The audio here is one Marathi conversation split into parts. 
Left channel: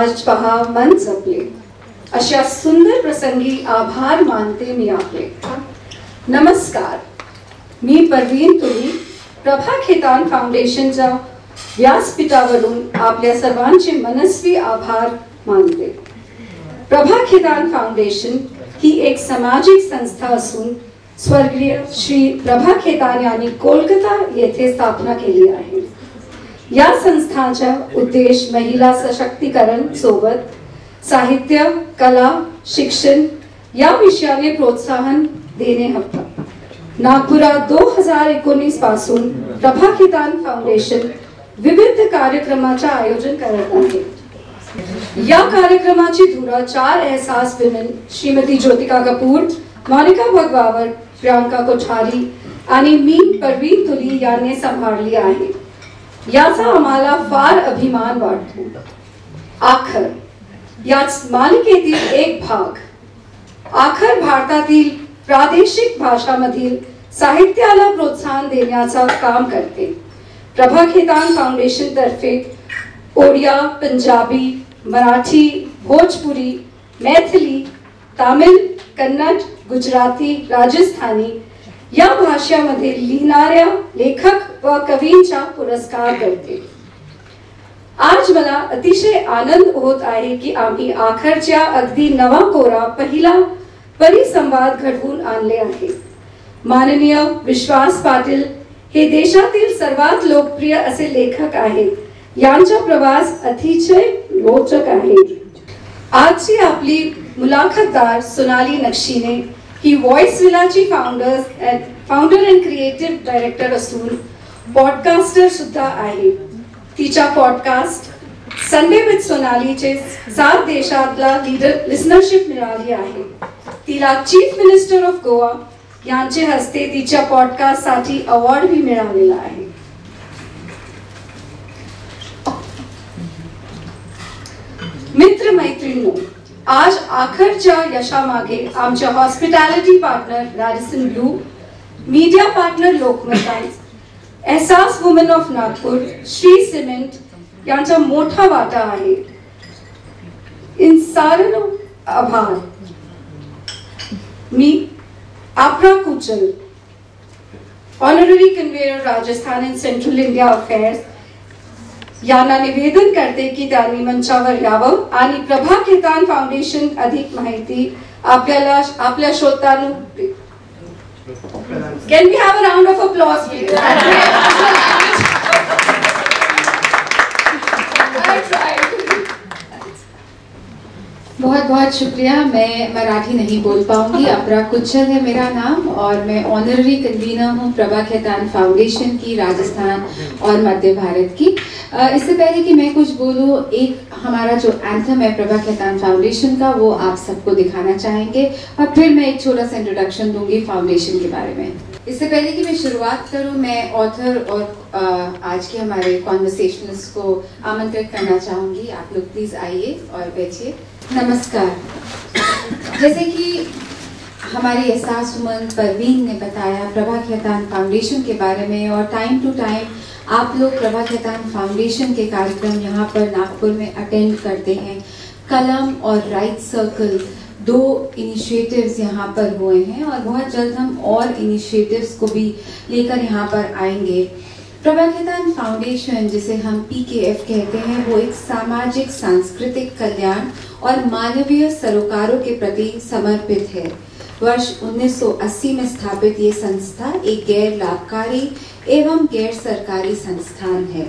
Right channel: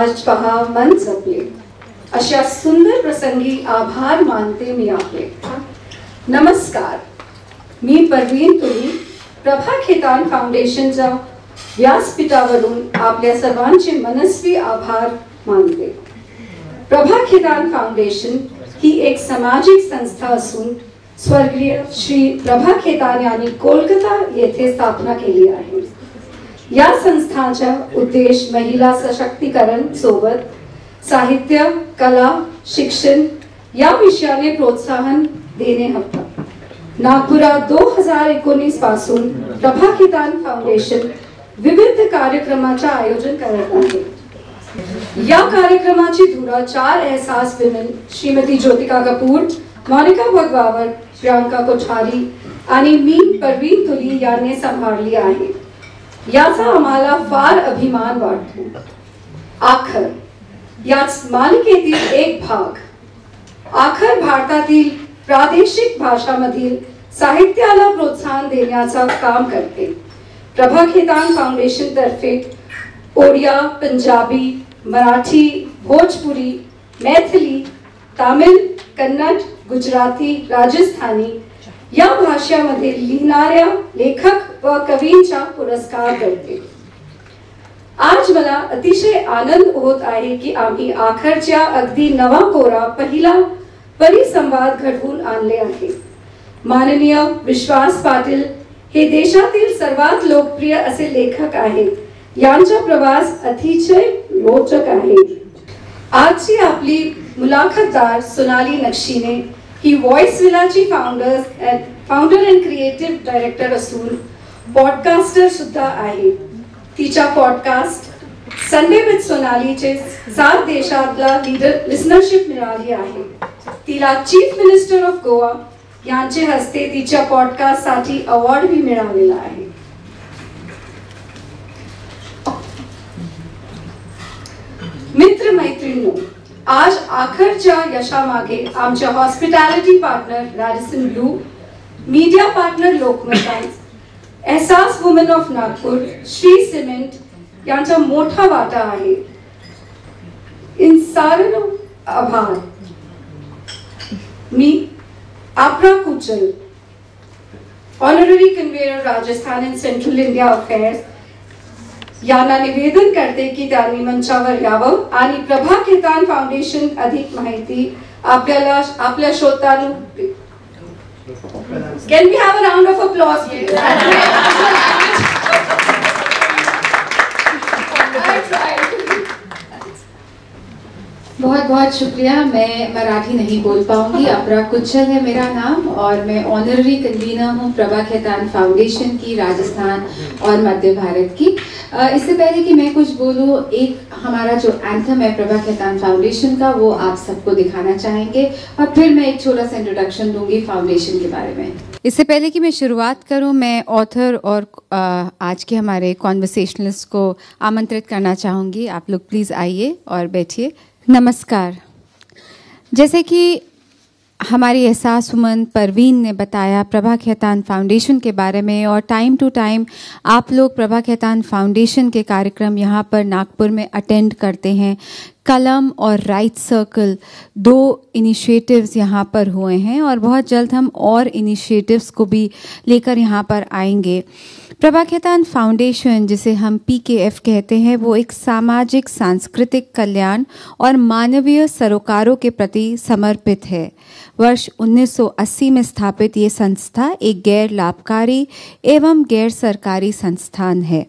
आज पहा मन जपले, अशा सुंदर प्रसंगी आभार मानते मी आपले. नमस्कार, मी परवीन तुली प्रभा खेतान फाउंडेशनच्या व्यासपीठावरून आपल्या सर्वांचे मनस्वी आभार मानते. प्रभा खेतान फाउंडेशन ही एक सामाजिक संस्था असून स्वर्गीय श्री प्रभा खेतान यांनी कोलकाता येथे स्थापना केली आहे. या संस्थाचा उद्देश महिला सशक्तीकरण सोबत साहित्य, कला, शिक्षण या विषयाने प्रोत्साहन देणे होता. नागपुरात 2019 पासून प्रभा खेतान फाउंडेशन विविध कार्यक्रमाचे आयोजन करत आहे. या कार्यक्रमाची धुरा 4 एहसास विमेन श्रीमती ज्योतिका कपूर, मोनिका भगवावर, प्रियांका कोठारी आणि मी परवीन तुली यांनी सांभाळली आहे. याचा आम्हाला फार अभिमान वाटतो. आखर याच मालिकेतील एक भाग. आखर भारतातील प्रादेशिक भाषांमधील साहित्याला प्रोत्साहन देण्याचा काम करते. प्रभा खेतान फाउंडेशन तर्फे ओडिया, पंजाबी, मराठी, भोजपुरी, मैथिली, तमिळ, कन्नड, गुजराती, राजस्थानी या भाषांमध्ये लिहिणाऱ्या लेखक व कवींचा पुरस्कार करते. आज मला अतिशय आनंद होत आहे की आम्ही आखरच्या अगदी नवा कोरा पहिला परिसंवाद घडवून आणले आहे. माननीय विश्वास पाटील हे देशातील सर्वात लोकप्रिय असे लेखक आहेत. यांचा प्रवास अतिशय रोचक आहे. आजची आपली मुलाखतदार सोनाली नक्षीने ही व्हॉइस विलाची फाउंडर अँड क्रिएटिव्ह डायरेक्टर असून पॉडकास्टर सुद्धा आहे. तिच्या पॉडकास्ट संडे विथ सोनालीचे 7 देशातला लिसनरशिप मिळाली आहे. तिला चीफ मिनिस्टर ऑफ गोवा यांचे हस्ते तिच्या पॉडकास्ट साठी अवॉर्ड भी मिळालेला आहे. मित्र मैत्रिणींनो, आज आखरच्या यशामागे आमच्या hospitality partner Radisson Blu, media partner Lokmat times, Ehsaas women of Nagpur, Shree cement यांचा मोठा वाटा आहे. इन साऱ्यांना आभार. मी आपरा कुचल, honorary conveyor Rajasthan and central India affairs यांना निवेदन करते की त्यांनी मंचावर यावं आणि प्रभा खेतान फाउंडेशन अधिक माहिती आपल्या श्रोतांना. Can we have a round of applause please? बहुत बहुत शुक्रिया. मैं मराठी नहीं बोल पाऊंगी. अपरा कुचल है मेरा नाम और मैं ऑनररी कन्वीनर हूँ प्रभा खेतान फाउंडेशन की, राजस्थान और मध्य भारत की. इससे पहले कि मैं कुछ बोलूँ, एक हमारा जो एंथम है प्रभा खेतान फाउंडेशन का, वो आप सबको दिखाना चाहेंगे और फिर मैं एक छोटा सा इंट्रोडक्शन दूंगी फाउंडेशन के बारे में. इससे पहले कि मैं शुरुआत करूं, मैं ऑथर और आज के हमारे कॉन्वर्सेशनलिस्ट को आमंत्रित करना चाहूँगी. आप लोग प्लीज़ आइए और बैठिए. नमस्कार. जैसे कि हमारी एहसास वुमन परवीन ने बताया प्रभा खेतान फाउंडेशन के बारे में, और टाइम टू टाइम आप लोग प्रभा खेतान फाउंडेशन के कार्यक्रम यहाँ पर नागपुर में अटेंड करते हैं. कलम और राइट सर्कल 2 इनिशिएटिव्स यहाँ पर हुए हैं और बहुत जल्द हम और इनिशिएटिव्स को भी लेकर यहाँ पर आएंगे. प्रभा खेतान फाउंडेशन, जिसे हम PKF कहते हैं, वो एक सामाजिक, सांस्कृतिक कल्याण और मानवीय सरोकारों के प्रति समर्पित है. वर्ष 1980 में स्थापित ये संस्था एक गैर लाभकारी एवं गैर सरकारी संस्थान है.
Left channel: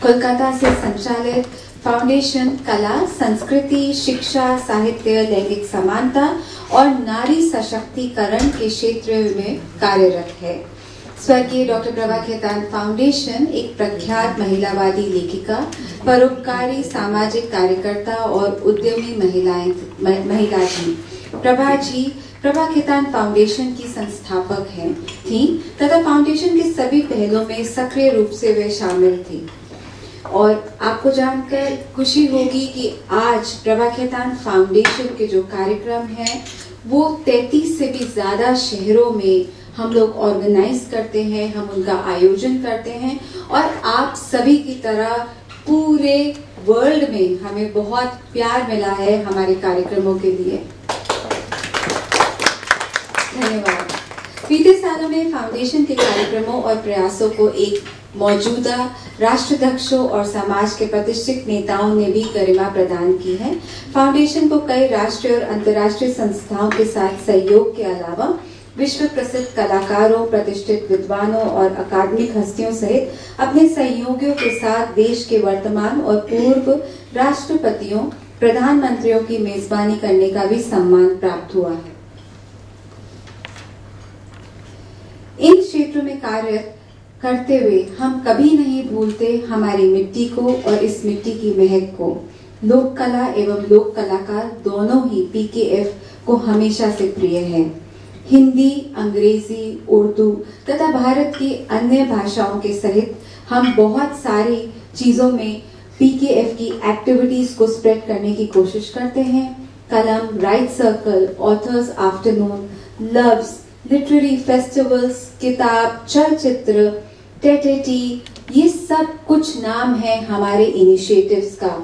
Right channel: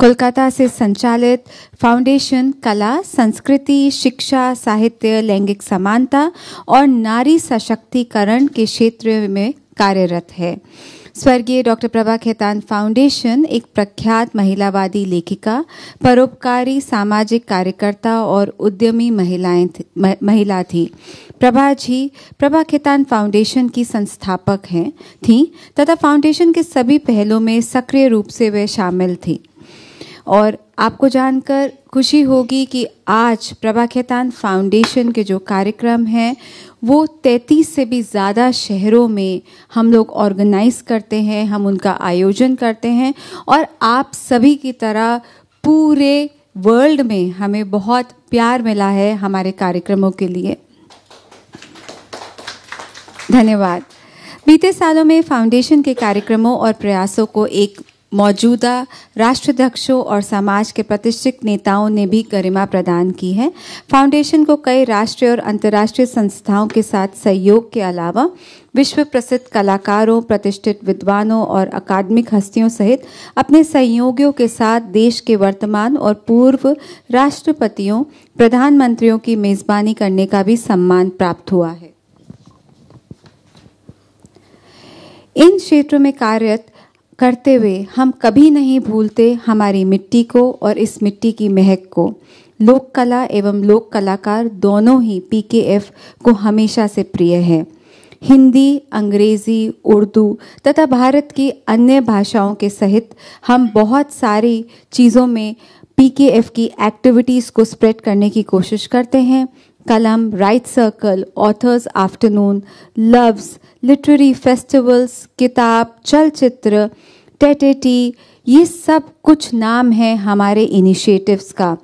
कोलकाता से संचालित फाउंडेशन कला, संस्कृति, शिक्षा, साहित्य, लैंगिक समानता और नारी सशक्तिकरण के क्षेत्र में कार्यरत है. स्वर्गीय डॉक्टर प्रभा खेतान फाउंडेशन एक प्रख्यात महिलावादी लेखिका, परोपकारी सामाजिक कार्यकर्ता और उद्यमी महिला थी. प्रभा जी प्रभा खेतान फाउंडेशन की संस्थापक थी तथा फाउंडेशन के सभी पहलों में सक्रिय रूप से वे शामिल थी. और आपको जानकर खुशी होगी कि आज प्रभा खेतान फाउंडेशन के जो कार्यक्रम हैं वो 33 से भी ज़्यादा शहरों में हम लोग ऑर्गेनाइज करते हैं, हम उनका आयोजन करते हैं और आप सभी की तरह पूरे वर्ल्ड में हमें बहुत प्यार मिला है हमारे कार्यक्रमों के लिए। धन्यवाद। बीते सालों में फाउंडेशन के कार्यक्रमों और प्रयासों को एक मौजूदा राष्ट्राध्यक्षों और समाज के प्रतिष्ठित नेताओं ने भी गरिमा प्रदान की है। फाउंडेशन को कई राष्ट्रीय और अंतर्राष्ट्रीय संस्थाओं के साथ सहयोग के अलावा विश्व प्रसिद्ध कलाकारों, प्रतिष्ठित विद्वानों और अकादमिक हस्तियों सहित अपने सहयोगियों के साथ देश के वर्तमान और पूर्व राष्ट्रपतियों, प्रधानमंत्रियों की मेजबानी करने का भी सम्मान प्राप्त हुआ है। इन क्षेत्रों में कार्यरत करते हुए हम कभी नहीं भूलते हमारी मिट्टी को और इस मिट्टी की महक को। लोक कला एवं लोक कलाकार दोनों ही पीकेएफ को हमेशा से प्रिय है। हिंदी, अंग्रेजी, उर्दू तथा भारत की अन्य भाषाओं के सहित हम बहुत सारी चीज़ों में पीकेएफ की एक्टिविटीज़ को स्प्रेड करने की कोशिश करते हैं। कलम, right circle, authors afternoon, loves, literary festivals, किताब, चलचित्र, टेटेटी, ये सब कुछ नाम हैं हमारे इनिशिएटिव्स का।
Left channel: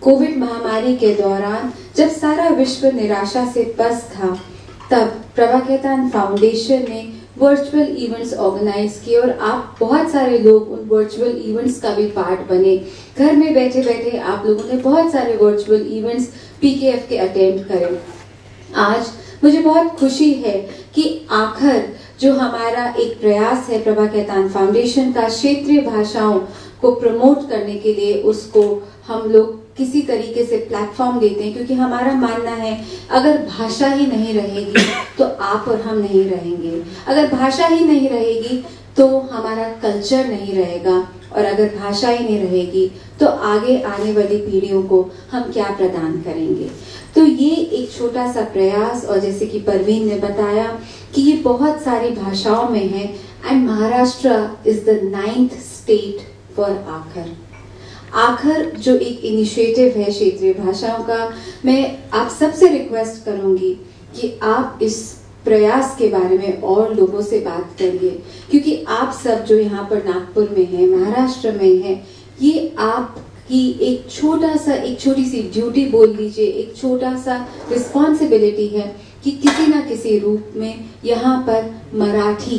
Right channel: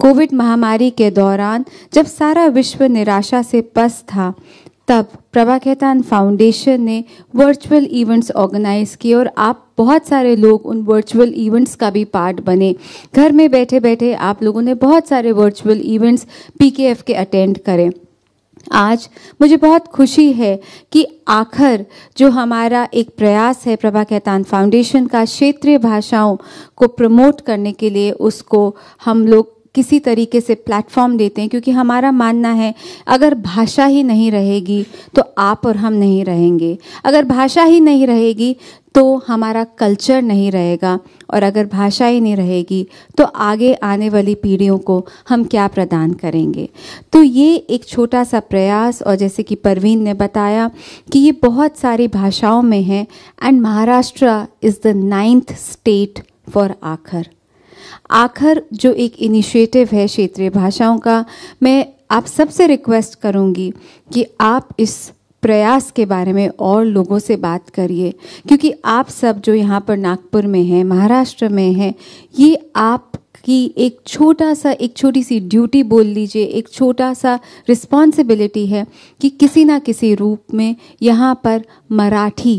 कोविड महामारी के दौरान जब सारा विश्व निराशा से पस्त था, तब प्रभा खेतान फाउंडेशन ने वर्चुअल इवेंट्स ऑर्गेनाइज किए और आप बहुत सारे लोग उन वर्चुअल इवेंट्स का भी पार्ट बने। घर में बैठे बैठे आप लोगों ने बहुत सारे वर्चुअल इवेंट्स पीकेएफ के अटेंड करें। आज मुझे बहुत खुशी है कि आखिर जो हमारा एक प्रयास है प्रभा खेतान फाउंडेशन का क्षेत्रीय भाषाओं को प्रमोट करने के लिए, उसको हम लोग किसी तरीके से प्लेटफॉर्म देते हैं, क्योंकि हमारा मानना है अगर भाषा ही नहीं रहेगी तो आप और हम नहीं रहेंगे। अगर भाषा ही नहीं रहेगी तो हमारा कल्चर नहीं रहेगा, और अगर भाषा ही नहीं रहेगी तो आगे आने वाली पीढ़ियों को हम क्या प्रदान करेंगे। तो ये एक छोटा सा प्रयास, और जैसे कि परवीन ने बताया कि ये बहुत सारी भाषाओं में है, end Maharashtra is the 9th state for आखर। आखर जो एक इनिशिएटिव है क्षेत्रीय भाषाओं का, मैं आप सबसे रिक्वेस्ट करूँगी कि आप इस प्रयास के बारे में और लोगों से बात करिए, क्योंकि आप सब जो यहाँ पर नागपुर में हैं, महाराष्ट्र में हैं, ये आपकी एक छोटी सी ड्यूटी बोल लीजिए, एक छोटा सा रिस्पॉन्सिबिलिटी है कि किसी ना किसी रूप में यहाँ पर मराठी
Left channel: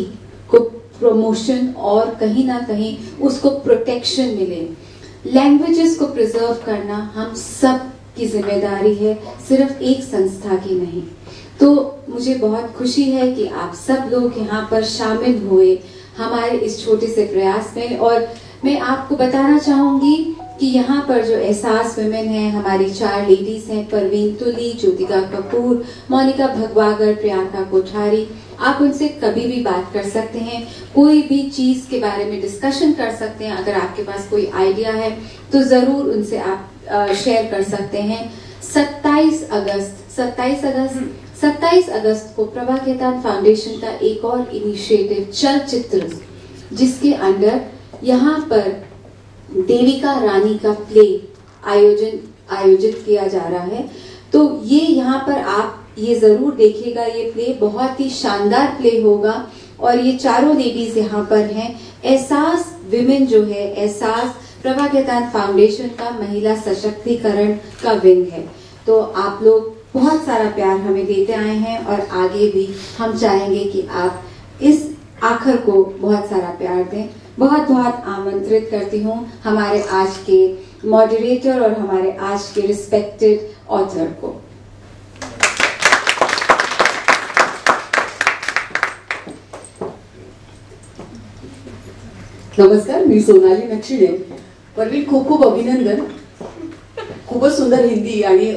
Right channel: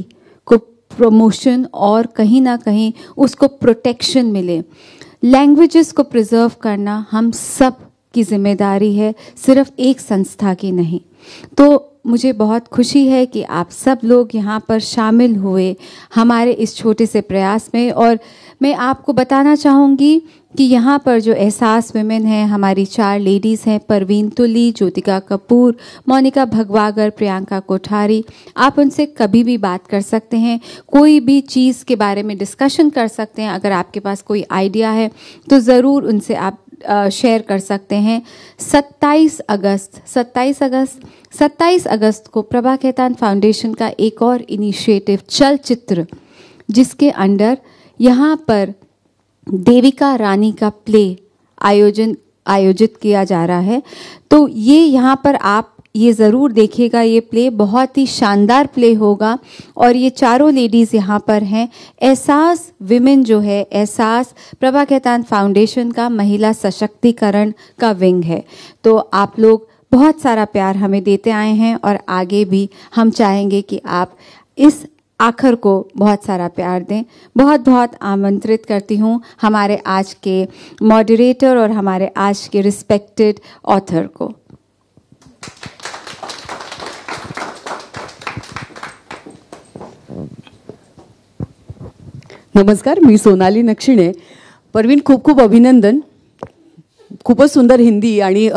को प्रमोशन और कहीं ना कहीं उसको प्रोटेक्शन मिले। लैंग्वेजेस को प्रिजर्व करना हम सब की जिम्मेदारी है, सिर्फ एक संस्था की नहीं। तो मुझे बहुत खुशी है कि आप सब लोग यहाँ पर शामिल हुए हमारे इस छोटे से प्रयास में। और मैं आपको बताना चाहूँगी कि यहाँ पर जो एहसास विमेन है, हमारी 4 लेडीज़ हैं, परवीन तुली, ज्योतिका कपूर, मोनिका भगवागर, प्रियंका कोठारी। आप उनसे कभी भी बात कर सकते हैं, कोई भी चीज़ के बारे में डिस्कशन कर सकते हैं। अगर आपके पास कोई आइडिया है तो ज़रूर उनसे आप शेयर कर सकते हैं। 27 अगस्त को प्रभा खेतान फाउंडेशन का एक और इनिशिएटिव चलचित्र, जिसके अंडर यहाँ पर देविका रानी का प्ले आयोजित किया जा रहा है। तो ये यहाँ पर आप ये ज़रूर देखिएगा, ये प्ले बहुत ही शानदार प्ले होगा। और ये चारों लेडीज़ यहाँ पर हैं। एहसास विमेन जो है, एहसास प्रभा खेतान फाउंडेशन का महिला सशक्तिकरण का विंग है। तो आप लोग बहुत सारा प्यार हमें देते आए हैं, और आगे भी हम चाहेंगे कि आप इस आखिर को बहुत सारा प्यार दें। बहुत बहुत आमंत्रित करती हूँ हमारे आज के मॉडरेटर और हमारे आज के रिस्पेक्टेड ऑथर को। नमस्कार, मी सोनाली नक्षिणे. परवीन, खूप खूप अभिनंदन. खूपच सुंदर हिंदी आणि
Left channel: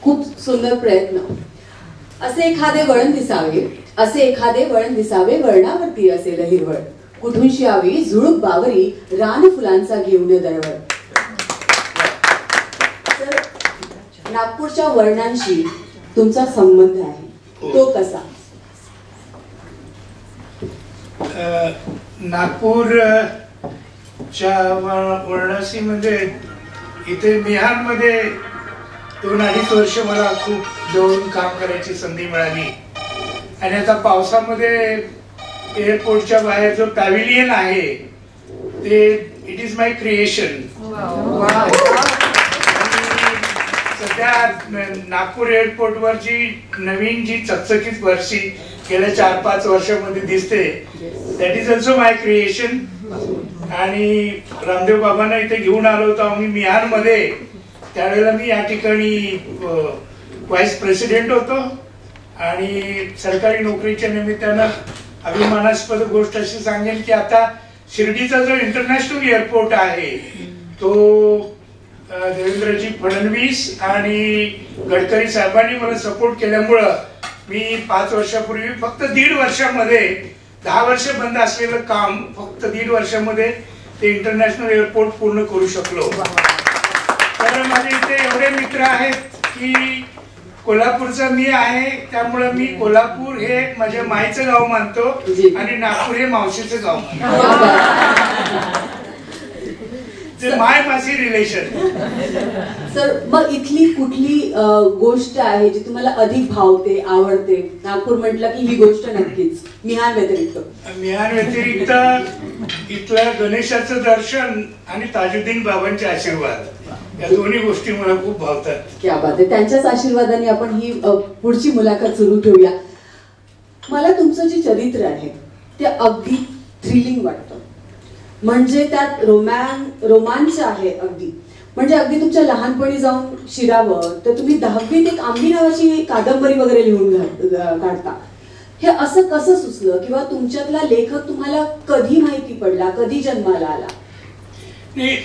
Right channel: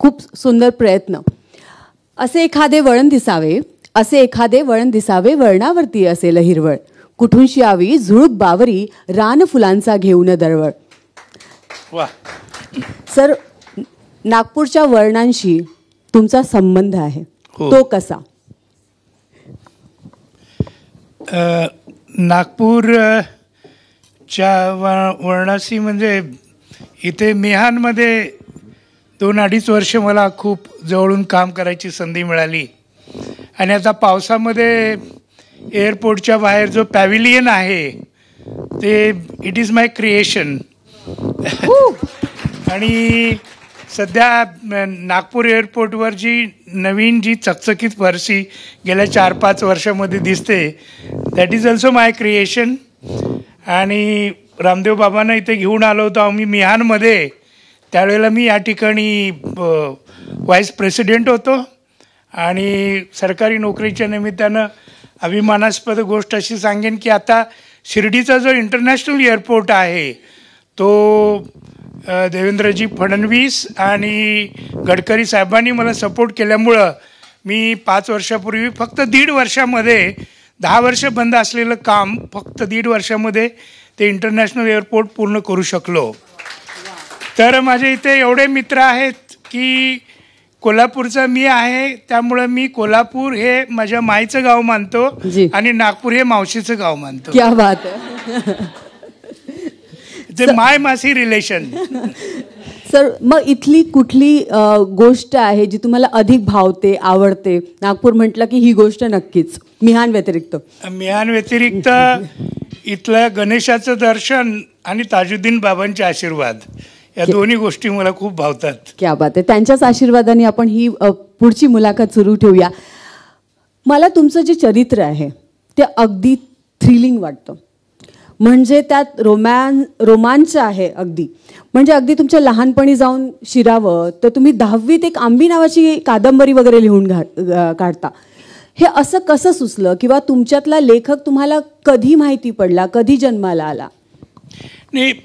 खूप सुंदर प्रयत्न. असे एखादे वळण दिसावे वळणावरती असेल हिरवळ, कुठूनशी यावी झुळूक बावरी रान फुलांचा घेऊन दरवळ. सर, नागपूरच्या वळणांशी तुमचा संबंध आहे, तो कसा? नागपूरच्या वळणाशी म्हणजे इथे मिहानमध्ये 2-2.5 वर्ष मला खूप जवळून काम करायची संधी मिळाली. आणि आता पावसामध्ये एअरपोर्टच्या बाहेर जो पॅव्हिलियन आहे ते इट इज माय क्रिएशन. आणि सध्या नागपूर एअरपोर्टवर जी नवीन जी चकचकीत फरशी गेल्या 4-5 वर्षामध्ये दिसते, that is also my creation. आणि रामदेव बाबांना इथे घेऊन आलो होतो आम्ही मिहानमध्ये. त्यावेळेला मी या ठिकाणी व्हाईस प्रेसिडेंट होतो आणि सरकारी नोकरीच्या निमित्तानं अभिमानास्पद गोष्ट अशी सांगेन की आता शिर्डीचा जो इंटरनॅशनल एअरपोर्ट आहे तो देवेंद्रजी फडणवीस आणि गडकरी साहेबांनी मला सपोर्ट केल्यामुळं मी 5 वर्षापूर्वी फक्त 1.5 वर्षामध्ये 10 वर्ष बंद असलेलं काम फक्त 1.5 वर्षामध्ये ते इंटरनॅशनल एअरपोर्ट पूर्ण करू शकलो. तर माझे इथे एवढे मित्र आहेत की कोल्हापूरचा मी आहे, त्यामुळे मी कोल्हापूर हे माझ्या माईचं गाव मानतो आणि नागपूर हे मावशीचं गाव मानतो. ते माय मासी रिलेशन. सर, मग इथली कुठली गोष्ट आहे जी तुम्हाला अधिक भावते, आवडते? नागपूर म्हटलं की ही गोष्ट नक्कीच. मिहान व्यतिरिक्त इथल्या गणेशाचं दर्शन आणि ताजुद्दीन बाबांचे आशीर्वाद, या दोन्ही गोष्टी मला खूप भावतात. क्या बात आहे. त्यांच्याच आशीर्वादाने आपण ही पुढची मुलाखत सुरू ठेवूया. मला तुमचं जे चरित्र आहे ते अगदी थ्रिलिंग वाटतं. म्हणजे त्यात रोमांच आहे अगदी. म्हणजे अगदी तुमच्या लहानपणी जाऊन शिरावं तर तुम्ही 10वीत एक आंबी नावाची कादंबरी वगैरे लिहून काढता. हे असं कसं सुचलं किंवा तुमच्यातला लेखक तुम्हाला कधी माहिती पडला, कधी जन्माला आला? नाही,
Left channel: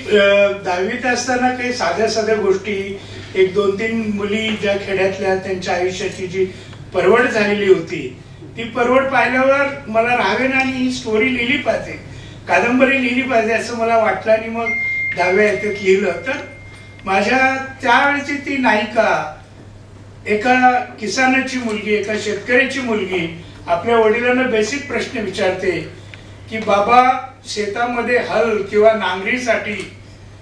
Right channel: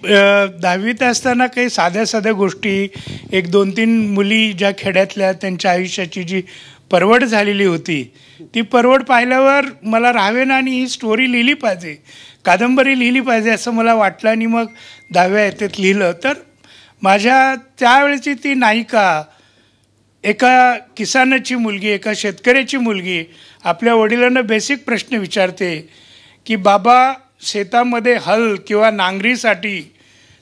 10वीत असताना काही साध्या गोष्टी, 1-2-3 मुली ज्या खेड्यातल्या त्यांच्या आयुष्याची जी परवड झालेली होती ती परवड पाहिल्यावर मला राहावेन आणि ही स्टोरी लिहिली पाहिजे, कादंबरी लिहिली पाहिजे असं मला वाटलं. आणि मग 10व्या याच्यात लिहिलं. तर माझ्या त्यावेळेची ती नायिका एका किसानाची मुलगी, एका शेतकऱ्याची मुलगी आपल्या वडिलांना बेसिक प्रश्न विचारते की बाबा, शेतामध्ये हल किंवा नांगरीसाठी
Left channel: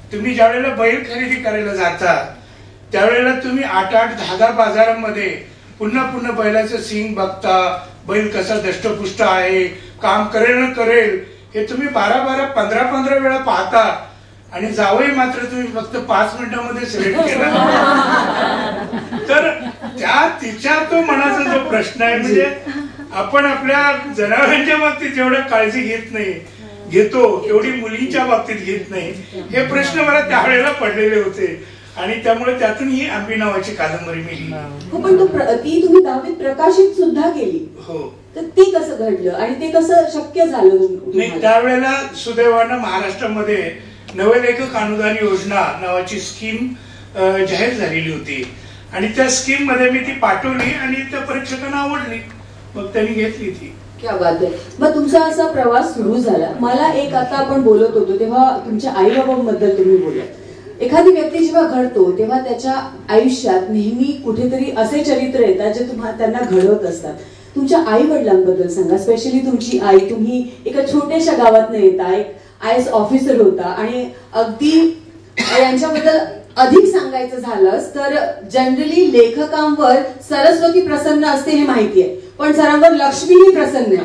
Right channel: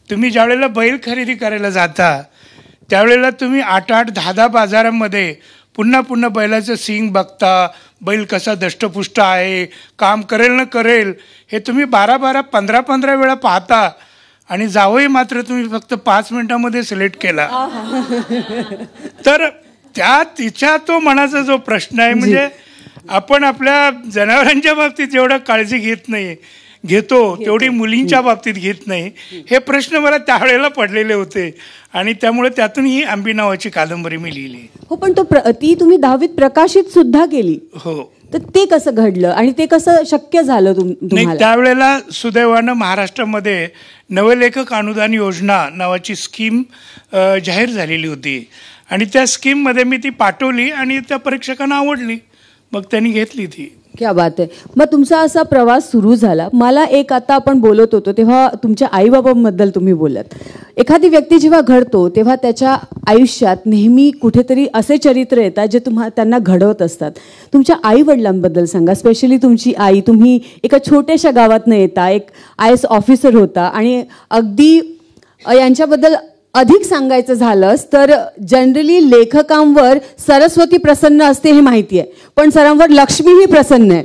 तुम्ही ज्यावेळेला बैल खरेदी करायला जाता त्यावेळेला तुम्ही 8-8, 10-10 बाजारामध्ये पुन्हा बैलाचं सींग बघता, बैल कसा दष्टपुष्ट आहे, काम करेल न करेल हे तुम्ही 12-12, 15-15 वेळा पाहता आणि जावई मात्र तुम्ही फक्त 5 मिनिटांमध्ये सिलेक्ट केला. तर तिच्या तो मनाचा जो प्रश्न आहे, म्हणजे आपण आपल्या जनावरांच्या बाबतीत जेवढं काळजी घेतो तेवढी मुलींच्या बाबतीत घेत नाही, हे प्रश्न मला त्यावेळेला पडलेले होते आणि त्यामुळे त्यातून ही आंबी नावाची कादंबरी मी लिहिली. हो, पण ती तुम्ही 10वीत प्रकाशित सुद्धा केली. हो. तर ते कसं घडलं आणि ते कसं शक्य झालं नाही, त्यावेळेला सुदैवानं महाराष्ट्रामध्ये नवलेखक अनुदान योजना नावाची स्कीम जाहीर झालेली होती आणि त्या स्कीम मध्ये मी ती पाठवली आणि त्या परीक्षकांना आवडली, मग त्यांनी घेतली ती. क्या बात आहे. मग तुमचा असा प्रवास सुरू झाला. मला एक, आता आपण बोलत होतो तेव्हा तुमच्या आईबाबांबद्दल तुम्ही बोलत. एखादी व्यक्ती जेव्हा घडतो तेव्हा त्याच्या आयुष्यात नेहमी कुठेतरी असे चरित्र येतात जे त्यांना घडवत असतात. तुमच्या आई वडिलांबद्दल सांगा. स्पेशली तुमची आई, तुम्ही एका छोट्याशा गावातनं येता, एक IAS ऑफिसर होता आणि अगदी यांच्याबद्दल अधिक सांगायचं झालंच तर जनरली लेखकांवर सरस्वती प्रसन्न असते हे माहिती आहे, पण सरांवर लक्ष्मीही प्रसन्न आहे.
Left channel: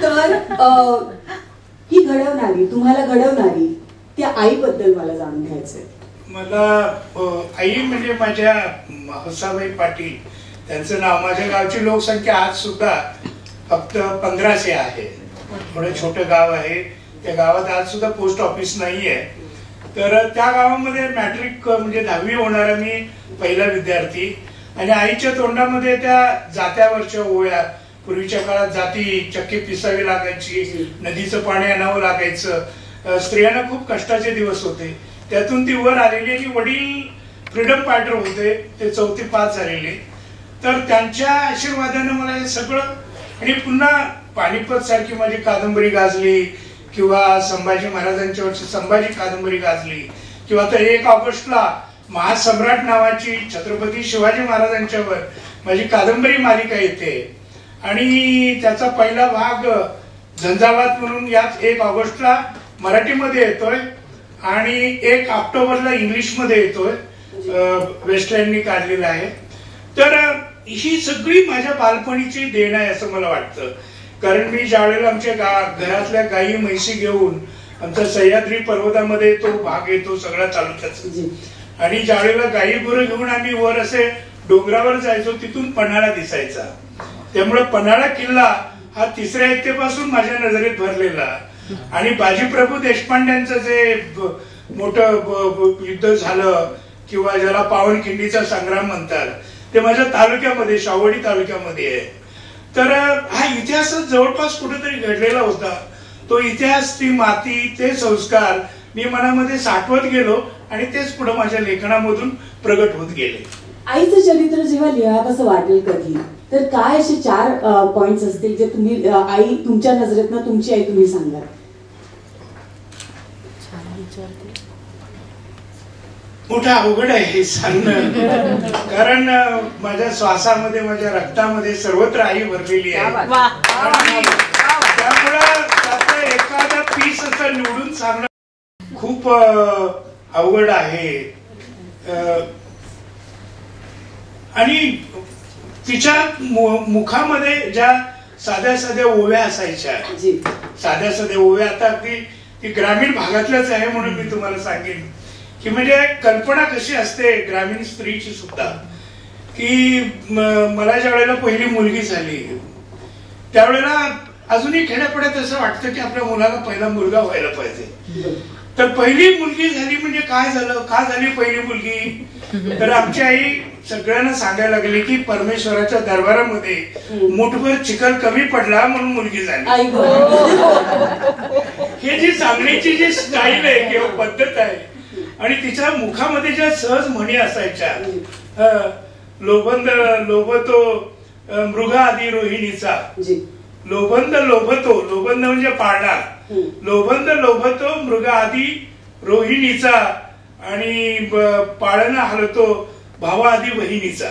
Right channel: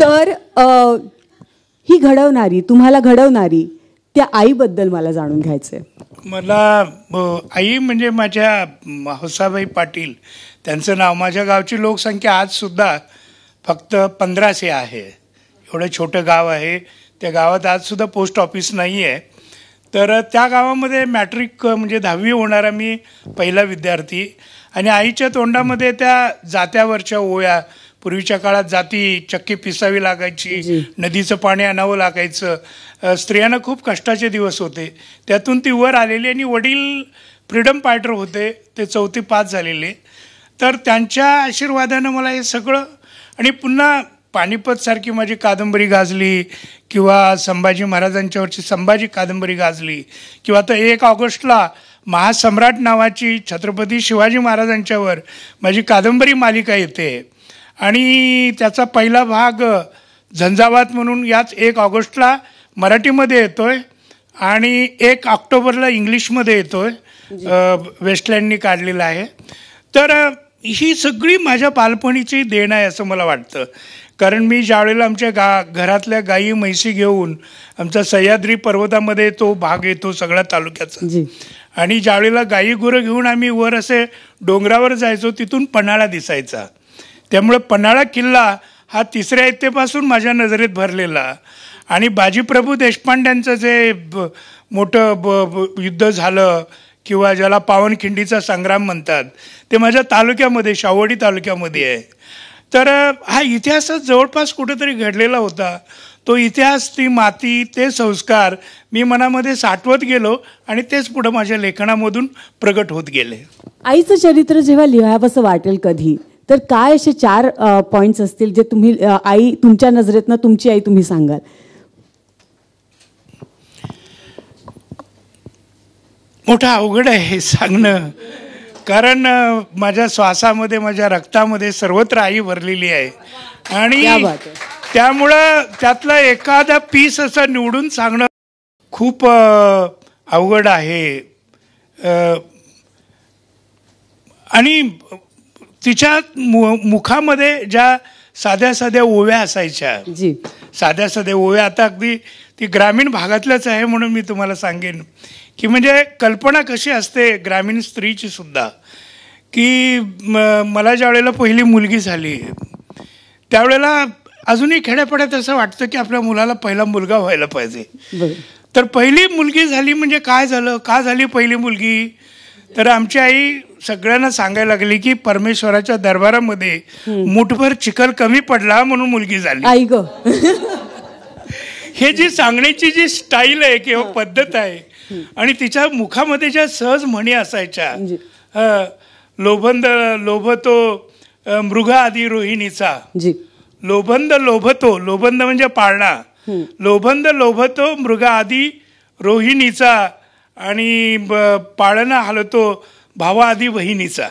तर ही तुम्हाला घडवणारी त्या आईबद्दल मला जाणून घ्यायचंय. मला आई म्हणजे माझ्या हौसाबाई पाटील, त्यांचं नाव. माझ्या गावची लोकसंख्या आज सुद्धा फक्त 1500 आहे. थोडं छोटं गाव आहे. त्या गावात आज सुद्धा पोस्ट ऑफिस नाही आहे. तर त्या गावामध्ये मॅट्रिक म्हणजे 10वी होणारा मी पहिला विद्यार्थी. आणि आईच्या तोंडामध्ये त्या जात्यावरच्या ओव्या, पूर्वीच्या काळात जाती चक्की पिसावी लागायची, नदीचं पाणी आणावं लागायचं, स्त्रियांना खूप कष्टाचे दिवस होते, त्यातून ती वर आलेली. आणि वडील फ्रीडम फायटर होते, ते 4थी पास झालेले. तर त्यांच्या आशीर्वादानं मला हे सगळं, आणि पुन्हा पानिपत सारखी माझी कादंबरी गाजली किंवा संभाजी महाराजांच्यावरची संभाजी कादंबरी गाजली, किंवा आता 1 ऑगस्टला महासम्राट नावाची छत्रपती शिवाजी महाराजांच्यावर माझी कादंबरी मालिका येते आणि त्याचा पहिला भाग झंझावात म्हणून याच 1 ऑगस्टला मराठीमध्ये येतोय आणि 1 ऑक्टोबरला इंग्लिशमध्ये येतोय, वेस्टलँडनी काढलेला आहे. तर ही सगळी माझ्या बालपणीची देण आहे असं मला वाटतं. कारण मी ज्यावेळेला आमच्या घरातल्या गाई म्हैसी घेऊन आमचा सह्याद्री पर्वतामध्ये तो भाग येतो सगळ्या तालुक्याचा. आणि ज्यावेळेला गाई गुरं घेऊन आम्ही वर असे डोंगरावर जायचो तिथून पन्हाळा दिसायचा. त्यामुळं पन्हाळा किल्ला हा तिसऱ्या इयत्तेपासून माझ्या नजरेत भरलेला. आणि बाजीप्रभू देशपांड्यांचं जे मोठं युद्ध झालं किंवा ज्याला पावनखिंडीचा संग्राम म्हणतात ते माझ्या तालुक्यामध्ये शाहूवाडी तालुक्यामध्ये आहे. तर हा इतिहासच जवळपास कुठेतरी घडलेला होता. तो इतिहास, ती माती, ते संस्कार मी मनामध्ये साठवत गेलो आणि तेच पुढे माझ्या लेखनामधून प्रगट होत गेले. आईचं चरित्र जेव्हा लिहावंसं वाटेल कधी तर काय असे 4 पॉइंट्स असतील जे तुम्ही आई तुमच्या नजरेतनं तुमची आई तुम्ही सांगाल? मोठं अवघड आहे हे सांगणं, कारण माझ्या श्वासामध्ये माझ्या रक्तामध्ये सर्वत्र आई भरलेली आहे आणि त्यामुळं त्यातला एखादा पीस असं निवडून सांगणं खूप अवघड आहे. आणि तिच्या मुखामध्ये ज्या साध्या साध्या ओव्या असायच्या, साध्या साध्या ओव्या, आता अगदी ती ग्रामीण भागातल्याच आहे म्हणून मी तुम्हाला सांगेन की म्हणजे कल्पना कशी असते ग्रामीण स्त्रीची सुद्धा, की मला ज्या वेळेला पहिली मुलगी झाली त्यावेळेला अजूनही खेड्यापाड्यात असं वाटतं की आपल्या मुलाला पहिला मुलगा व्हायला पाहिजे. तर पहिली मुलगी झाली म्हणजे काय झालं, का झाली पहिली मुलगी, तर आमची आई सगळ्यांना सांगायला लागली की परमेश्वराच्या दरबारामध्ये मुठभर चिखल कमी पडला म्हणून मुलगी झाली. हे जी सांगण्याची जी स्टाईल आहे किंवा पद्धत आहे आणि तिच्या मुखामध्ये ज्या सहज म्हणी असायच्या, लोभंद लोभतो मृगा आदी रोहिणीचा, लोभंद लोभतो, लोभंद म्हणजे पाळणा, लोभंद लोभतो मृगा आदी रोहिणीचा आणि पाळणा हलतो भावा आदी बहिणीचा.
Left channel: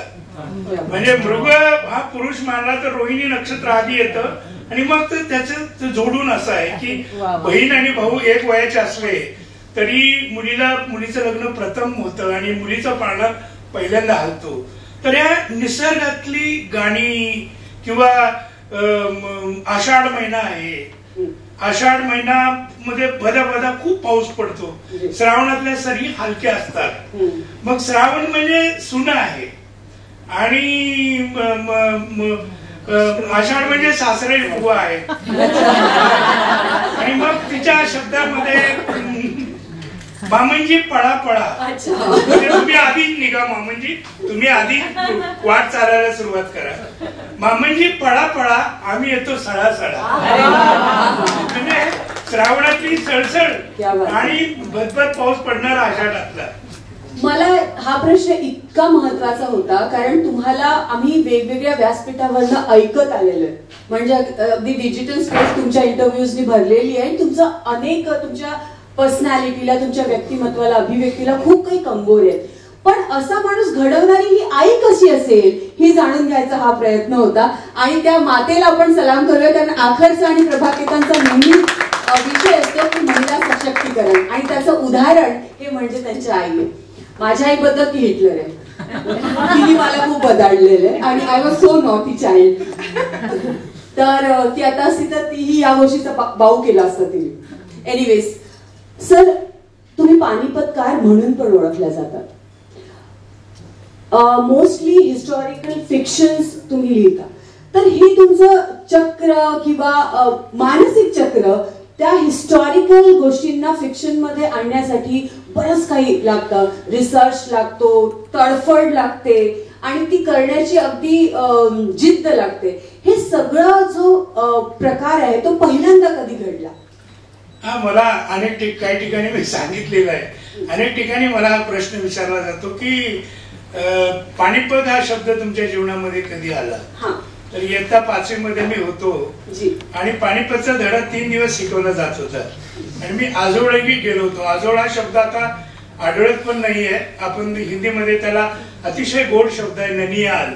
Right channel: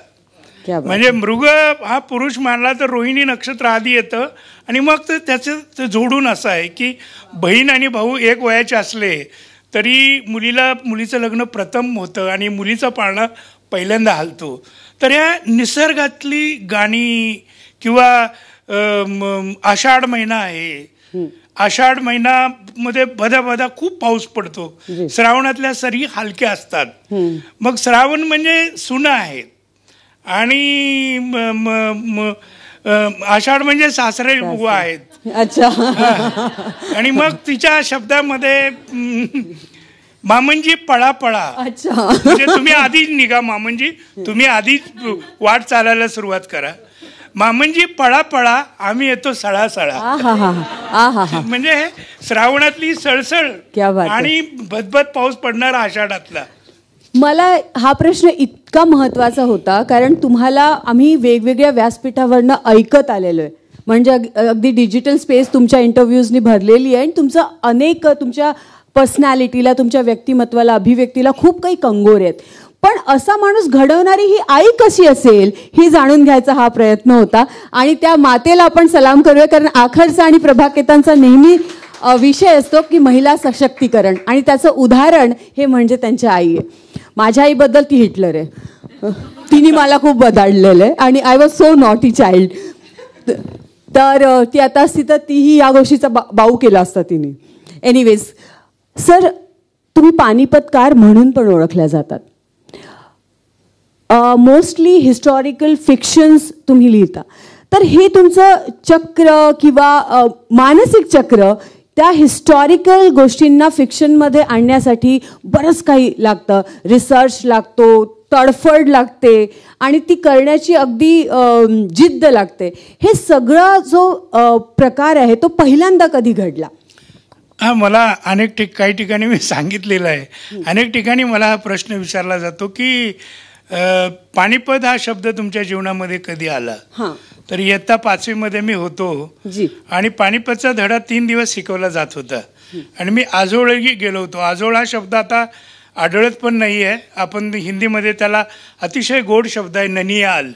म्हणजे मृग हा पुरुष मानला तर रोहिणी नक्षत्र आधी येतं आणि मग त्याचं जोडून असं आहे की बहीण आणि भाऊ एक वयाचे असले तरी मुलीचं लग्न प्रथम होतं आणि मुलीचा पाळणा पहिल्यांदा हलतो. तर या निसर्गातली गाणी किंवा आषाढ महिना आहे, आषाढ महिन्यामध्ये बदा खूप पाऊस पडतो, श्रावणातल्या सरी हलक्या असतात, मग श्रावण म्हणजे सुना आहे आणि आषाढ म्हणजे सासरे उभा आहे आणि मग तिच्या शब्दामध्ये मामनजी पळा पळा, म्हणजे तुम्ही आधी निघा मामनजी, तुम्ही आधी वाट चालायला सुरुवात करा, मामनजी पळा पळा आम्ही येतो सळा सळा. म्हणजे श्रावणातली सळसळ आणि भदभद पाऊस पडणारा आषाढातला. मला हा प्रश्न इतका महत्वाचा होता कारण तुम्हाला आम्ही वेगवेगळ्या व्यासपीठावरनं ऐकत आलेलो आहे, म्हणजे अगदी डिजिटल स्पेस तुमच्या इंटरव्ह्यूजनी भरलेली आहे आणि तुमचं अनेक तुमच्या पर्सनॅलिटीला, तुमच्या व्यक्तिमत्वाला, अभिव्यक्तीला खूप काही कंगोर आहेत. पण असा माणूस घडवणारी ही आई कशी असेल ही जाणून घ्यायचा हा प्रयत्न होता आणि त्या मातेला आपण सलाम करूया, कारण आखरचा आणि प्रभाकेतांचा नेहमी विषय असतो की महिला सशक्तीकरण आणि त्याचं उदाहरण हे म्हणजे त्यांच्या आई आहे. माझ्या आईबद्दल ती हिटलर आहे, तिने मला खूप बदललेलं आहे आणि I was so naughty child. तर ती आता असती तर तीही या गोष्टीचा बाऊ केला असता तिने. एनिवेज सर, तुम्ही पानिपतकार म्हणून पण ओळखल्या जातात. मोस्टली हिस्टॉरिकल फिक्शन्स तुम्ही लिहिता, तर हे तुमचं चक्र किंवा मानसिक चक्र त्या हिस्टॉरिकल गोष्टींना फिक्शनमध्ये आणण्यासाठी बरंच काही लागतं, रिसर्च लागतो, तडफड लागते आणि ती करण्याची अगदी जिद्द लागते. हे सगळं जो प्रकार आहे तो पहिल्यांदा कधी घडला? हा, मला काही ठिकाणी मी सांगितलेलं आहे, अनेक ठिकाणी मला हा प्रश्न विचारला जातो की पानिपत हा शब्द तुमच्या जीवनामध्ये कधी आला. तर इयत्ता 5वी मध्ये मी होतो आणि पानिपतचा धडा 3 दिवस शिकवला जात होता आणि मी आजोळही गेलो होतो. आजोळ हा शब्द आता आढळत पण नाही आहे, आपण हिंदीमध्ये त्याला अतिशय गोड शब्द आहे ननियाल,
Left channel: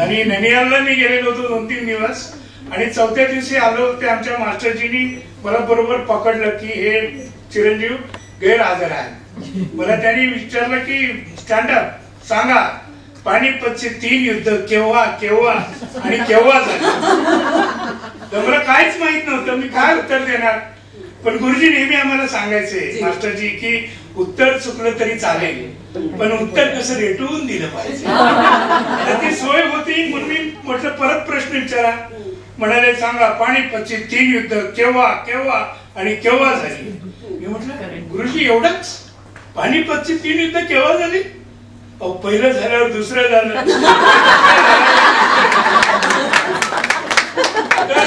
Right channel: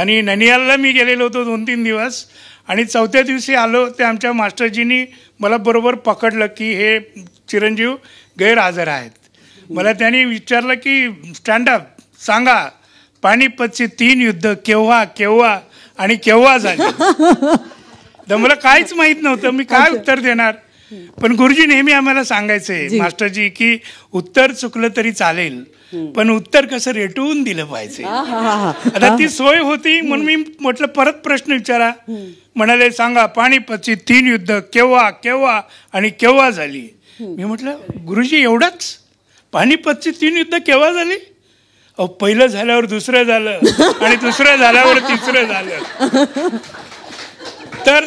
आणि ननियालला मी गेलेलो होतो 2-3 दिवस आणि 4थ्या दिवशी आलो ते आमच्या मास्टरजींनी मला बरोबर पकडलं की हे चिरंजीव गैरहजर आहे. मला त्यांनी विचारलं की स्टँडअप सांगा, पानिपतचे 3 युद्ध केव्हा केव्हा आणि केव्हा झाले. तर मला काहीच माहित नव्हतं, मी काय उत्तर देणार. पण गुरुजी नेहमी आम्हाला सांगायचे मास्टरजी की उत्तर चुकलं तरी चालेल, पण उत्तर कसं रेटवून दिलं पाहिजे. आता ती सोय होती म्हणून मी म्हटलं परत प्रश्न विचारा. म्हणाले सांगा पानिपतची 3 युद्ध केव्हा केव्हा आणि केव्हा झाली. मी म्हटलं गुरुजी एवढंच, पानिपतची 3 युद्ध केव्हा झाली? पहिलं झाल्यावर दुसरं झालं आणि दुसरं झाल्यावर तिसरं झालं. तर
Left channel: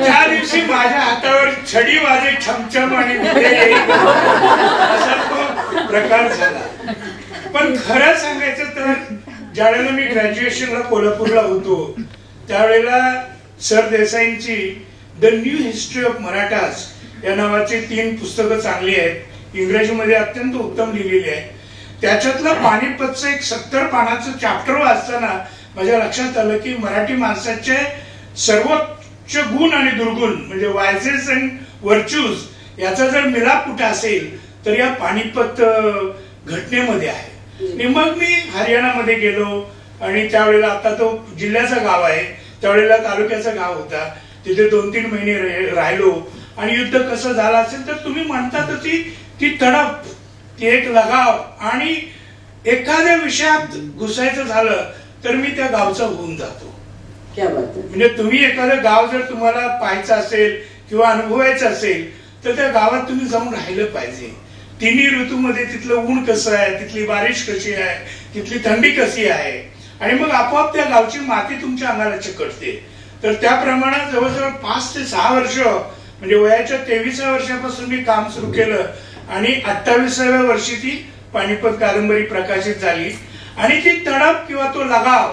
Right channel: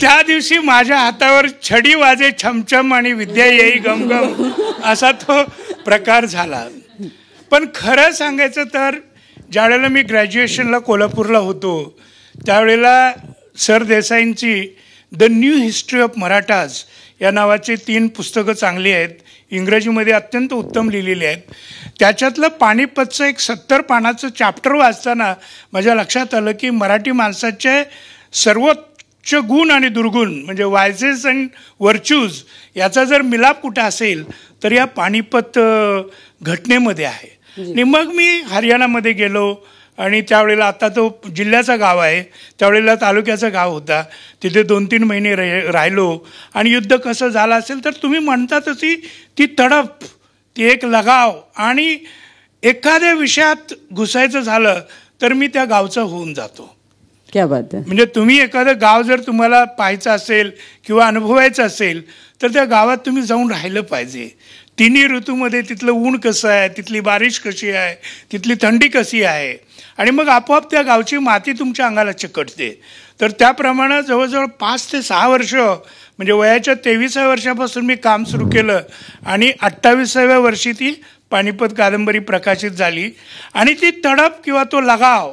त्या दिवशी माझ्या हातावर छडी वाजे छमछम आणि विद्या येई गंभीर असा तो प्रकार झाला. पण खरं सांगायचं तर ज्यावेळेला मी ग्रॅज्युएशनला कोल्हापूरला होतो त्यावेळेला सरदेसाईंची the new history of Marathas या नावाची 3 पुस्तकं चांगली आहेत, इंग्रजीमध्ये अत्यंत उत्तम लिहिलेली आहेत. त्याच्यातलं पानिपतचं एक 70 पानाचं चॅप्टर वाचताना माझ्या लक्षात आलं की मराठी माणसाचे सर्वोच्च गुण आणि दुर्गुण म्हणजे वायसेस अँड व्हर्च्यूज याचा जर मिलाप कुठे असेल तर या पानिपत घटनेमध्ये आहे. आणि मग मी हरियाणामध्ये गेलो आणि त्यावेळेला आता तो जिल्ह्याचं गाव आहे, त्यावेळेला तालुक्याचं गाव होता. तिथे 2-3 महिने राहिलो आणि युद्ध कसं झालं असेल तर तुम्ही म्हणता तशी ती तडप, ती एक लगाव आणि एखाद्या विषयात घुसायचं झालं तर मी त्या गावचा होऊन जातो. क्या बात आहे. म्हणजे तुम्ही एखादं गाव जर तुम्हाला पाहायचं असेल किंवा अनुभवायचं असेल तर त्या गावात तुम्ही जाऊन राहिलं पाहिजे. 3 ऋतूमध्ये तिथलं ऊन कसं आहे, तिथली बारिश कशी आहे, तिथली थंडी कशी आहे आणि मग आपोआप त्या गावची माती तुमच्या अंगाला चिकटते. तर त्याप्रमाणे जवळजवळ 5 ते 6 वर्ष म्हणजे वयाच्या 23व्या वर्षापासून मी काम सुरू केलं आणि 28व्या वर्षी ती पानिपत कादंबरी प्रकाशित झाली. आणि ती तडप किंवा तो लगाव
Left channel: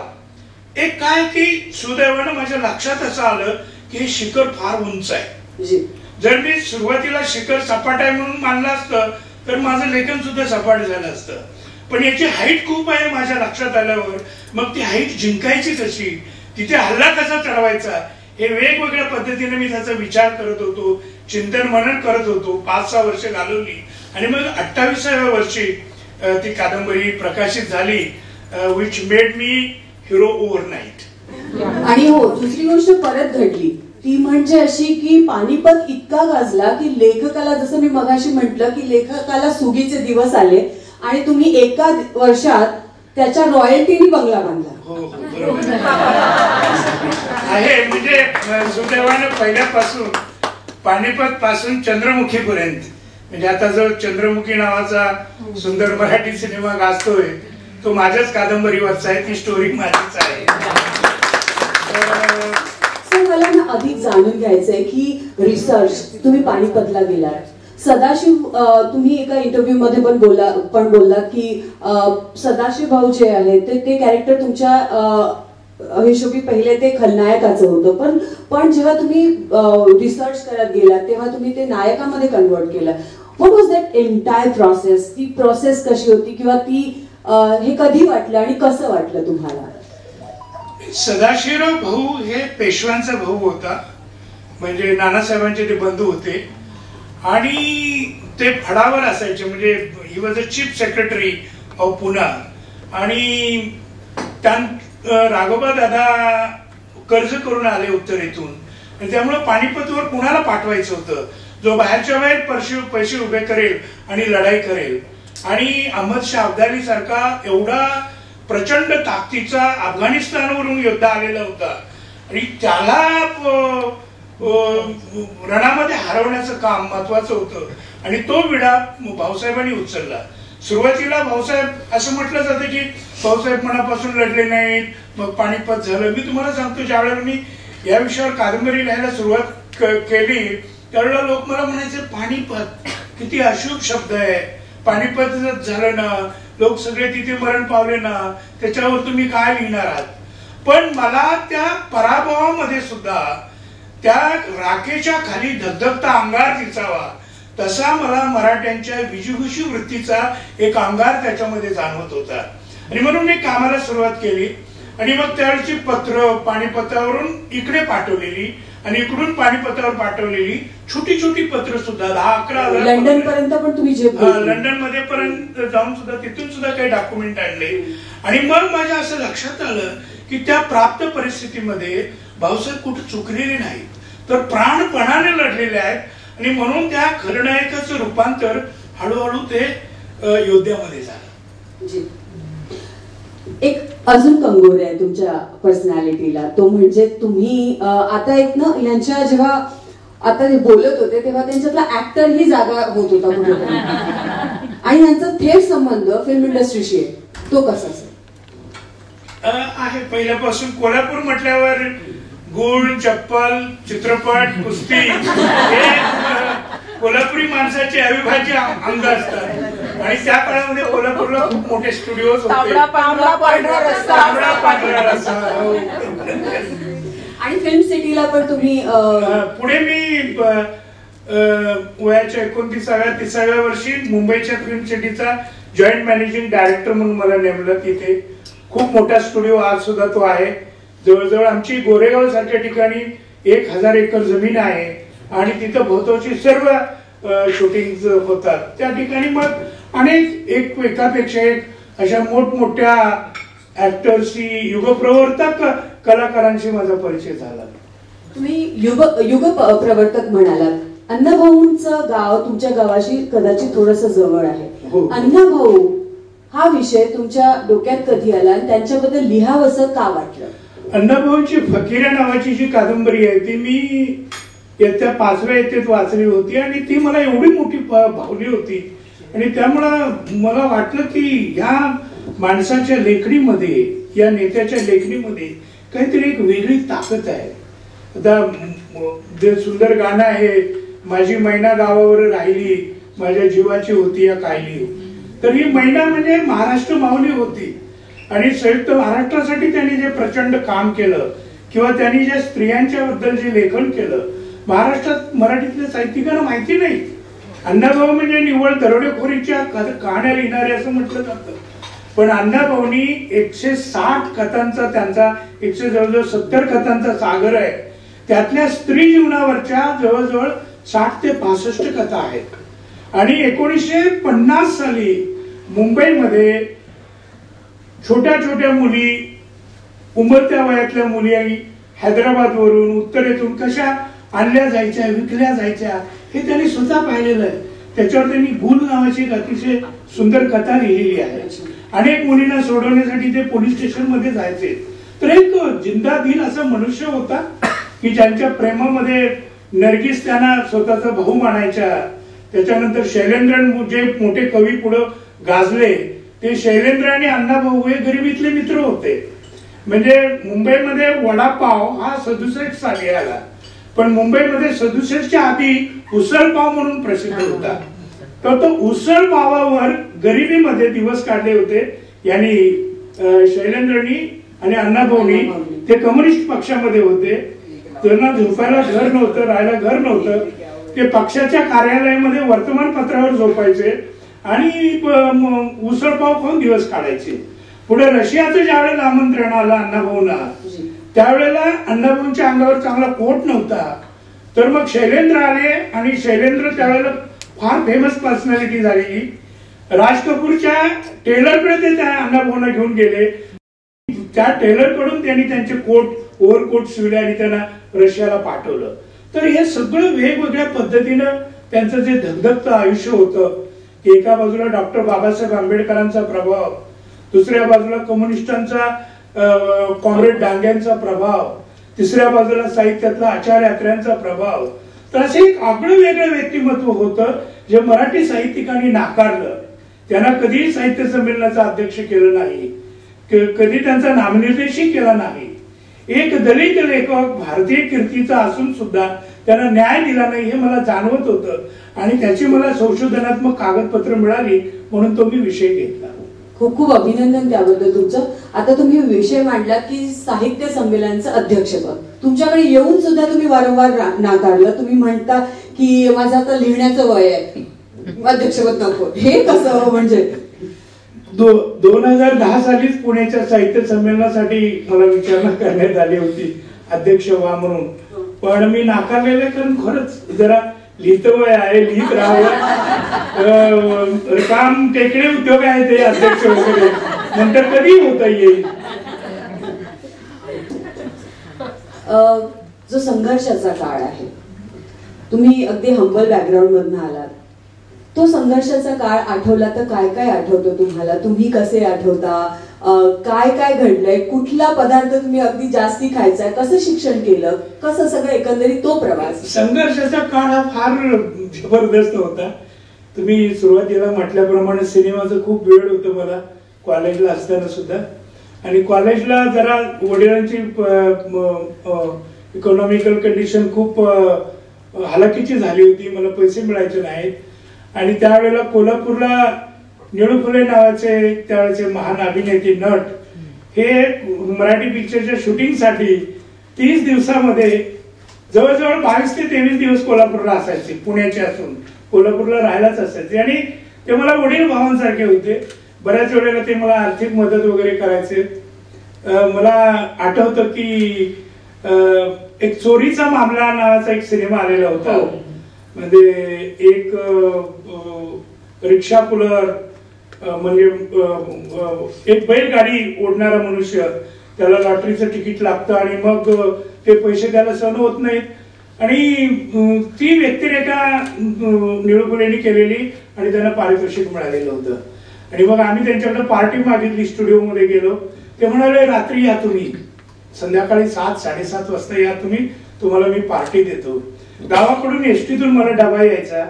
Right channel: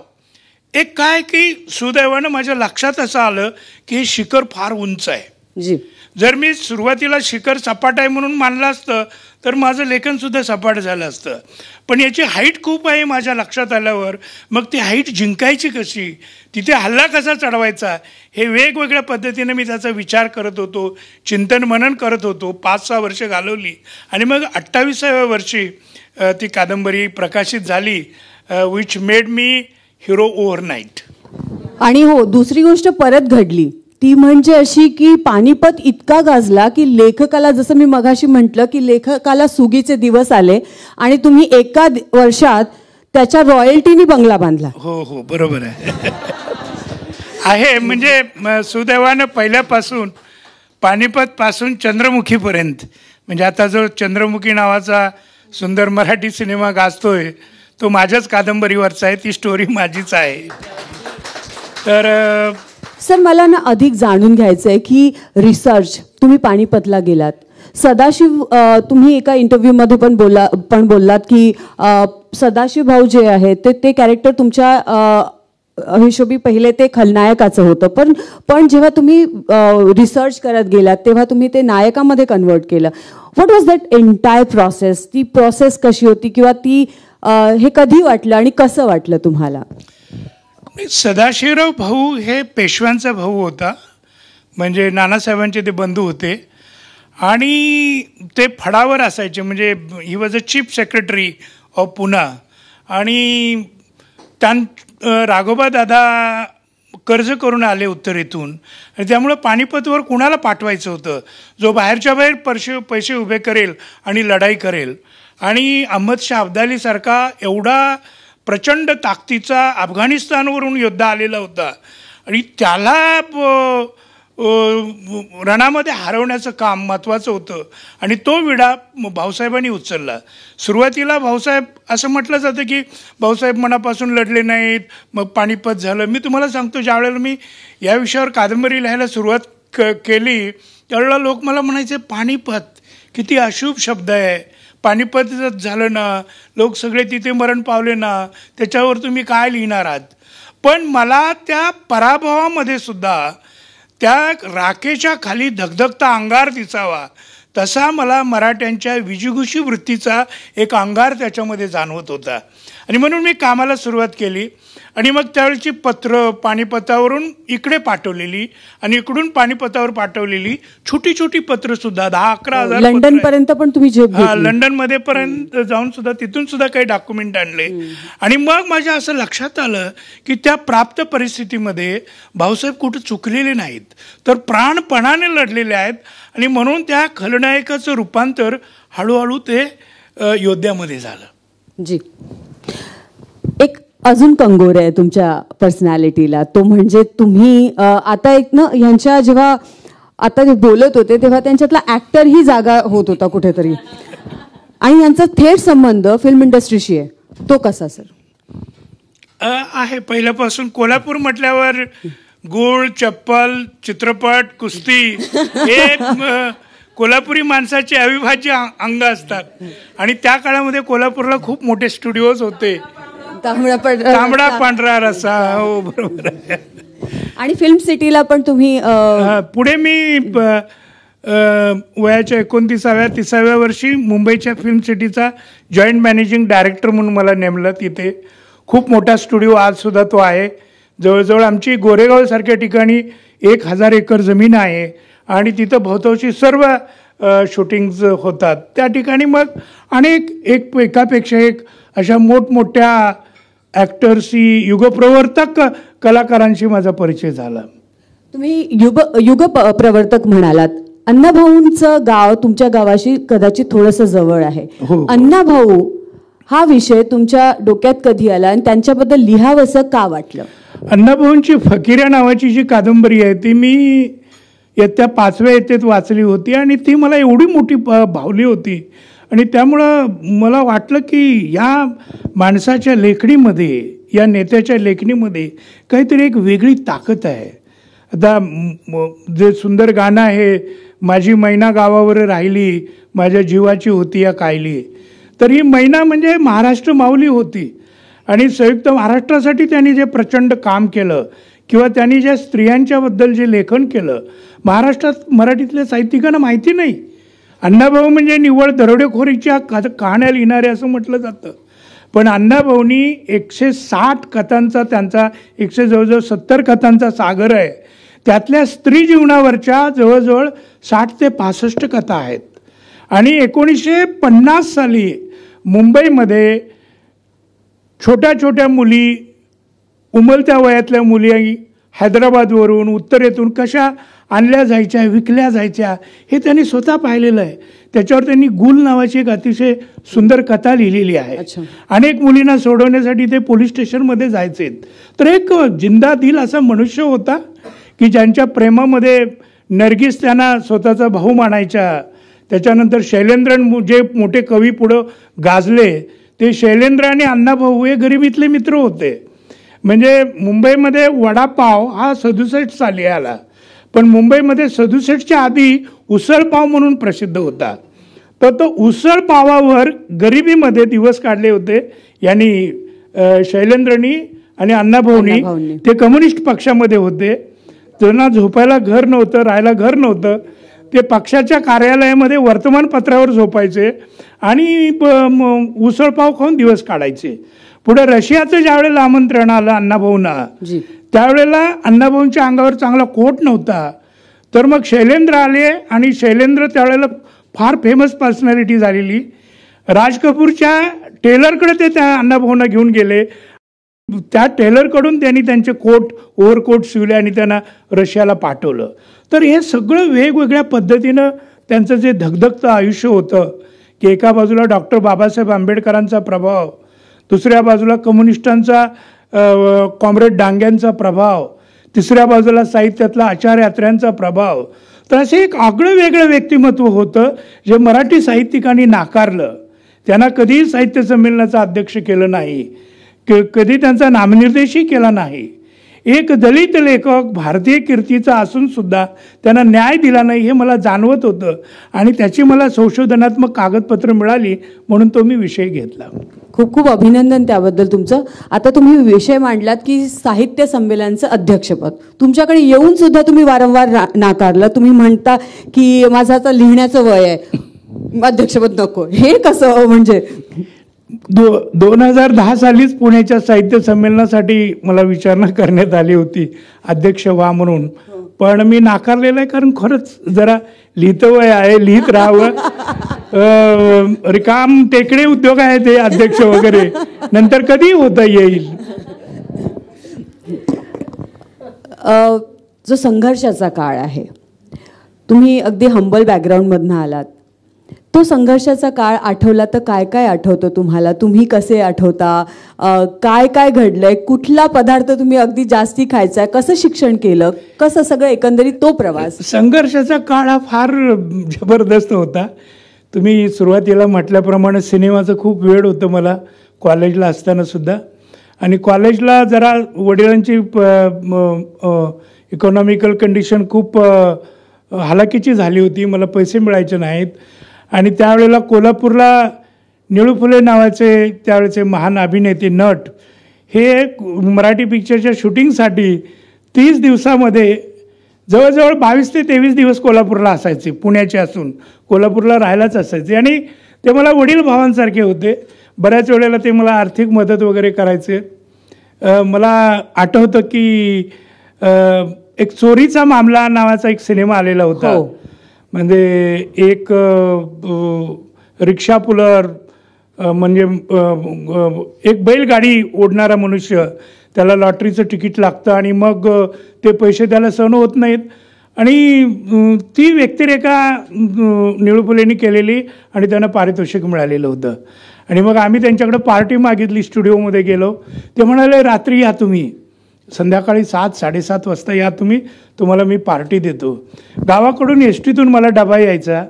एक काय की सुदैवानं माझ्या लक्षात असं आलं की हे शिखर फार उंच आहे. जर मी सुरुवातीला शिखर सपाट आहे म्हणून मानलं असतं तर माझं लेखन सुद्धा सपाट झालं असतं. पण याची हाईट खूप आहे माझ्या लक्षात आल्यावर मग ती हाईट जिंकायची कशी, तिथे हल्ला कसा चढवायचा हे वेगवेगळ्या पद्धतीने मी त्याचा विचार करत होतो, चिंतन मनन करत होतो. 5-6 वर्ष घालवली आणि मग 28व्या वर्षी ती कादंबरी प्रकाशित झाली, which made me hero overnight. आणि हो दुसरी गोष्ट परत घडली ती म्हणजे अशी की पानिपत इतका गाजला की लेखकाला, जसं मी मगाशी म्हटलं की लेखकाला सुगीचे दिवस आले आणि तुम्ही एका वर्षात त्याच्या रॉयल्टीनी बंगला बांधला. हो हो बरोबर आहे. म्हणजे सुदैवानं पहिल्यापासून पानिपत पासून चंद्रमुखीपर्यंत म्हणजे आता जो चंद्रमुखी नावाचा सुंदर मराठी सिनेमा गाजतोय तो माझ्याच कादंबरीवरचा आहे, ती स्टोरी माझीच आहे. तर सर मला ना अधिक जाणून घ्यायचंय की रिसर्च तुम्ही पानिपतला गेलात, सदाशिव तुम्ही एका इंटरव्ह्यू मध्ये पण बोललात की सदाशिव भाऊ जे आहेत ते कॅरेक्टर तुमच्या हिशोबी पहिले ते खलनायकाचं होतं, पण जेव्हा तुम्ही रिसर्च करत गेलात तेव्हा तुम्ही ते नायकामध्ये कन्वर्ट केलं. What was that entire process? ती प्रोसेस कशी होती किंवा ती हे कधी वाटलं आणि कसं वाटलं तुम्हाला? सदाशिवराव भाऊ हे पेशव्यांचा भाऊ होता, म्हणजे नानासाहेबांचे ते बंधू होते आणि ते फडावर असायचे, म्हणजे he was a chief secretary of Poona. आणि राघोबा दादा कर्ज करून आले उत्तरेतून आणि त्यामुळे पानिपतवर कुणाला पाठवायचं होतं जो बाहेरच्या बाहेर पैसे उभे करेल आणि लढाई करेल. आणि अहमद शाह अब्दाली सारखा एवढा प्रचंड ताकदीचा अफगाणिस्तानवरून योद्धा आलेला होता आणि त्याला रणामध्ये हरवण्याचं काम महत्वाचं होतं आणि तो विडा भाऊसाहेबांनी उचलला. सुरुवातीला भाऊसाहेब असं म्हटलं जातं की भाऊसाहेब मनापासून लढले नाहीत, मग पानिपत झालं. मी तुम्हाला सांगतो ज्यावेळेला मी या विषयावर कादंबरी लिहायला सुरुवात केली त्यावेळेला लोक मला म्हणायचे पानिपत किती अशुभ शब्द आहे, पानिपतच झालं ना, लोक सगळे तिथे मरण पावले ना, त्याच्यावर तुम्ही काय लिहिणार आहात. पण मला त्या पराभवामध्ये सुद्धा त्या राखेच्या खाली धगधगता अंगार दिसावा तसा मला मराठ्यांच्या विजिगुषी वृत्तीचा एक अंगार त्याच्यामध्ये जाणवत होता. आणि म्हणून मी कामाला सुरुवात केली आणि मग त्यावेळची पत्र पानिपतावरून इकडे पाठवलेली आणि इकडून पानिपतावर पाठवलेली छोटी छोटी पत्र सुद्धा 10-11 हजार लंडन पर्यंत पण तुम्ही लंडन मध्ये पर्यंत जाऊन सुद्धा तिथून सुद्धा काही डॉक्युमेंट आणले. आणि मग माझ्या असं लक्षात आलं की त्या प्राप्त परिस्थितीमध्ये भाऊसाहेब कुठं चुकलेले नाहीत. तर प्राणपणाने लढलेले आहेत आणि म्हणून त्या खलनायकाचं रूपांतर हळूहळू ते योद्ध्यामध्ये झालं. जी, एक अजून कंगोर आहे तुमच्या पर्सनॅलिटीला, तो म्हणजे तुम्ही आता एक ना यांच्या जेव्हा आता जे बोलत होते तेव्हा त्यांच्यातला ऍक्टर ही जागा होत होता कुठेतरी आणि यांचा थेट संबंध फिल्म इंडस्ट्रीशी आहे, तो कसा असेल? आहे पहिल्यापासून. कोल्हापूर म्हटल्यावर गोळ, चप्पल, चित्रपट, कुस्ती हे कोल्हापुरी माणसाचे अविभाज्य अंग असतात आणि त्या काळामध्ये कोल्हापूरला खूप मोठे स्टुडिओज होते. तांबडा पांढरा रस्सा. आणि फिल्म सिटीला पण तुम्ही पुढे मी वयाच्या 29व्या-30व्या वर्षी मुंबईच्या फिल्म सिटीचा जॉईंट मॅनेजिंग डायरेक्टर म्हणून मला नेमलं. तिथे खूप मोठा स्टुडिओ आज सुद्धा तो आहे. जवळजवळ आमची गोरेगाव सारख्या ठिकाणी 1000 एकर जमीन आहे आणि तिथं भोवतावची सर्व शूटिंग होतात. त्या ठिकाणी मग अनेक एकापेक्षा एक अशा मोठमोठ्या ऍक्टर्सशी, युगप्रवर्तक कलाकारांशी माझा परिचय झाला. तुम्ही युग प्रवर्तक म्हणालात. अण्णाभाऊंचं गाव तुमच्या गावाशी कदाचित थोडंसं जवळ आहे. हो. अण्णाभाऊ हा विषय तुमच्या डोक्यात कधी आला आणि त्यांच्याबद्दल लिहावंसं का वाटलं? अण्णाभाऊंची फकीरा नावाची जी कादंबरी आहे ती मी इयत्ता 5व्या इयत्तेत वाचली होती आणि ती मला एवढी मोठी भावली होती आणि त्यामुळं मला वाटलं की या माणसाच्या लेखणीमध्ये, या नेत्याच्या लेखणीमध्ये काहीतरी एक वेगळी ताकद आहे. आता जे सुंदर गाणं आहे, माझी मैना गावावर राहिली, माझ्या जीवाची होती या कायली, तर ही मैना म्हणजे महाराष्ट्र माऊली होती आणि संयुक्त महाराष्ट्रासाठी त्यांनी जे प्रचंड काम केलं किंवा त्यांनी ज्या स्त्रियांच्या बद्दल जे लेखन केलं, महाराष्ट्रात मराठीतल्या साहित्यिकांना माहिती नाही. अण्णाभाऊ म्हणजे निव्वळ दरोडेखोरीच्या कहाण्या लिहिणारे असं म्हटलं जातं, पण अण्णाभाऊंनी 160 कथांचा, त्यांचा जवळजवळ 70 कथांचा सागर आहे. त्यातल्या स्त्री जीवनावरच्या जवळजवळ 60 ते 65 कथा आहेत आणि 1950 साली मुंबईमध्ये छोट्या छोट्या मुली, उमलत्या वयातल्या मुली हैदराबादवरून, उत्तरेतून कशा आणल्या जायच्या, विकल्या जायच्या, हे त्यांनी स्वतः पाहिलेलं आहे. त्याच्यावर त्यांनी गुल नावाची एक अतिशय सुंदर कथा लिहिलेली आहे. अनेक मुलींना सोडवण्यासाठी ते पोलीस स्टेशनमध्ये जायचे. तर एक जिंदा दिल असा मनुष्य होता की ज्यांच्या प्रेमामध्ये नर्गिस त्यांना स्वतःचा भाऊ मानायच्या. त्याच्यानंतर शैलेंद्रन जे मोठे कवी पुढं गाजले, ते शैलेंद्र आणि अण्णाभाऊ हे गरिबीतले मित्र होते. म्हणजे मुंबईमध्ये वडापाव हा 67 साली आला, पण मुंबईमध्ये 67च्या आधी उसळपाव म्हणून प्रसिद्ध होता. तर तो उसळ पावावर गरिबीमध्ये दिवस काढले होते यांनी, शैलेंद्रनी आणि अण्णाभाऊनी. ते कम्युनिस्ट पक्षामध्ये होते. त्यांना झोपायला घर नव्हतं, राहायला घर नव्हतं. ते पक्षाच्या कार्यालयामध्ये वर्तमानपत्रावर झोपायचे आणि उसळपाव खाऊन दिवस काढायचे. पुढे रशियाचं ज्या वेळेला आमंत्रण आलं अण्णाभाऊंना, त्यावेळेला अण्णाभाऊंच्या अंगावर चांगला कोट नव्हता. तर मग शैलेंद्र आले आणि शैलेंद्र त्यावेळेला फार फेमस पर्सनॅलिटी झालेली. राज कपूरच्या टेलरकडे ते त्या अण्णाभाऊंना घेऊन गेले. त्या टेलरकडून त्यांनी त्यांचे कोट, ओव्हरकोट शिवले आणि त्यांना रशियाला पाठवलं. तर हे सगळं वेगवेगळ्या पद्धतीनं त्यांचं जे धगधगतं आयुष्य होतं की एका बाजूला डॉक्टर बाबासाहेब आंबेडकरांचा प्रभाव, दुसऱ्या बाजूला कम्युनिस्टांचा, कॉम्रेड डांग्यांचा प्रभाव, तिसऱ्या बाजूला साहित्यातला आचार्य यात्र्यांचा प्रभाव. तर असं एक आगळं वेगळं व्यक्तिमत्व होतं जे मराठी साहित्यिकांनी नाकारलं. त्यांना कधीही साहित्य संमेलनाचं अध्यक्ष केलं नाही, कधी त्यांचा नामनिर्देशही केला नाही. एक दलित लेखक भारतीय कीर्तीचा असून सुद्धा त्यांना न्याय दिला नाही हे मला जाणवत होतं आणि त्याची मला संशोधनात्मक कागदपत्र मिळाली, म्हणून तो मी विषय घेतला. खूप खूप अभिनंदन त्याबद्दल तुमचं. आता तुम्ही विषय मांडलात की साहित्य संमेलनाचं अध्यक्षपद, तुमच्याकडे येऊन सुद्धा तुम्ही वारंवार नाकारलं. तुम्ही म्हणता की माझं आता लिहिण्याचं वय आहे, अध्यक्षपद नको. हे कसं? म्हणजे 2010 सालीच पुण्याच्या साहित्य संमेलनासाठी मला विचारणा करण्यात आली होती अध्यक्ष व्हा म्हणून, पण मी नाकारलेलं आहे. कारण खरंच जरा लिहितं वय आहे, लिहित राहावं. रिकाम टेकडे उद्योग आहे ते अध्यक्ष वगैरे, नंतर कधी होता येईल. जो संघर्षाचा काळ आहे. तुम्ही अगदी हंबल बॅकग्राऊंडमधनं आलात. तो संघर्षाचा काळ आठवला तर काय काय आठवतं तुम्हाला? तुम्ही कसे आठवता? काय काय घडलंय? कुठला पदार्थ तुम्ही अगदी जास्ती खायचाय? कसं शिक्षण केलं? कसं सगळं एकंदरीत तो प्रवास? संघर्षाचा काळ हा फार जबरदस्त होता. तुम्ही सुरुवातीला म्हटल्याप्रमाणे सिनेमाचं खूप वेळ होतं मला कॉलेजला असताना सुद्धा. आणि कॉलेजला जरा वडिलांची इकॉनॉमिकल कंडिशन खूप हालाकीची झाली होती. मला पैसे मिळायचे नाहीत. आणि त्यावेळेला कोल्हापूरला निळू फुले नावाचे त्यावेळेचे महान अभिनेते नट हे मराठी पिक्चरच्या शूटिंगसाठी 30 दिवसामध्ये जवळजवळ 22 ते 23 दिवस कोल्हापूरला असायचे. पुण्याचे असून कोल्हापूरला राहायलाच असायचे. आणि ते मला वडील भावांसारखे होते. बऱ्याच वेळेला ते मला आर्थिक मदत वगैरे करायचे. मला आठवतं की एक चोरीचा मामला नावाचा एक सिनेमा आलेला होता. म्हणजे एक रिक्षा पुलर म्हणजे एक बैलगाडी ओढणारा मनुष्य, त्याला लॉटरीचं तिकीट लागतं आणि मग ते पैसे त्याला सहन होत नाहीत. आणि ती व्यक्तिरेखा निळू फुलेंनी केलेली आणि त्यांना पारितोषिक मिळालेलं होतं. आणि मग आम्ही त्यांच्याकडे पार्टी मागितली. स्टुडिओमध्ये गेलो. ते म्हणाले रात्री या तुम्ही, संध्याकाळी 7-7:30 वाजता या तुम्ही, तुम्हाला मी पार्टी देतो. गावाकडून एसटीतून मला डबा यायचा.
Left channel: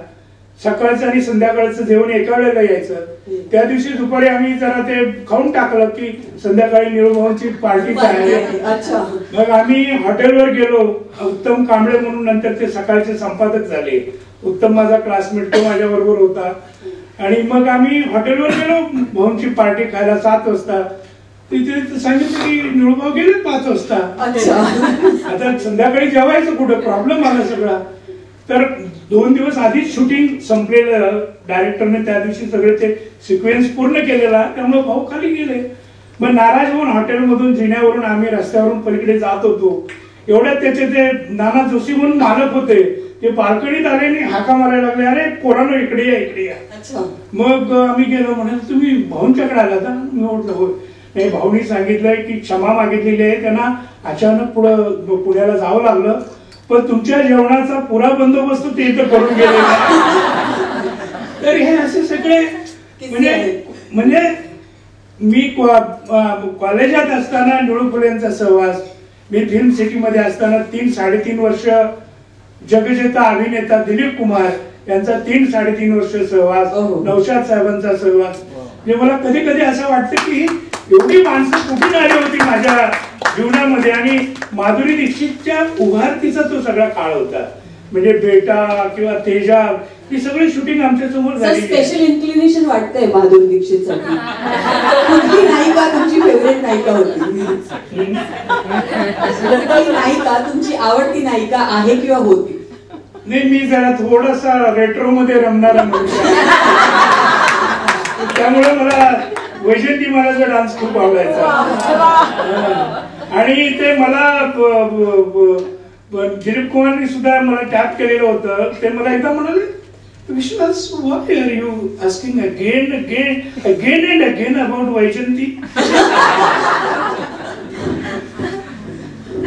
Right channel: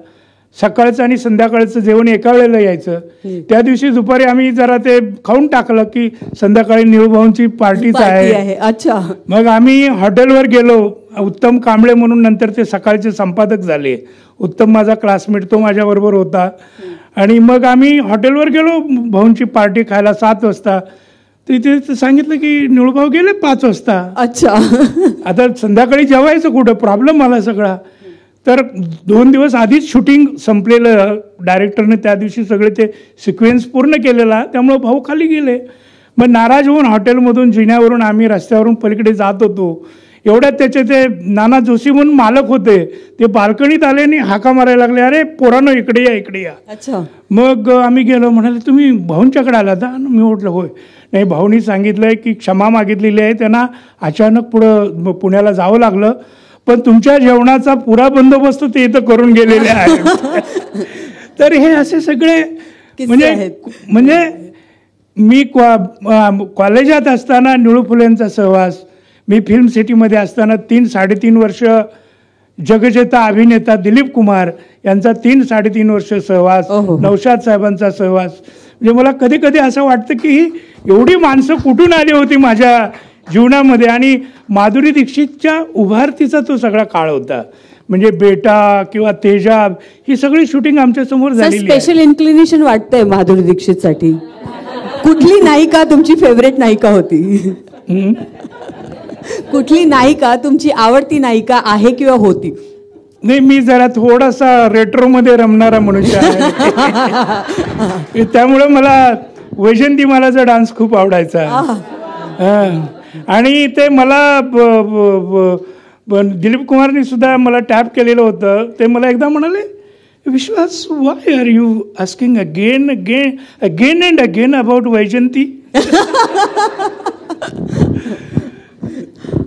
सकाळचं आणि संध्याकाळचं जेवण एका वेळेला यायचं. त्या दिवशी दुपारी आम्ही जरा ते खाऊन टाकलं की संध्याकाळी निळूभाऊंची पार्टीच आहे. अच्छा. मग आम्ही हॉटेलवर गेलो. उत्तम कांबळे म्हणून नंतर ते सकाळचे संपादक झाले. उत्तम माझा क्लासमेट, तो माझ्याबरोबर होता. आणि मग आम्ही हॉटेलवर गेलो भाऊंची पार्टी खायला 7 वाजता. तिथे सांगितलं की निळूभाऊ गेले 5 वाजता. अच्छा. आता संध्याकाळी जेवायचं कुठं? प्रॉब्लेम आला सगळा. तर 2 दिवस आधीच शूटिंग संपलेलं. डायरेक्टरने त्या दिवशी सगळे ते सिक्वेन्स पूर्ण केलेला. त्यामुळे भाऊ खाली गेले. मग नाराज होऊन हॉटेलमधून जिन्यावरून आम्ही रस्त्यावरून पलीकडे जात होतो. एवढ्यात त्याचे ते नाना जोशी म्हणून मालक होते, ते बाल्कनीत आले आणि हाका मारायला लागले, अरे पोरांनो इकडे या, इकडे या. अच्छा. मग आम्ही गेलो. म्हणाले तुम्ही भाऊंच्याकडे आला होता? मी म्हटलं होय. नाही, भाऊनी सांगितलंय की क्षमा मागितलेली आहे, त्यांना अचानक पुढं पुण्याला जावं लागलं, पण तुमच्या जेवणाचा पुरा बंदोबस्त ते इथं करून गेलेले आहे. तर हे असे सगळे म्हणजे मी कॉलेजात असताना निळू फुलेंचा सहवास, मी फिल्म सिटीमध्ये असताना 3-3.5 वर्ष जगजेता अभिनेता दिलीप कुमार यांचा 3-3.5 वर्ष सहवास, नौशाद साहेबांचा सहवास. म्हणजे मला कधी कधी असं वाटतं की एवढी माणसं कुठून आली होती माझ्या जीवनामध्ये. आणि माधुरी दीक्षितच्या उभारतीचा तो सगळा काळ होता. म्हणजे बेटा किंवा तेजाब ही सगळी शूटिंग आमच्या समोर झाली. स्पेशल इन्क्लिनेशन वाटतंय माधुरी दीक्षितसाठी. कुठली नायिका तुमची फेवरेट नायिका होती? कुठली नायिका तुमची आवडती नायिका आहे किंवा होती? नाही, मी जरा थोडासा रेट्रो मध्ये रमणारा मनुष्य आहे. त्यामुळे मला वैजंती मालाचा डान्स खूप आवडायचा. आणि ते मला दिलीप कुमारनी सुद्धा मला टॅप केलेलं होतं. ते मला एकदा म्हणाले, Vishwas, why are you asking again and again about Vaijanti?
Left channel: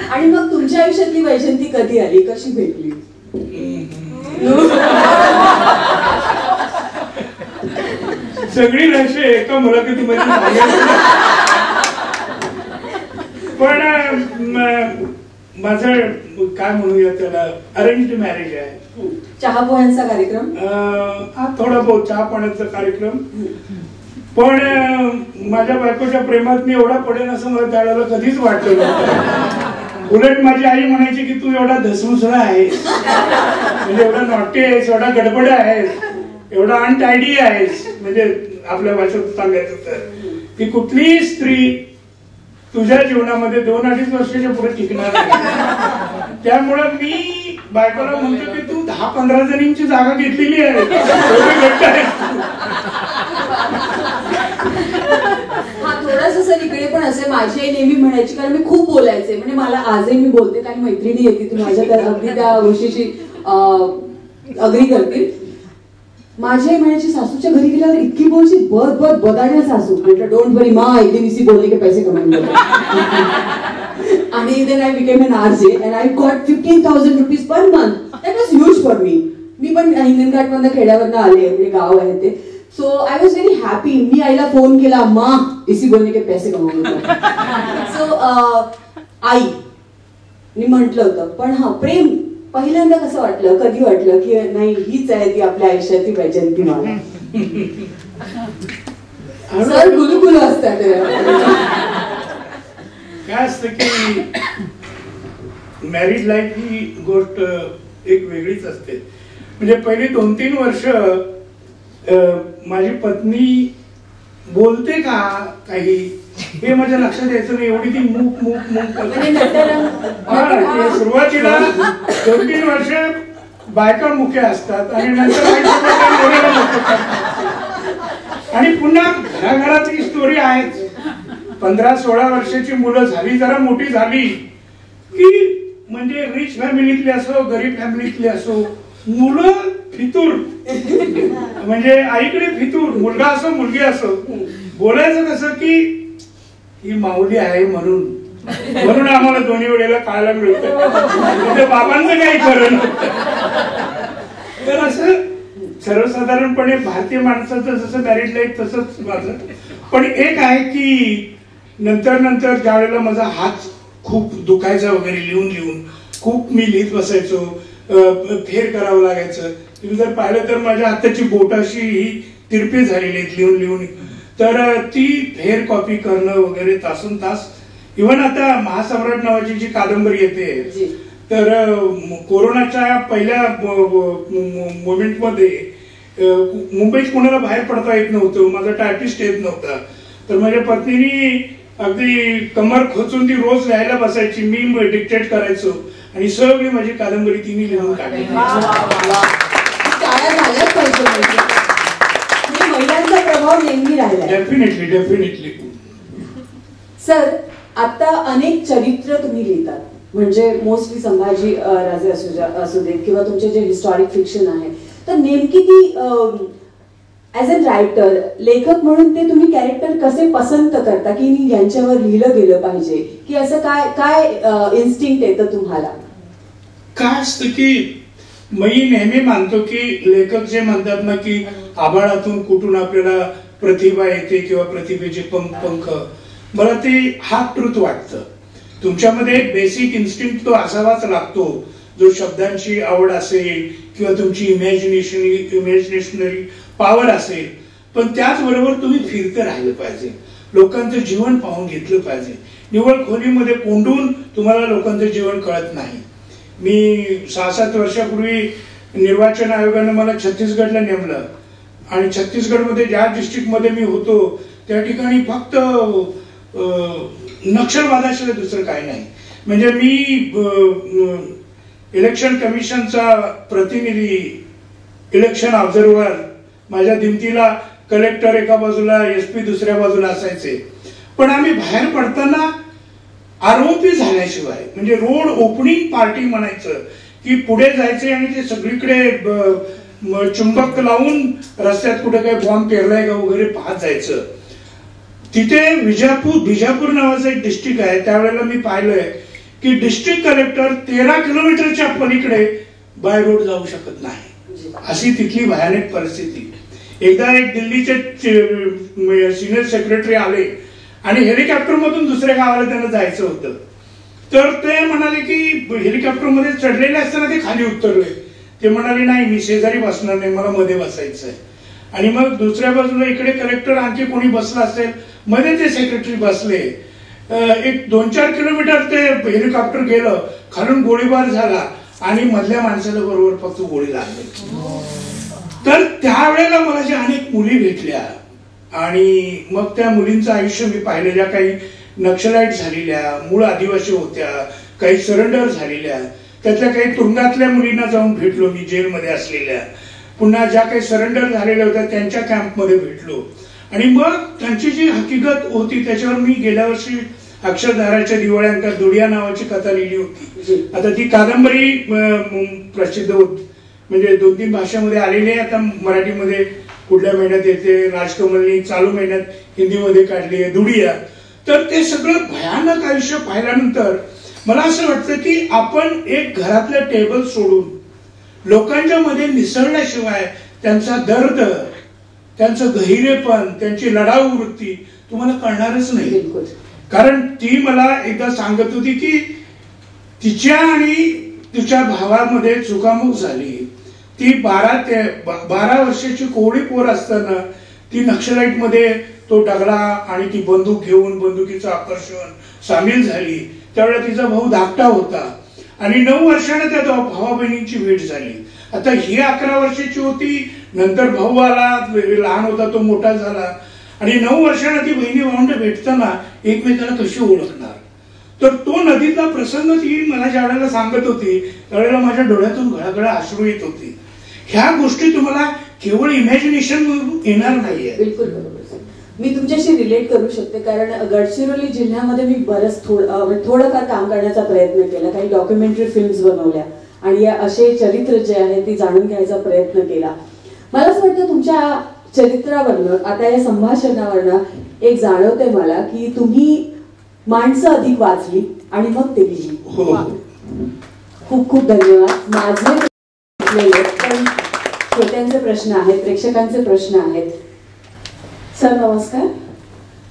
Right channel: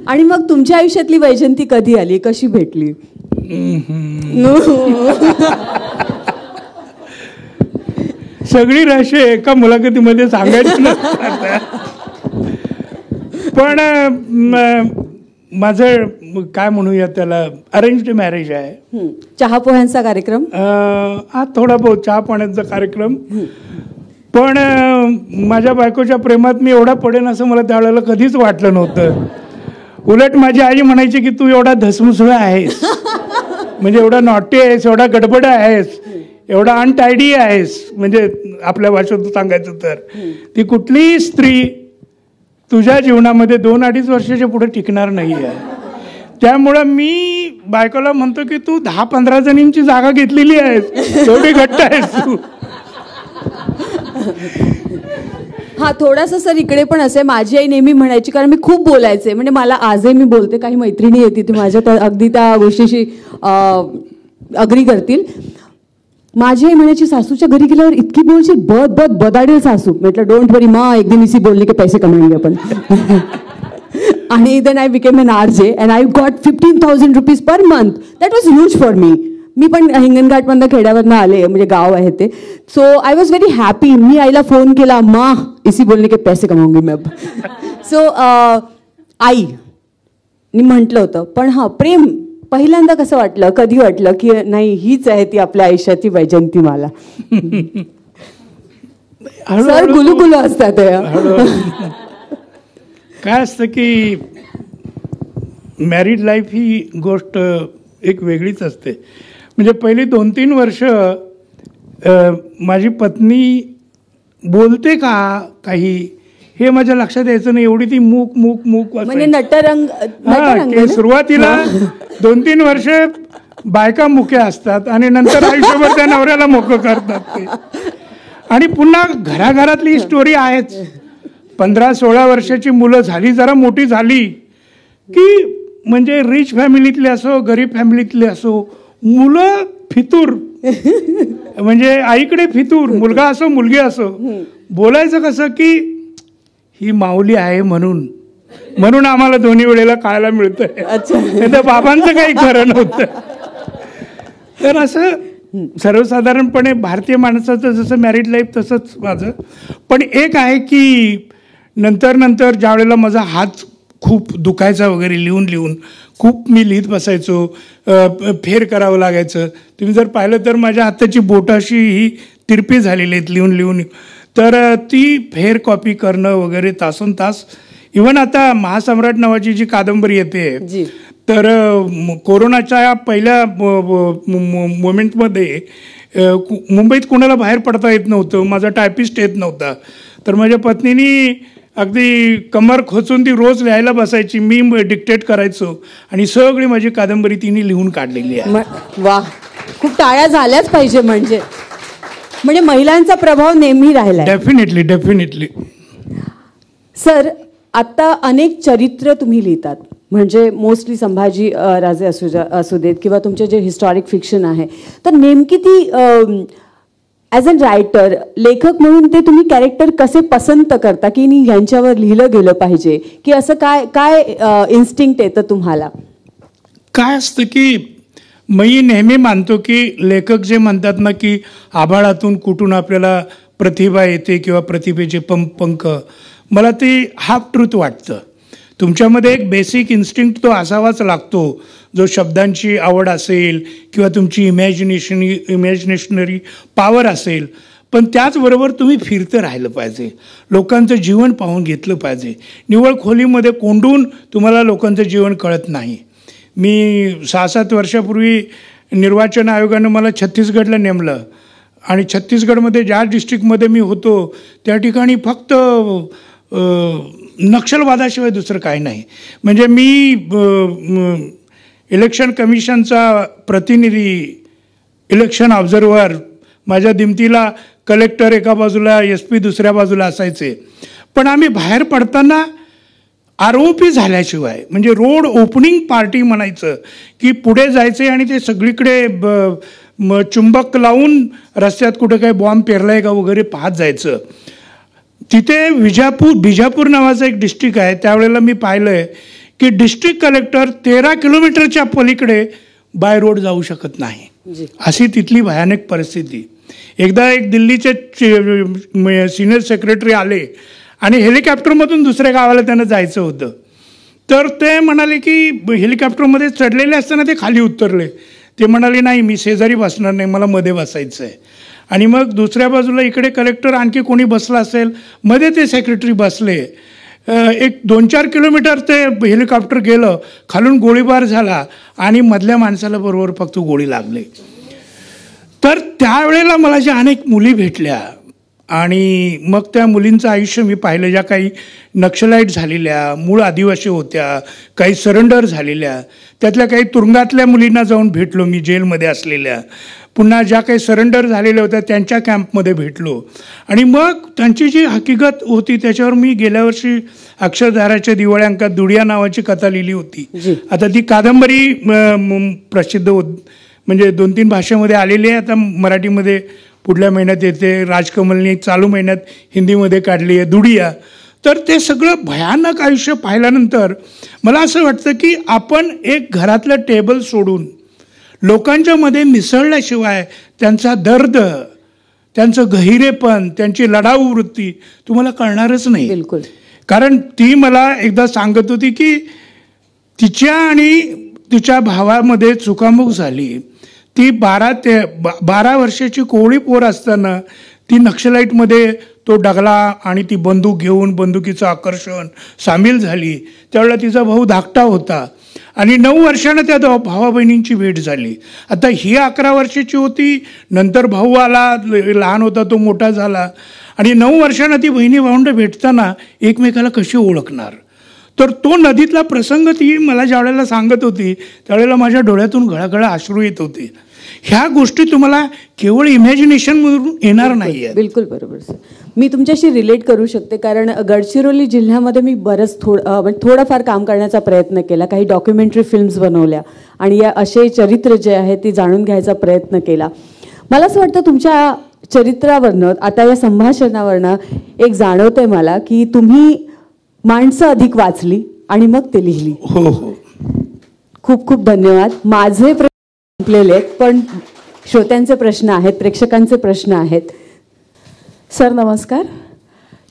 आणि मग तुमच्या आयुष्यातली वैजंती कधी आली, कशी भेटली? सगळी रहस्य एका मुलाखतीमध्ये सांगायचं. पण माझं काय म्हणूया त्याला, अरेंज्ड मॅरेज आहे. चहा पोह्यांचा कार्यक्रम? हा, थोडा बहुत चहा पाण्याचा कार्यक्रम. पण माझ्या बायकोच्या प्रेमात मी एवढा पडेन असं मला त्यावेळेला कधीच वाटलं नव्हतं. उलट माझी आई म्हणायची की तू एवढा धसमुसळा आहेस, म्हणजे एवढा नॉटी आहेस, एवढा गडबड आहेस, एवढा अनटायडी आहेस. म्हणजे आपल्या भाषेत सांगायचं तर ती कुठलीही स्त्री तुझ्या जीवनामध्ये 2-2.5 वर्षाच्या पुढे टिकणार नाही. त्यामुळं मी बायकोला म्हणतो की तू 10-15 जणींची जागा घेतलेली आहे, एवढी घट्ट आहेस तू. हा, थोडासा सर इकडे पण असे माझी आई नेहमी म्हणायची, कारण मी खूप बोलायचे. म्हणजे मला आजही मी बोलते, काही मैत्रिणी येते ती माझ्या अगदी त्या गोष्टीशी अग्री करतील. माझी आई म्हणायची, सासूच्या घरी गेल्यावर इतकी बोलची, बदाडे सासू. म्हटलं डोंट वरी मा, एक दिवशी बोलली की पैसे कमवून जातात. आणि then I became an RJ and I got 15,000 rupees per month. That was huge for me. मी पण हिंगणघाटमधनं खेड्यावरनं आले, म्हणजे गाव आहे ते. So I was very happy. मी आईला फोन केला, मा इसी बोलने के पैसे कमवूंगी मग. सो आईनी म्हटलं होतं. पण हा प्रेम पहिल्यांदा कसं वाटलं, कधी वाटलं की नाही हीच आहे ती आपल्या आयुष्याची वैजंतीमाला? सर गुलुगुलू असतात. काय असतं की मॅरिड लाईफ ही गोष्ट एक वेगळीच असते. म्हणजे पहिली 2-3 वर्ष माझी पत्नी बोलते का काही हे माझ्या लक्षात यायचं नाही, एवढी ती मूक मूक मूक. म्हणजे नटरंग. सुरुवातीला 2-3 वर्ष बायका मुक्या असतात आणि नंतर आयुष्यभर त्या नवऱ्याला मुक्य करतात. आणि पुन्हा घराघरातली स्टोरी आहेच. 15-16 वर्षाची मुलं झाली, जरा मोठी झाली की म्हणजे रिच फॅमिलीतले असो गरीब फॅमिलीतले असो, मुलं फितूर. म्हणजे आईकडे फितूर, मुलगा असो मुलगी असो. बोलायचं कसं की ही माऊली आहे म्हणून आम्हाला दोन्ही वेळेला खायला मिळतं. त्या बाबांचं काही खरं नव्हतं. तर असं सर्वसाधारणपणे भारतीय माणसाचं जसं मॅरिड लाईफ तसंच माझं. पण एक आहे की नंतर ज्या वेळेला माझा हात खूप दुखायचा वगैरे लिहून खूप मी लिहित बसायचो, फेर करावं लागायचं. तुम्ही जर पाहिलं तर माझ्या हाताची बोटं अशी ही तिरपी झालेली आहेत लिहून. तर ती फेर कॉपी करणं वगैरे तासन तास. इव्हन आता महासम्राट नावाची जी कादंबरी येते, तर कोरोनाच्या पहिल्या मोमेंटमध्ये मुंबईत कोणाला बाहेर पडता येत नव्हतं, माझा टायपिस्ट येत नव्हता. तर माझ्या पत्नीनी अगदी कमर खोचून ती रोज लिहायला बसायची, मी डिक्टेट करायचो आणि सगळी माझी कादंबरी तिने लिहून काढलेली आहे. वा, खूप टाळ्या झाल्याच पाहिजे. म्हणजे महिलांचा प्रभाव नेहमी राहिला. डेफिनेटली. सर, आता अनेक चरित्र तुम्ही लिहितात, म्हणजे मोस्टली संभाजी राजे असू देत किंवा तुमचे जे हिस्टॉरिक फिक्शन आहे. तर नेमकी ती ॲज अ रायटर, लेखक म्हणून ते तुम्ही कॅरेक्टर कसे पसंत करता की यांच्यावर लिहिलं गेलं पाहिजे, की असं काय इन्स्टिंक्ट येतं तुम्हाला? काय असतं की मी नेहमी मानतो की लेखक जे म्हणतात ना की आभाळातून कुठून आपल्याला प्रतिभा येते किंवा प्रतिभेचे पंख, मला ते हाफ ट्रूथ वाटतं. तुमच्यामध्ये एक बेसिक इन्स्टिंक्ट तो असावाच लागतो, जो शब्दांची आवड असेल किंवा तुमची इमॅजिनेशनरी पॉवर असेल. पण त्याचबरोबर तुम्ही फिरतं राहिलं पाहिजे, लोकांचं जीवन पाहून घेतलं पाहिजे. निव्वळ खोलीमध्ये कोंडून तुम्हाला लोकांचं जीवन कळत नाही. मी 6-7 वर्षापूर्वी निर्वाचन आयोगानं मला छत्तीसगडला नेमलं आणि छत्तीसगडमध्ये ज्या डिस्ट्रिक्टमध्ये मी होतो त्या ठिकाणी फक्त नक्षलवादाशिवाय दुसरं काही नाही. म्हणजे मी इलेक्शन कमिशनचा प्रतिनिधी, इलेक्शन ऑब्झर्व्हर, माझ्या दिमतीला कलेक्टर एका बाजूला, SP दुसऱ्या बाजूला असायचे. पण आम्ही बाहेर पडताना ROP झाल्याशिवाय, म्हणजे रोड ओपनिंग पार्टी म्हणायचं, की पुढे जायचे आणि ते सगळीकडे चुंबक लावून रस्त्यात कुठे काय बॉम्ब पेरलाय का वगैरे पाहत जायचं. तिथे बिजापूर नावाचं एक डिस्ट्रिक्ट आहे. त्यावेळेला मी पाहिलंय की डिस्ट्रिक्ट कलेक्टर 13 किलोमीटरच्या पलीकडे बाय रोड जाऊ शकत नाही, अशी तिथली भयानक परिस्थिती. एकदा एक दिल्लीचे सिनियर सेक्रेटरी आले आणि हेलिकॉप्टरमधून दुसऱ्या गावाला त्यांना जायचं होतं. तर ते म्हणाले की हेलिकॉप्टरमध्ये चढलेले असताना ते खाली उतरले. ते म्हणाले नाही, मी शेजारी बसणार नाही, मला मध्ये बसायचं आहे. आणि मग दुसऱ्या बाजूला इकडे कलेक्टर आणखी कोणी बसला असेल, मध्ये ते सेक्रेटरी बसले. एक 2-4 किलोमीटर ते हेलिकॉप्टर गेलं, खालून गोळीबार झाला आणि मधल्या माणसाला बरोबर फक्त गोळी लागली. तर त्यावेळेला मला ज्या अनेक मुली भेटल्या आणि मग त्या मुलींचं आयुष्य मी पाहिलं, ज्या काही नक्षलाईट झालेल्या, मूळ आदिवासी होत्या, काही सरेंडर झालेल्या, त्यातल्या काही तुरुंगातल्या मुलींना जाऊन भेटलो मी, जेलमध्ये असलेल्या. पुन्हा ज्या काही सरेंडर झालेल्या होत्या त्यांच्या कॅम्पमध्ये भेटलो. आणि मग त्यांची जी हकीकत होती त्याच्यावर मी गेल्या वर्षी अक्षरधाराच्या दिवाळी अंकात दुडिया नावाची कथा लिहिली होती. आता ती कादंबरी प्रसिद्ध म्हणजे 2-3 भाषेमध्ये आलेली आहे. आता मराठीमध्ये पुढल्या महिन्यात येते. राजकमलनी चालू महिन्यात हिंदीमध्ये काढली आहे दुडिया. तर ते सगळं भयानक आयुष्य पाहिल्यानंतर मला असं वाटतं की आपण एक घरातलं टेबल सोडून लोकांच्या मध्ये मिसळल्याशिवाय त्यांचा दर्द, त्यांचं गहिरेपण, त्यांची लढाऊ वृत्ती तुम्हाला कळणारच नाही. बिलकुल. कारण ती मला एकदा सांगत होती की तिच्या आणि तिच्या भावामध्ये चुकामुक झाली. ती 12 वर्षाची कोवळी पोर असताना ती नक्षलाईटमध्ये तो डगला आणि ती बंदूक घेऊन बंदुकीचं आकर्षण सामील झाली. त्यावेळेला तिचा भाऊ धाकटा होता आणि 9 वर्षानं त्या भावा बहिणींची भेट झाली. आता ही 11 वर्षाची होती, नंतर भाऊ आला, लहान होता तो मोठा झाला आणि 9 वर्षानं ती बहिणी भावंड भेटताना एकमेकाला कशी ओळखणार. तर तो नदीतला प्रसंग ती मला ज्या वेळेला सांगत होती त्यावेळेला माझ्या डोळ्यातून घळाघळा अश्रू येत होते. ह्या गोष्टी तुम्हाला केवळ इमॅजिनेशन मधून येणार नाहीये. बिलकुल बरोबर सर. मी तुमच्याशी रिलेट करू शकते कारण गडचिरोली जिल्ह्यामध्ये मी बरंच थोडंफार काम करण्याचा प्रयत्न केला. काही डॉक्युमेंटरी फिल्म्स बनवल्या आणि या असे चरित्र जे आहे ते जाणून घ्यायचा प्रयत्न केला. मला असं वाटतं तुमच्या चरित्रावरनं, आता या संभाषणावरनं एक जाणवतंय मला की तुम्ही माणसं अधिक वाचली आणि मग ते लिहिली. हो. खूप खूप धन्यवाद. माझे प्रश्न पण श्रोत्यांचे प्रश्न आहेत, प्रेक्षकांचे प्रश्न आहेत. सर नमस्कार.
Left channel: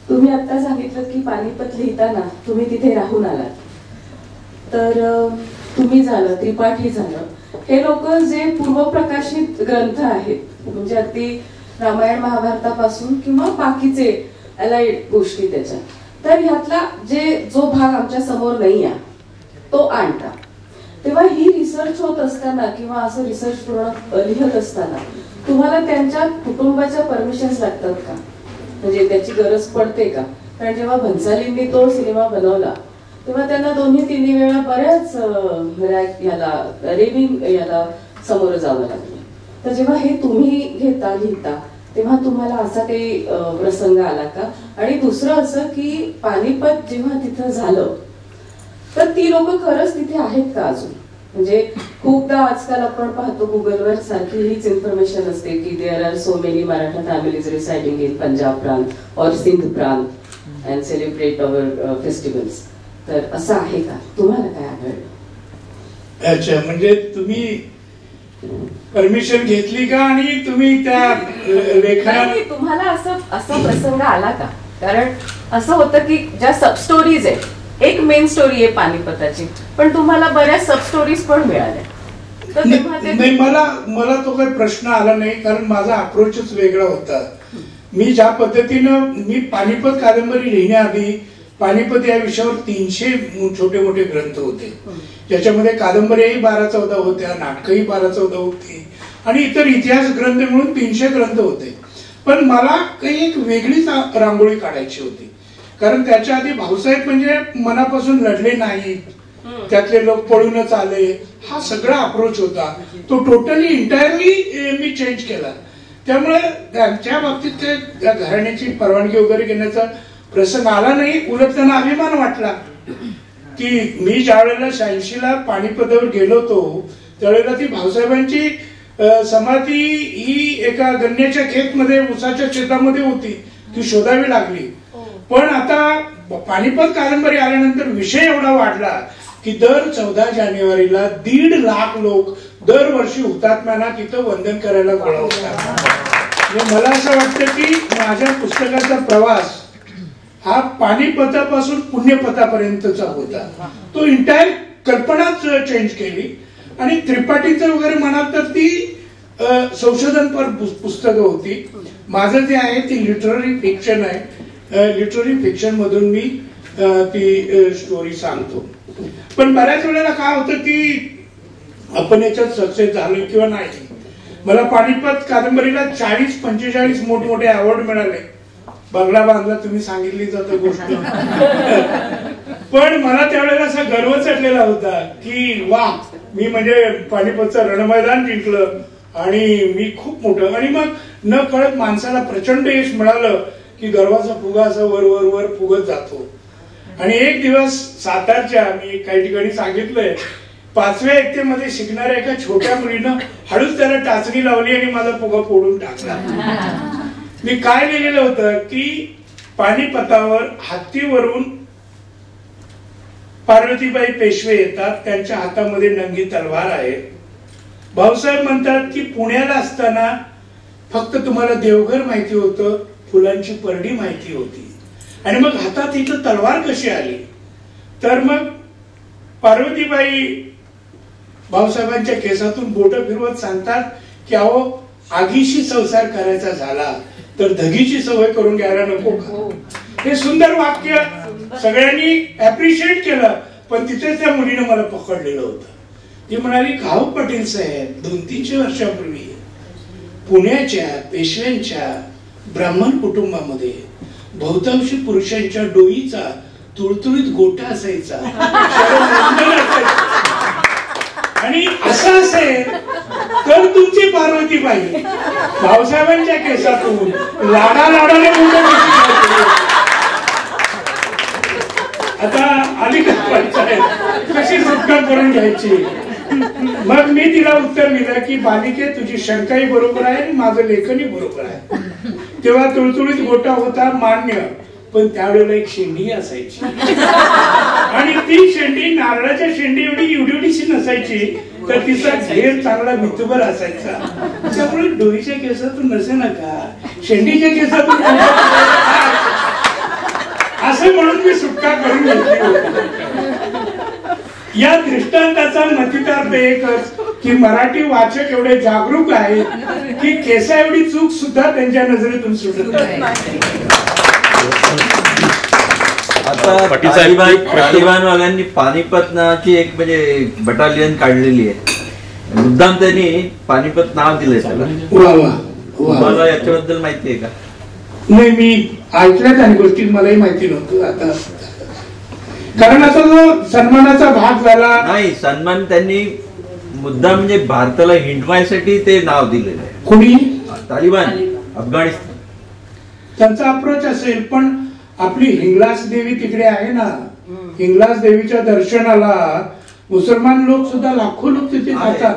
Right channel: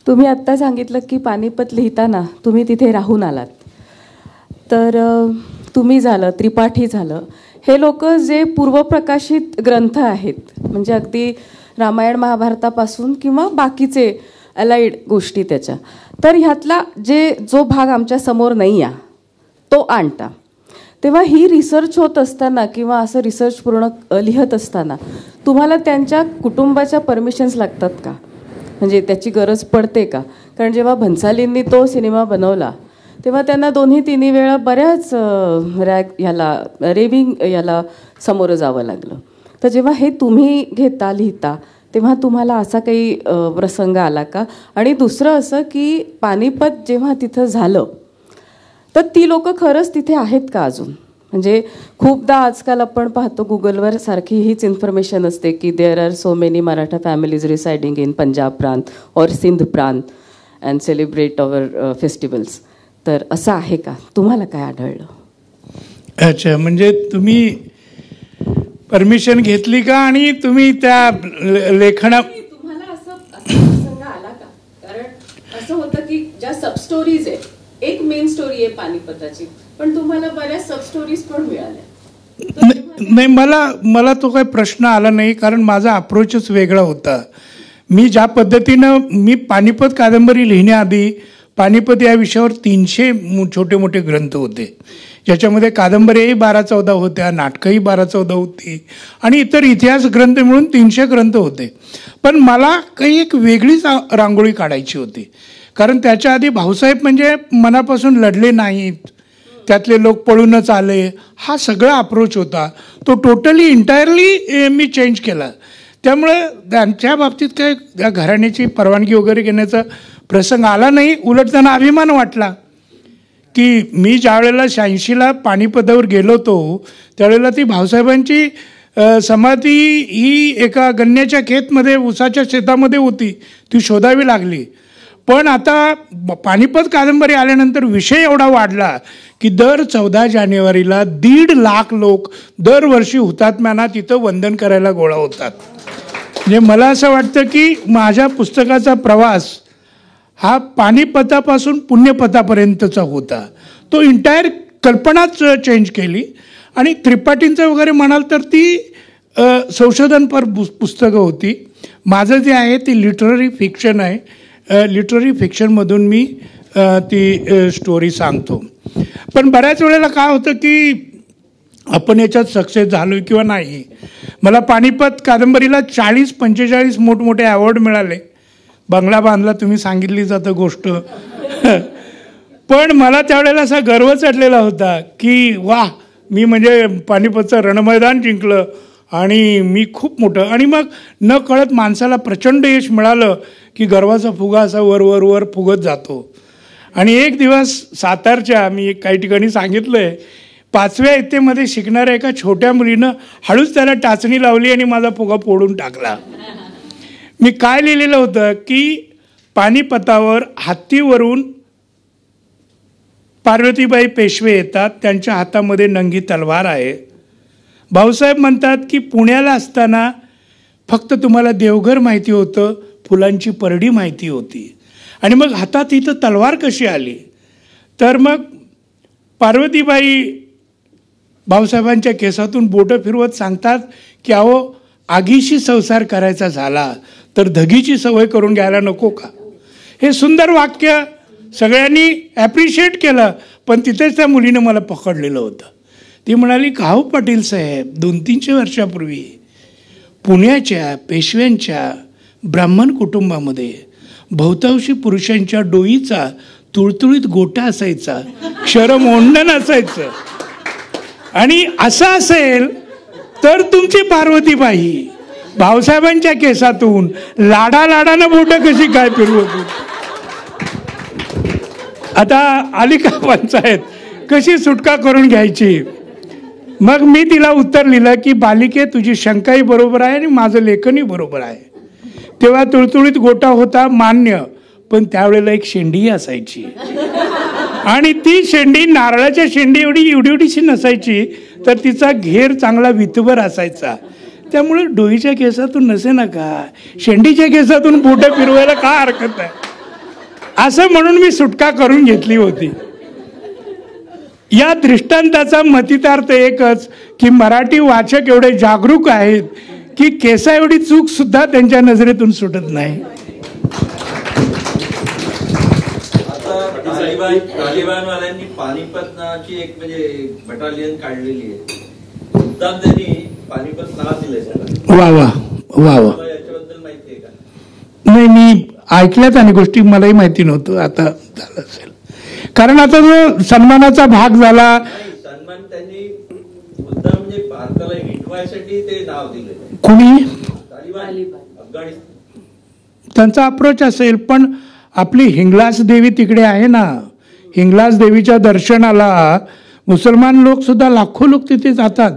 तुम्ही आत्ता सांगितलं की पानिपत लिहिताना तुम्ही तिथे राहून आलात. तर तुम्ही झालं, त्रिपाठी झालं, हे लोक जे पूर्वप्रकाशित ग्रंथ आहेत म्हणजे अगदी रामायण महाभारतापासून किंवा बाकीचे अलाइड गोष्टी त्याच्या, तर ह्यातला जो भाग आमच्या समोर नाही आहे तो आणता. तेव्हा ही रिसर्च होत असताना किंवा असं रिसर्च पूर्ण लिहत असताना तुम्हाला त्यांच्या कुटुंबाच्या परमिशन्स लागतात का? म्हणजे त्याची गरज पडते का? कारण जेव्हा भन्सालींनी तो सिनेमा बनवला तेव्हा त्यांना 2-3 वेळा बऱ्याच रेविंग सामोरं जावं लागलं. तर जेव्हा हे तुम्ही लिहिता तेव्हा तुम्हाला असा काही प्रसंग आला का? आणि दुसरं असं की पानिपत जेव्हा तिथं झालं तर ती लोक खरंच तिथे आहेत का अजून? म्हणजे खूपदा आजकाल आपण पाहतो गुगलवर सारखी हीच इन्फॉर्मेशन असते की there are so many Maratha families residing in Punjab प्रांत और सिंध प्रांत अँड सेलिब्रेट अवर फेस्टिवल्स. तर असं आहे का? तुम्हाला काय आढळलं? अच्छा, म्हणजे तुम्ही परमिशन घेतली का आणि तुम्ही त्या लेखना तुम्हाला असं प्रसंग आला का? कारण असं होतं की ज्या सब स्टोरीज आहेत, एक मेन स्टोरी आहे पानिपताची, पण तुम्हाला बऱ्याच सब स्टोरीज पण मिळाल्या. नाही, मला तो काही प्रश्न आला नाही कारण माझा अप्रोचच वेगळा होता. मी ज्या पद्धतीनं मी पानिपत कादंबरी लिहिण्याआधी पानिपत या विषयावर 300 छोटे मोठे ग्रंथ होते, ज्याच्यामध्ये कादंबऱ्याही 12-14 होत्या, नाटकंही 12-14 होती आणि इतर इतिहास ग्रंथ मिळून 300 ग्रंथ होते. पण मला काही एक वेगळीच रांगोळी काढायची होती कारण त्याच्या आधी भाऊसाहेब म्हणजे मनापासून लढले नाहीत, त्यातले लोक पळूनच आले, हा सगळा अप्रोच होता. तो टोटली इंटायरली मी चेंज केला. त्यामुळे त्यांच्या बाबतीत काय त्या घराण्याची परवानगी वगैरे घेण्याचा प्रसंग आला नाही. उलट त्यांना अभिमान वाटला की मी ज्या वेळेला 86ला पानिपतावर गेलो होतो त्यावेळेला ती भाऊसाहेबांची समाधी ही एका गन्याच्या खेतमध्ये उसाच्या शेतामध्ये होती, ती शोधावी लागली. पण आता पानिपत कादंबरी आल्यानंतर विषय एवढा वाढला की दर 14 जानेवारीला 1.5 लाख लोक दरवर्षी हुतात्म्यांना तिथं वंदन करायला गोळा होतात. म्हणजे मला असं वाटतं की माझ्या पुस्तकाचा प्रवास हा पानिपतापासून पुण्यपथापर्यंतचा होता. तो इंटायर कल्पनाच चेंज केली. आणि त्रिपाठींचं वगैरे म्हणाल तर ती संशोधनपर पुस्तकं होती. माझं जे आहे ती लिटररी फिक्शन आहे. लिटररी फिक्शनमधून मी ती स्टोरी सांगतो. पण बऱ्याच वेळेला काय होतं की आपण याच्यात सक्सेस झालो किंवा नाही. मला पानिपत कादंबरीला 40-45 मोठमोठे अवॉर्ड मिळाले. बंगला बांधला तुम्ही सांगितली जातं गोष्ट. पण मला त्यावेळेला असा गर्व चढलेला होता की वा, मी म्हणजे पानिपतचं रणमैदान जिंकलं आणि मी खूप मोठं. आणि मग न कळत माणसाला प्रचंड यश मिळालं की गर्वाचा फुगा असा वर वर वर फुगत जातो. आणि एक दिवस सातारच्या मी काही ठिकाणी सांगितलंय 5व्या इयत्तेमध्ये शिकणाऱ्या एका छोट्या मुलीनं हळूच त्याला टाचणी लावली आणि माझा फुगा फोडून टाकला. मी काय लिहिलेलं होतं की पानिपतावर हत्तीवरून पार्वतीबाई पेशवे येतात, त्यांच्या हातामध्ये नंगी तलवार आहे. भाऊसाहेब म्हणतात की पुण्याला असताना फक्त तुम्हाला देवघर माहिती होतं, फुलांची परडी माहिती होती, आणि मग हातात इथं तलवार कशी आली. तर मग पार्वतीबाई भाऊसाहेबांच्या केसातून बोटं फिरवत सांगतात की अहो, आगीशी संसार करायचा झाला तर धगीची सवय करून घ्यायला नको का. हे सुंदर वाक्य सगळ्यांनी ॲप्रिशिएट केलं. पण तिथेच त्या मुलीनं मला पकडलेलं होतं. ती म्हणाली, काहो पाटील साहेब, 200-300 वर्षापूर्वी पुण्याच्या पेशव्यांच्या ब्राह्मण कुटुंबामध्ये बहुतांशी पुरुषांच्या डोईचा तुळतुळीत गोटा असायचा, क्षरमंडन असायचं. आणि असं असेल तर तुमची पार्वतीबाई भाऊसाहेबांच्या केसातून लाडाने गोटे कशी काय केली होती. आता आली का पंचायत, कशी सुटका करून घ्यायची. मग मी तिला उत्तर लिहिलं की बालिके, तुझी शंकाही बरोबर आहे आणि माझं लेखनही बरोबर आहे. तेव्हा तुळतुळीत गोटा होता मान्य, पण त्यावेळेला एक शेंडी असायची, आणि ती शेंडी नारळाच्या शेंडी एवढीशी नसायची, तर तिचा घेर चांगला विथभर असायचा. त्यामुळे डोईच्या केसातून नसे ना का, शेंडीच्या केसातून गोटा फिरवायला काय हरकत आहे. असं म्हणून मी सुटका करून घेतली होती. या दृष्टांताचा मतितार्थ एकच की मराठी वाचक एवढे जागरूक आहेत की केसा एवढी चूक सुद्धा त्यांच्या नजरेतून सुटत नाही. तालिबानवाल्यांनी पानिपत नावाची एक म्हणजे बटालियन काढलेली आहे. मुद्दाम त्यांनी पानिपत नाव दिलंय त्याला. वा वा वा. मला याच्याबद्दल माहिती आहे का? नाही, मी ऐकल्यात आणि गोष्टी मलाही माहिती नव्हतं. आता कारण आता जो सन्मानाचा भाग झाला नाही, सन्मान त्यांनी मुद्दाम म्हणजे भारताला हिंडवायसाठी ते नाव दिलेलं आहे. कोणी? तालिबान, अफगाणिस्तान. त्यांचा अप्रोच असेल. पण आपली हिंगलाज देवी तिकडे आहे ना, हिंगलाज देवीच्या दर्शनाला मुसलमान लोक सुद्धा लाखो लोक तिथे जातात.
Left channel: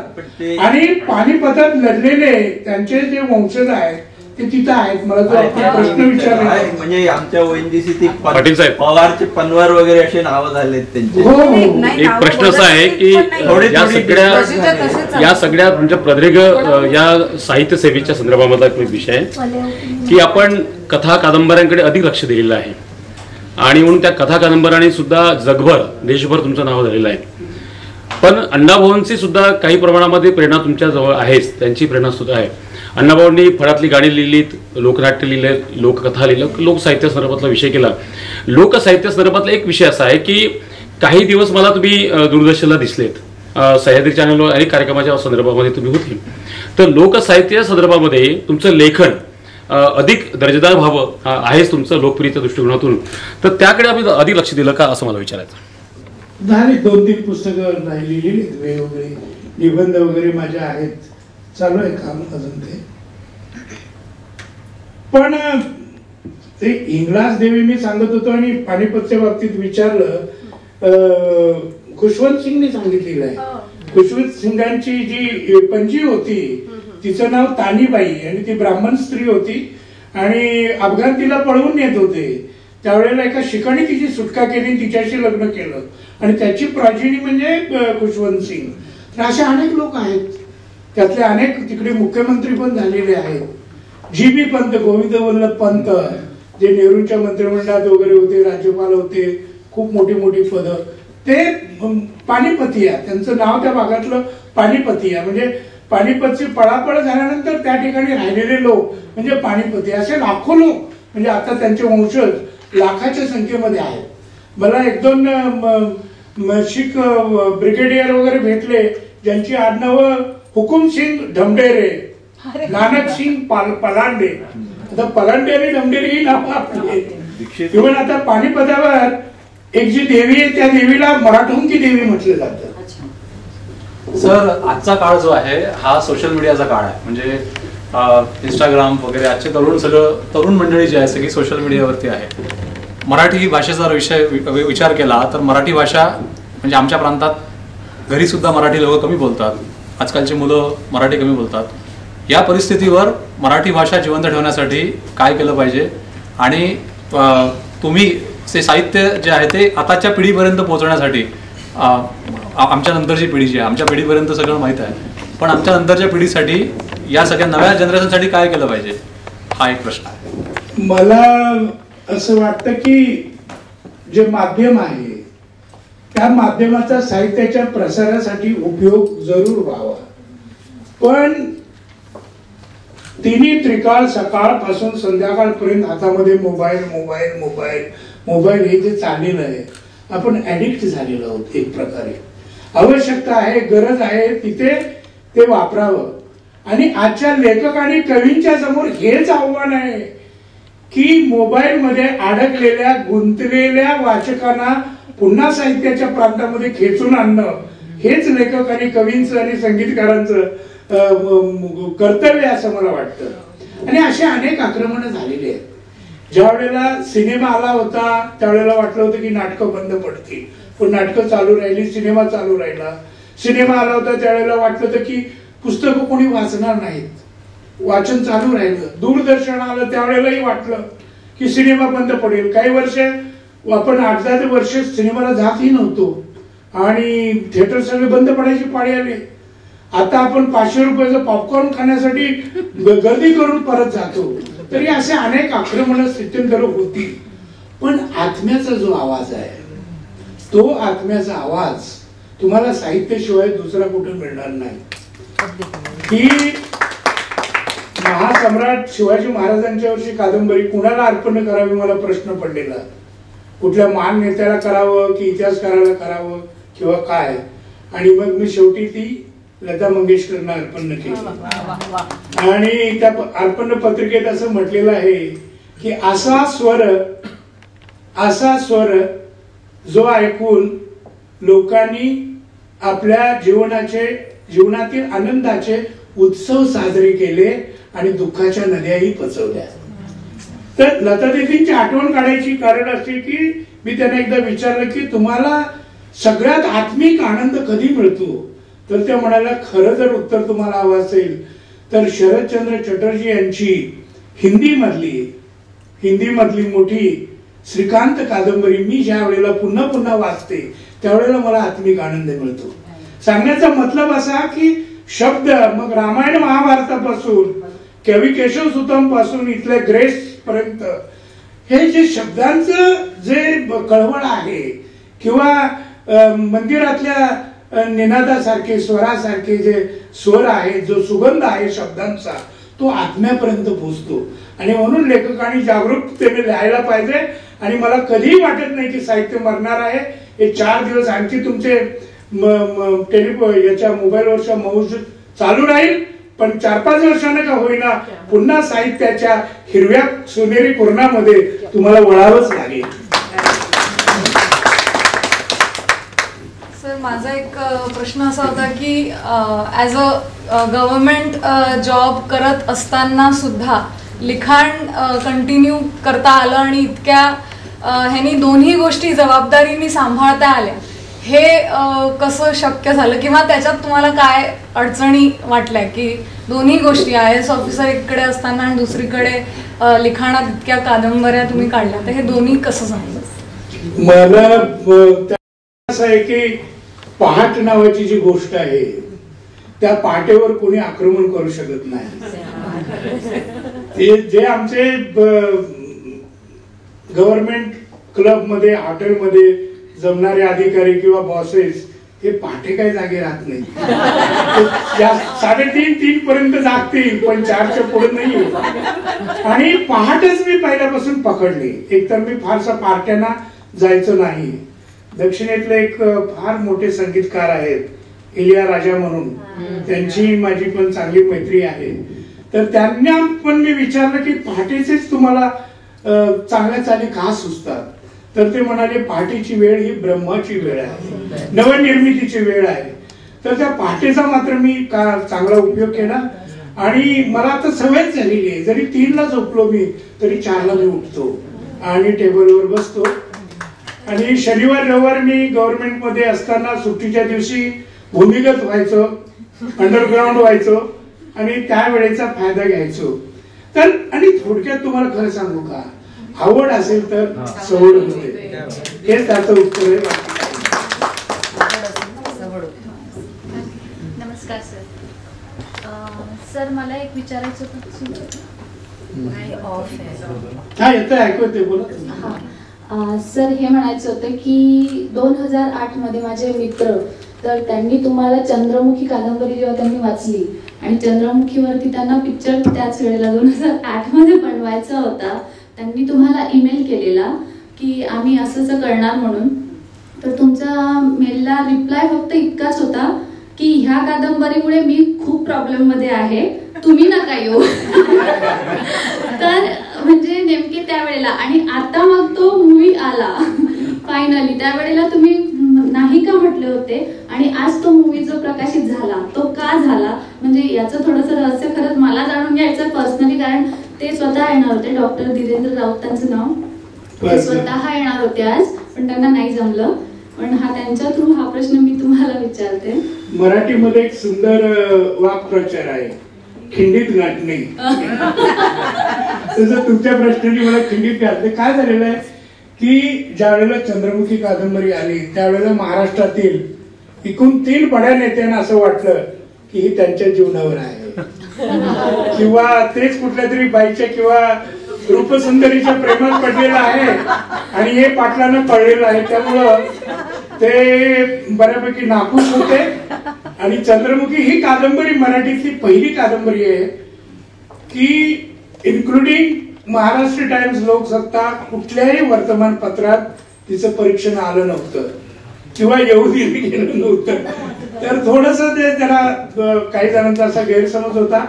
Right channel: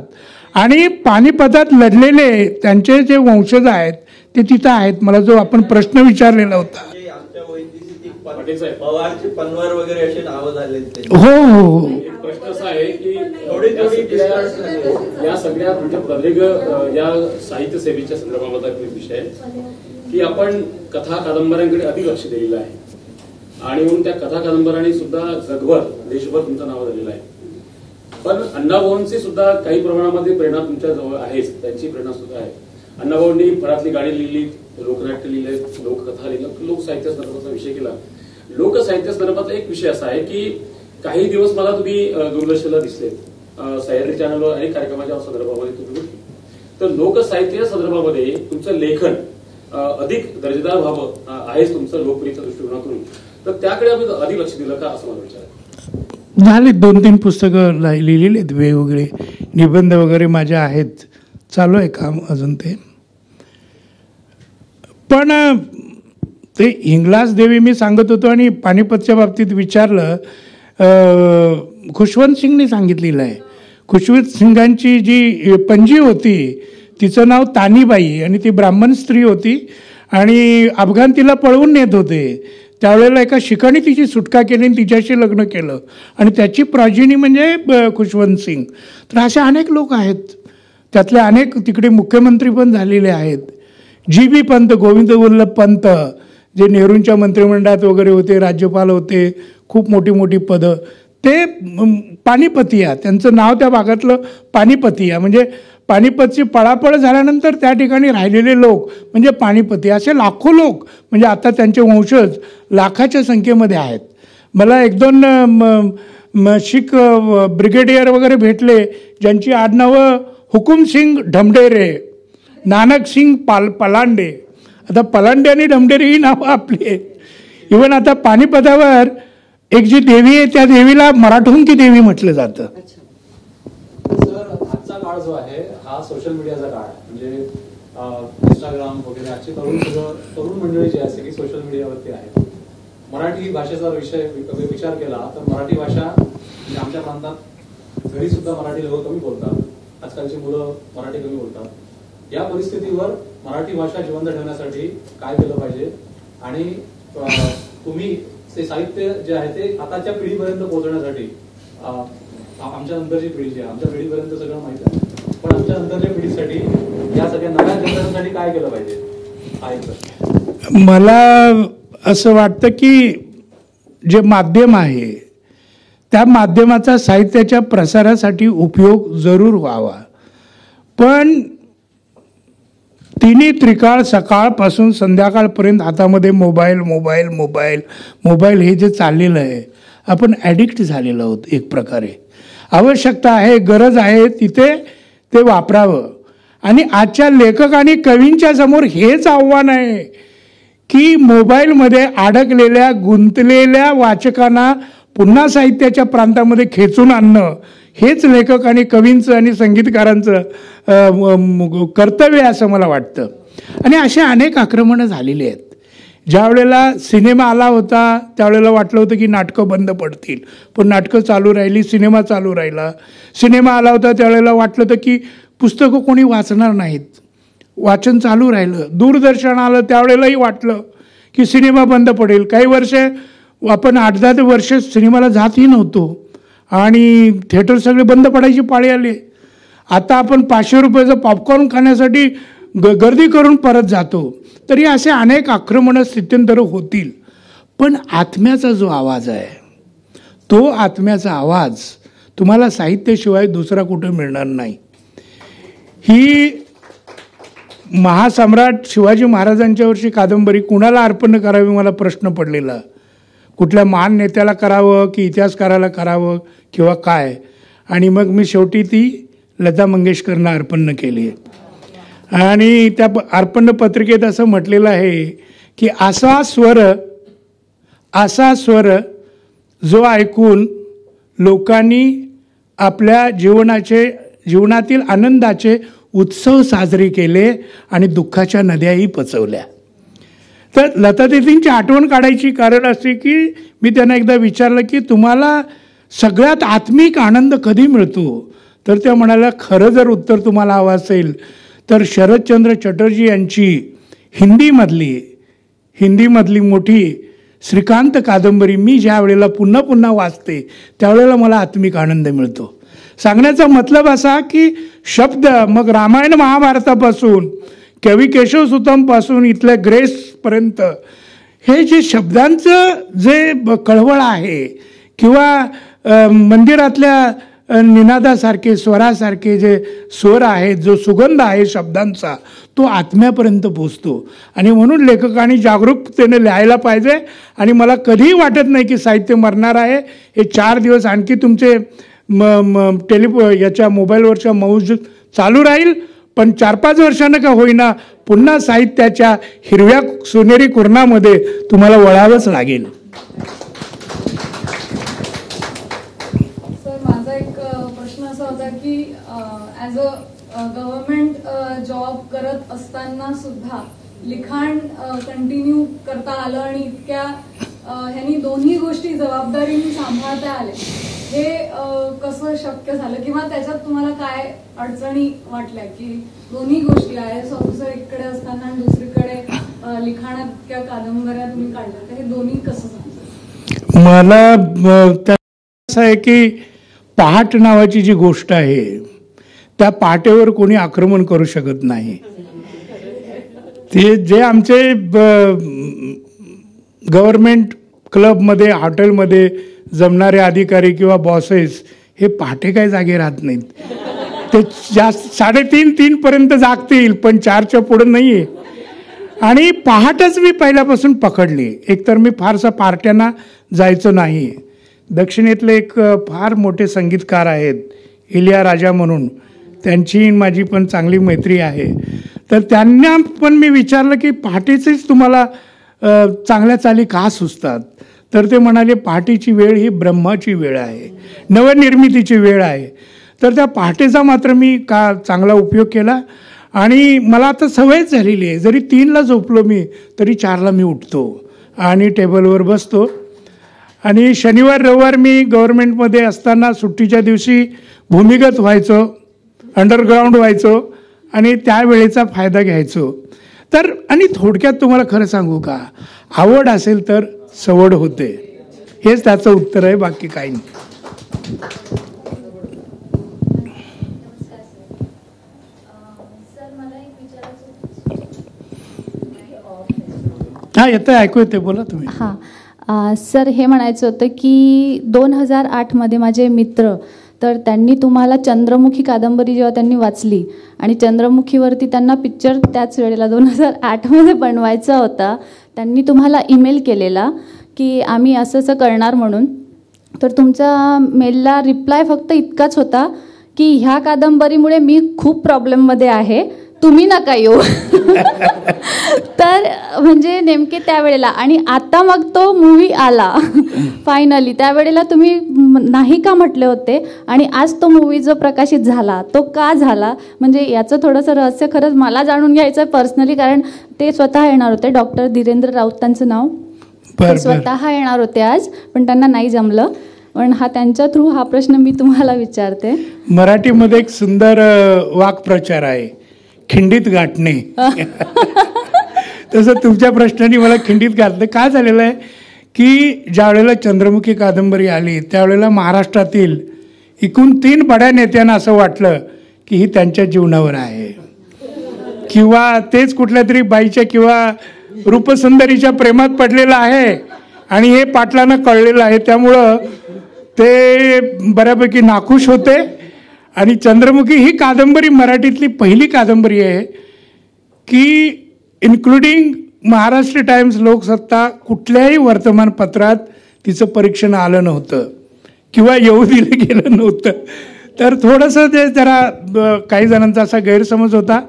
आणि पानिपतात लढलेले त्यांचे जे वंशज आहेत ते तिथं आहेत. मला जो आपण प्रश्न विचारलेला म्हणजे आमच्या ONGC पवारचे पनवार वगैरे असे नाव झाले त्यांचे. हो हो. एक प्रश्न असा आहे की या सगळ्या म्हणजे प्रदीर्घ या साहित्य सेवेच्या संदर्भामधला एक विषय आहे की आपण कथा कादंबऱ्यांकडे अधिक लक्ष दिलेलं आहे, आणि म्हणून त्या कथा कादंबऱ्यांनी सुद्धा जगभर देशभर तुमचं नाव झालेलं आहे. पण अण्णाभाऊंची सुद्धा काही प्रमाणामध्ये प्रेरणा तुमच्या जवळ आहेच, त्यांची प्रेरणा सुद्धा आहे. अण्णाभाऊंनी फळातली गाणी लिहिलीत, लोकनाट्य लिहिलं, लोककथा लिहिलं, लोकसाहित्य संदर्भातला विषय केला. लोकसाहित्य संदर्भातला एक विषय असा आहे की काही दिवस मला तुम्ही दूरदर्शनला दिसलेत, सह्याद्री चॅनलवर अनेक कार्यक्रमाच्या संदर्भामध्ये तुम्ही होते. तर लोकसाहित्य संदर्भामध्ये तुमचं लेखन अधिक दर्जेदार व्हावं आहेच तुमचं लोकप्रियतेच्या दृष्टिकोनातून, तर त्याकडे आम्ही अधिक लक्ष दिलं का असं मला विचारायचं. झाले 2-3 पुस्तकं लिहिलेली आहेत, वेगवेगळे निबंध वगैरे माझ्या आहेत, चालू आहे काम अजून ते. पण ते हिंगलाज देवी मी सांगत होतो आणि पानिपतच्या बाबतीत विचारलं, खुशवंत सिंगने सांगितलेलं आहे. खुशवंत सिंगांची जी पणजी होती तिचं नाव तानीबाई, आणि ती ब्राह्मण स्त्री होती आणि अफगाण तिला पळवून नेत होते. त्यावेळेला एका शिकाणी तिची सुटका केली आणि तिच्याशी लग्न केलं, आणि त्याची प्राजिनी म्हणजे खुशवंत सिंग. तर असे अनेक लोक आहेत, त्यातले अनेक तिकडे मुख्यमंत्री पण झालेले आहेत. GB पंत, गोविंद वल्लभ पंत, जे नेहरूंच्या मंत्रिमंडळात वगैरे होते, राज्यपाल होते, खूप मोठी मोठी पदं, ते पानिपतिया, त्यांचं नाव त्या भागातलं पानिपतिया, म्हणजे पानिपतची पळापळ झाल्यानंतर त्या ठिकाणी राहिलेले लोक म्हणजे पानिपती. असे लाखो लोक, म्हणजे आता त्यांचे वंशज लाखाच्या संख्येमध्ये आहेत. मला 1-2 शीख ब्रिगेडियर वगैरे भेटले ज्यांची आडनावं हुकुमसिंग ढमढेरे, नानक सिंग पलांडे. आता पलांडे आणि ढमढेरे ही नावं आपली. इव्हन आता पानिपतावर एक जी देवी आहे त्या देवीला मराठुंकी देवी म्हटलं जातं. सर, आजचा काळ जो आहे हा सोशल मीडियाचा काळ आहे. म्हणजे इंस्टाग्राम वगैरे आजचे तरुण मंडळी जी आहे सगळी सोशल मीडियावरती आहे. मराठी भाषेचा विचार केला तर मराठी भाषा म्हणजे आमच्या प्रांतात घरी सुद्धा मराठी लोक कमी बोलतात, आजकालची मुलं मराठी कमी बोलतात. या परिस्थितीवर मराठी भाषा जिवंत ठेवण्यासाठी काय केलं पाहिजे, आणि तुम्ही ते साहित्य जे आहे ते आताच्या पिढीपर्यंत पोहोचवण्यासाठी आमच्या नंतरची पिढी जी आहे, आमच्या पिढीपर्यंत सगळं माहीत आहे, पण आमच्या नंतरच्या पिढीसाठी या सगळ्या नव्या जनरेशनसाठी काय केलं पाहिजे हा एक प्रश्न आहे. मला असं वाटतं की जे माध्यम आहे त्या माध्यमाचा साहित्याच्या प्रसारासाठी उपयोग जरूर व्हावा, पण तिन्ही त्रिकाळ सकाळपासून संध्याकाळपर्यंत हातामध्ये मोबाईल मोबाईल मोबाईल मोबाईल हे जे चाललेलं आहे, आपण ॲडिक्ट झालेलो आहोत. एक प्रकारे आवश्यकता आहे, गरज आहे तिथे ते वापरावं. आणि आजच्या लेखक आणि कवींच्या समोर हेच आव्हान आहे की मोबाईलमध्ये अडकलेल्या गुंतलेल्या वाचकांना पुन्हा साहित्याच्या प्रांतामध्ये खेचून आणणं हेच लेखक आणि कवींचं आणि संगीतकारांचं कर्तव्य असं मला वाटतं. आणि असे अनेक आक्रमणं झालेली आहेत. ज्या वेळेला सिनेमा आला होता त्यावेळेला वाटलं होतं की नाटकं बंद पडतील, पण नाटकं चालू राहिली, सिनेमा चालू राहिला. सिनेमा आला होता त्यावेळेला वाटलं होतं की पुस्तकं कोणी वाचणार नाहीत, वाचन चालू राहिलं. दूरदर्शन आलं त्यावेळेलाही वाटलं की सिनेमा बंद पडेल. काही वर्ष आपण 8-10 वर्ष सिनेमाला जातही नव्हतो आणि थिएटर सगळे बंद पडायची पाळी आली. आता आपण 500 रुपयाचं पॉपकॉर्न खाण्यासाठी गर्दी करून परत जातो. तरी असे अनेक आक्रमणं स्थित्यंतर होती. पण आत्म्याचा जो आवाज आहे तो आत्म्याचा आवाज तुम्हाला साहित्याशिवाय दुसरा कुठे मिळणार नाही. ही महासम्राट शिवाजी महाराजांच्या वर्षी कादंबरी कुणाला अर्पण करावी मला प्रश्न पडलेला. कुठल्या महान नेत्याला करावं की इतिहासकाराला करावं किंवा काय. आणि मग मी शेवटी ती लता मंगेशकरना अर्पण केली. आणि त्या अर्पण पत्रिकेत असं म्हटलेलं आहे की असा स्वर जो ऐकून लोकांनी आपल्या जीवनातील आनंदाचे उत्सव साजरे केले आणि दुःखाच्या नद्याही पचवल्या. तर लता दीदींची आठवण काढायची कारण असे की मी त्यांना एकदा विचारलं की तुम्हाला सगळ्यात आत्मिक आनंद कधी मिळतो. तर त्या म्हणाल्या खरं जर उत्तर तुम्हाला हवं असेल तर शरदचंद्र चटर्जी यांची हिंदीमधली मोठी श्रीकांत कादंबरी मी ज्या वेळेला पुन्हा पुन्हा वाचते त्यावेळेला मला आत्मिक आनंद मिळतो. सांगण्याचा मतलब असा की शब्द मग रामायण महाभारतापासून कवी केशवसुतांपासून इथल्या ग्रेसपर्यंत हे जे शब्दांचं जे कळवळ आहे किंवा मंदिरातल्या निनादासारखे स्वरासारखे जे स्वर आहेत, जो सुगंध आहे शब्दांचा तो आत्म्यापर्यंत पोचतो. आणि म्हणून लेखकांनी जागरूकतेने लिहायला पाहिजे. आणि मला कधीही वाटत नाही की साहित्य मरणार आहे. हे 4 दिवस आणखी तुमचे याच्या मोबाईलवरच्या मौज चालू राहील, पण 4-5 वर्षांना का होईना पुन्हा साहित्याच्या हिरव्या सोनेरी कुरणामध्ये तुम्हाला वळावंच लागेल. सर, माझा एक प्रश्न असा होता की ॲज अ गव्हर्नमेंट जॉब करत असताना सुद्धा लिखाण कंटिन्यू करता आलं आणि इतक्या ह्यांनी दोन्ही गोष्टी जबाबदारीने सांभाळता आल्या, हे कसं शक्य झालं किंवा त्याच्यात तुम्हाला काय अडचणी वाटल्या की दोन्ही गोष्टी IAS ऑफिसर इकडे असताना आणि दुसरीकडे लिखाणात इतक्या कादंबऱ्या तुम्ही काढल्या, तर हे दोन्ही कसं झालं? मला असं आहे की पहाट नावाची जी गोष्ट आहे त्या पहाटेवर कोणी आक्रमण करू शकत नाही. ते जे आमचे गव्हर्नमेंट क्लबमध्ये हॉटेलमध्ये जमणारे अधिकारी किंवा बॉसेस हे पहाटे काय जागे राहत नाहीत. ते 3:30 पर्यंत जागतील पण 4च्या पुढे नाही. आणि पहाटच मी पहिल्यापासून पकडली. एकतर मी फारसा पार्ट्यांना जायचो नाही. दक्षिणेतले एक फार मोठे संगीतकार आहेत इलिया राजा म्हणून, त्यांची माझी पण चांगली मैत्री आहे. तर त्यांना पण मी विचारलं की पहाटेचेच तुम्हाला चांगल्या चाली का सुचतात. तर ते म्हणाले पहाटेची वेळ ही ब्रह्माची वेळ आहे, नवनिर्मितीची वेळ आहे. तर त्या पहाटेचा मात्र मी का चांगला उपयोग केला. आणि मला आता सवयच झालेली आहे, जरी 3ला झोपलो मी तरी 4ला मी उठतो आणि टेबलवर बसतो. आणि शनिवार रविवार मी गव्हर्नमेंटमध्ये असताना सुट्टीच्या दिवशी भूमिगत व्हायचो, अंडरग्राऊंड व्हायचो आणि त्या वेळेचा फायदा घ्यायचो. तर आणि थोडक्यात तुम्हाला खरं सांगू का, आवड असेल तर सवड होते. हेच त्याचं उत्तर आहे, बाकी काही नाही. नमस्कार सर. सर मला एक विचारायचं होतं. हा येतं, ऐकू येते, बोला तुम्ही. हां सर, हे म्हणायचं होतं की 2008मध्ये माझे मित्र, तर त्यांनी तुम्हाला चंद्रमुखी कादंबरी जेव्हा त्यांनी वाचली आणि चंद्रमुखीवरती त्यांना पिक्चर त्याच वेळेला 2008मध्ये बनवायचा होता, त्यांनी तुम्हाला ईमेल केलेला की आम्ही असं असं करणार म्हणून. तर तुमचा मेलला रिप्लाय फक्त इतकाच होता की ह्या कादंबरीमुळे मी खूप प्रॉब्लेममध्ये आहे, तुम्ही नका येऊ. तर म्हणजे नेमके त्यावेळेला, आणि आता मग तो मूवी आला फायनली, त्यावेळेला तुम्ही नाही का म्हटले होते, आणि आज तो मूवी जो प्रकाशित झाला तो का झाला, म्हणजे याचं थोडंसं रहस्य खरंच मला जाणून घ्यायचं पर्सनली, कारण ते स्वतः येणार होते, डॉक्टर धीरेंद्र राऊत त्यांचं नाव, ते स्वतः येणार होते आज, पण त्यांना नाही जमलं. पण त्यांच्या थ्रू हा प्रश्न मी तुम्हाला विचारते. मराठीमध्ये एक सुंदर वाक्प्रचार आहे, खिंडीत गाठणे. तसं तुमच्या प्रश्नाने मला खिंडीत गाठते. काय झालेलं आहे की ज्या वेळेला चंद्रमुखी कादंबरी आली त्यावेळेला महाराष्ट्रातील एकूण 3 बड्या नेत्यांना असं वाटलं की ही त्यांच्या जीवनावर आहे, किंवा तेच कुठल्या तरी बाईच्या किंवा रूपसुंदरीच्या प्रेमात पडलेलं आहे आणि हे पाटलांना कळलेलं आहे. त्यामुळं ते बऱ्यापैकी नाखुश होते. आणि चंद्रमुखी ही कादंबरी मराठीतली पहिली कादंबरी आहे की इन्क्लुडिंग महाराष्ट्र टाइम्स, लोकसत्ता, कुठल्याही वर्तमानपत्रात तिचं परीक्षण आलं नव्हतं किंवा येऊ दिलं गेलं नव्हतं. तर थोडंसं ते जरा काही जणांचा असा गैरसमज होता.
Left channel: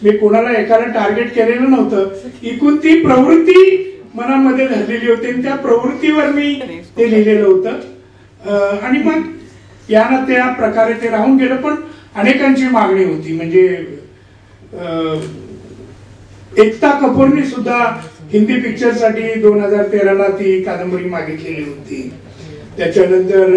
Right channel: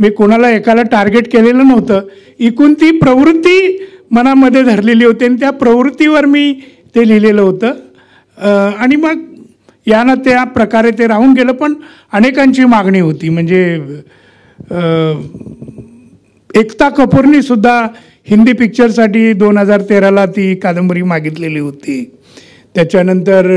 मी कोणाला एकाला टार्गेट केलेलं नव्हतं, एकूण ती प्रवृत्ती मनामध्ये धरलेली होती आणि त्या प्रवृत्तीवर मी ते लिहिलेलं होतं. आणि मग यानं त्या प्रकारे ते राहून गेलं. पण अनेकांची मागणी होती, म्हणजे एकता कपूरनी सुद्धा हिंदी पिक्चरसाठी 2013ला ती कादंबरी मागितलेली होती. त्याच्यानंतर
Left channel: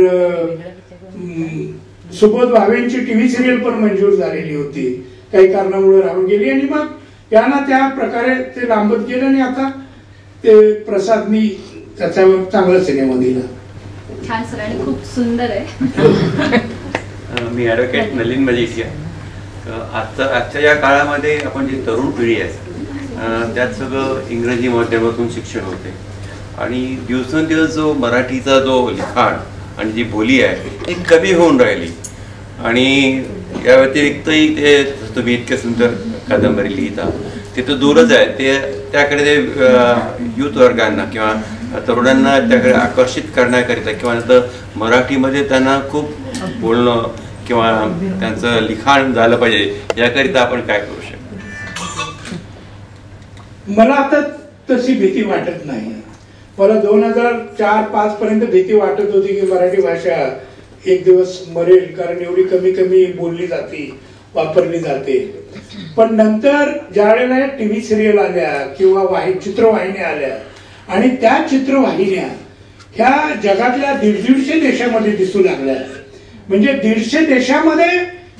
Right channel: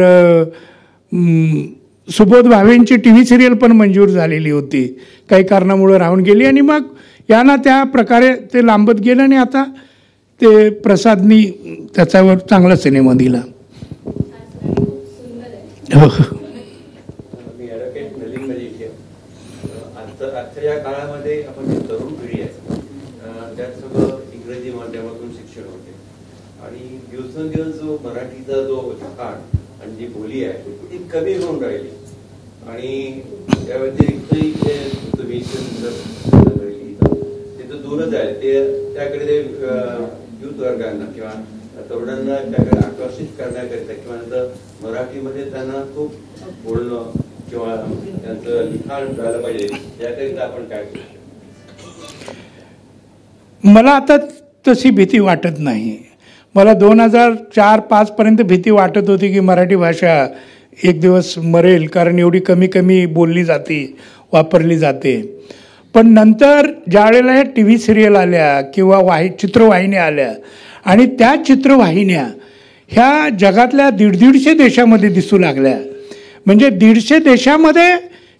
सुबोध भावेंची टीव्ही सिरियल पण मंजूर झालेली होती, काही कारणामुळे राहून गेली. आणि मग यांना त्या प्रकारे ते लांबत गेलं आणि आता ते प्रसादनी त्याच्यावर चांगला सिनेमा दिला. छान सर, आणि खूप सुंदर आहे. मी ॲडव्होकेट नलिन मलिक आहे. आजच्या या काळामध्ये आपण जी तरुण पिढी आहे त्यात सगळं इंग्रजी माध्यमातून शिक्षण होते आणि दिवसेंदिवस जो मराठीचा जो लिखाण आणि जी बोली आहे ती कमी होऊन राहिली. आणि या व्यतिरिक्तही ते तुम्ही इतके सुंदर कादंबरी लिहिता ते तर दूरच आहे, ते त्याकडे ते युथ वर्गांना किंवा तरुणांना त्याकडे आकर्षित करण्याकरिता किंवा नंतर मराठीमध्ये त्यांना खूप बोलणं किंवा त्यांचं लिखाण झालं पाहिजे याकरिता आपण काय करू शकतो? मला आता तशी भीती वाटत नाही. मला 2004-05 पर्यंत भीती वाटत होती की मराठी भाषा एक दिवस मरेल, कारण एवढी कमी बोलली जाते, वापरली जाते. पण नंतर ज्यावेळेला टीव्ही सिरियल आल्या किंवा चित्रवाहिन्या आल्या आणि त्या चित्रवाहिन्या ह्या जगातल्या 150 देशामध्ये दिसू लागल्या. म्हणजे 150 देशामध्ये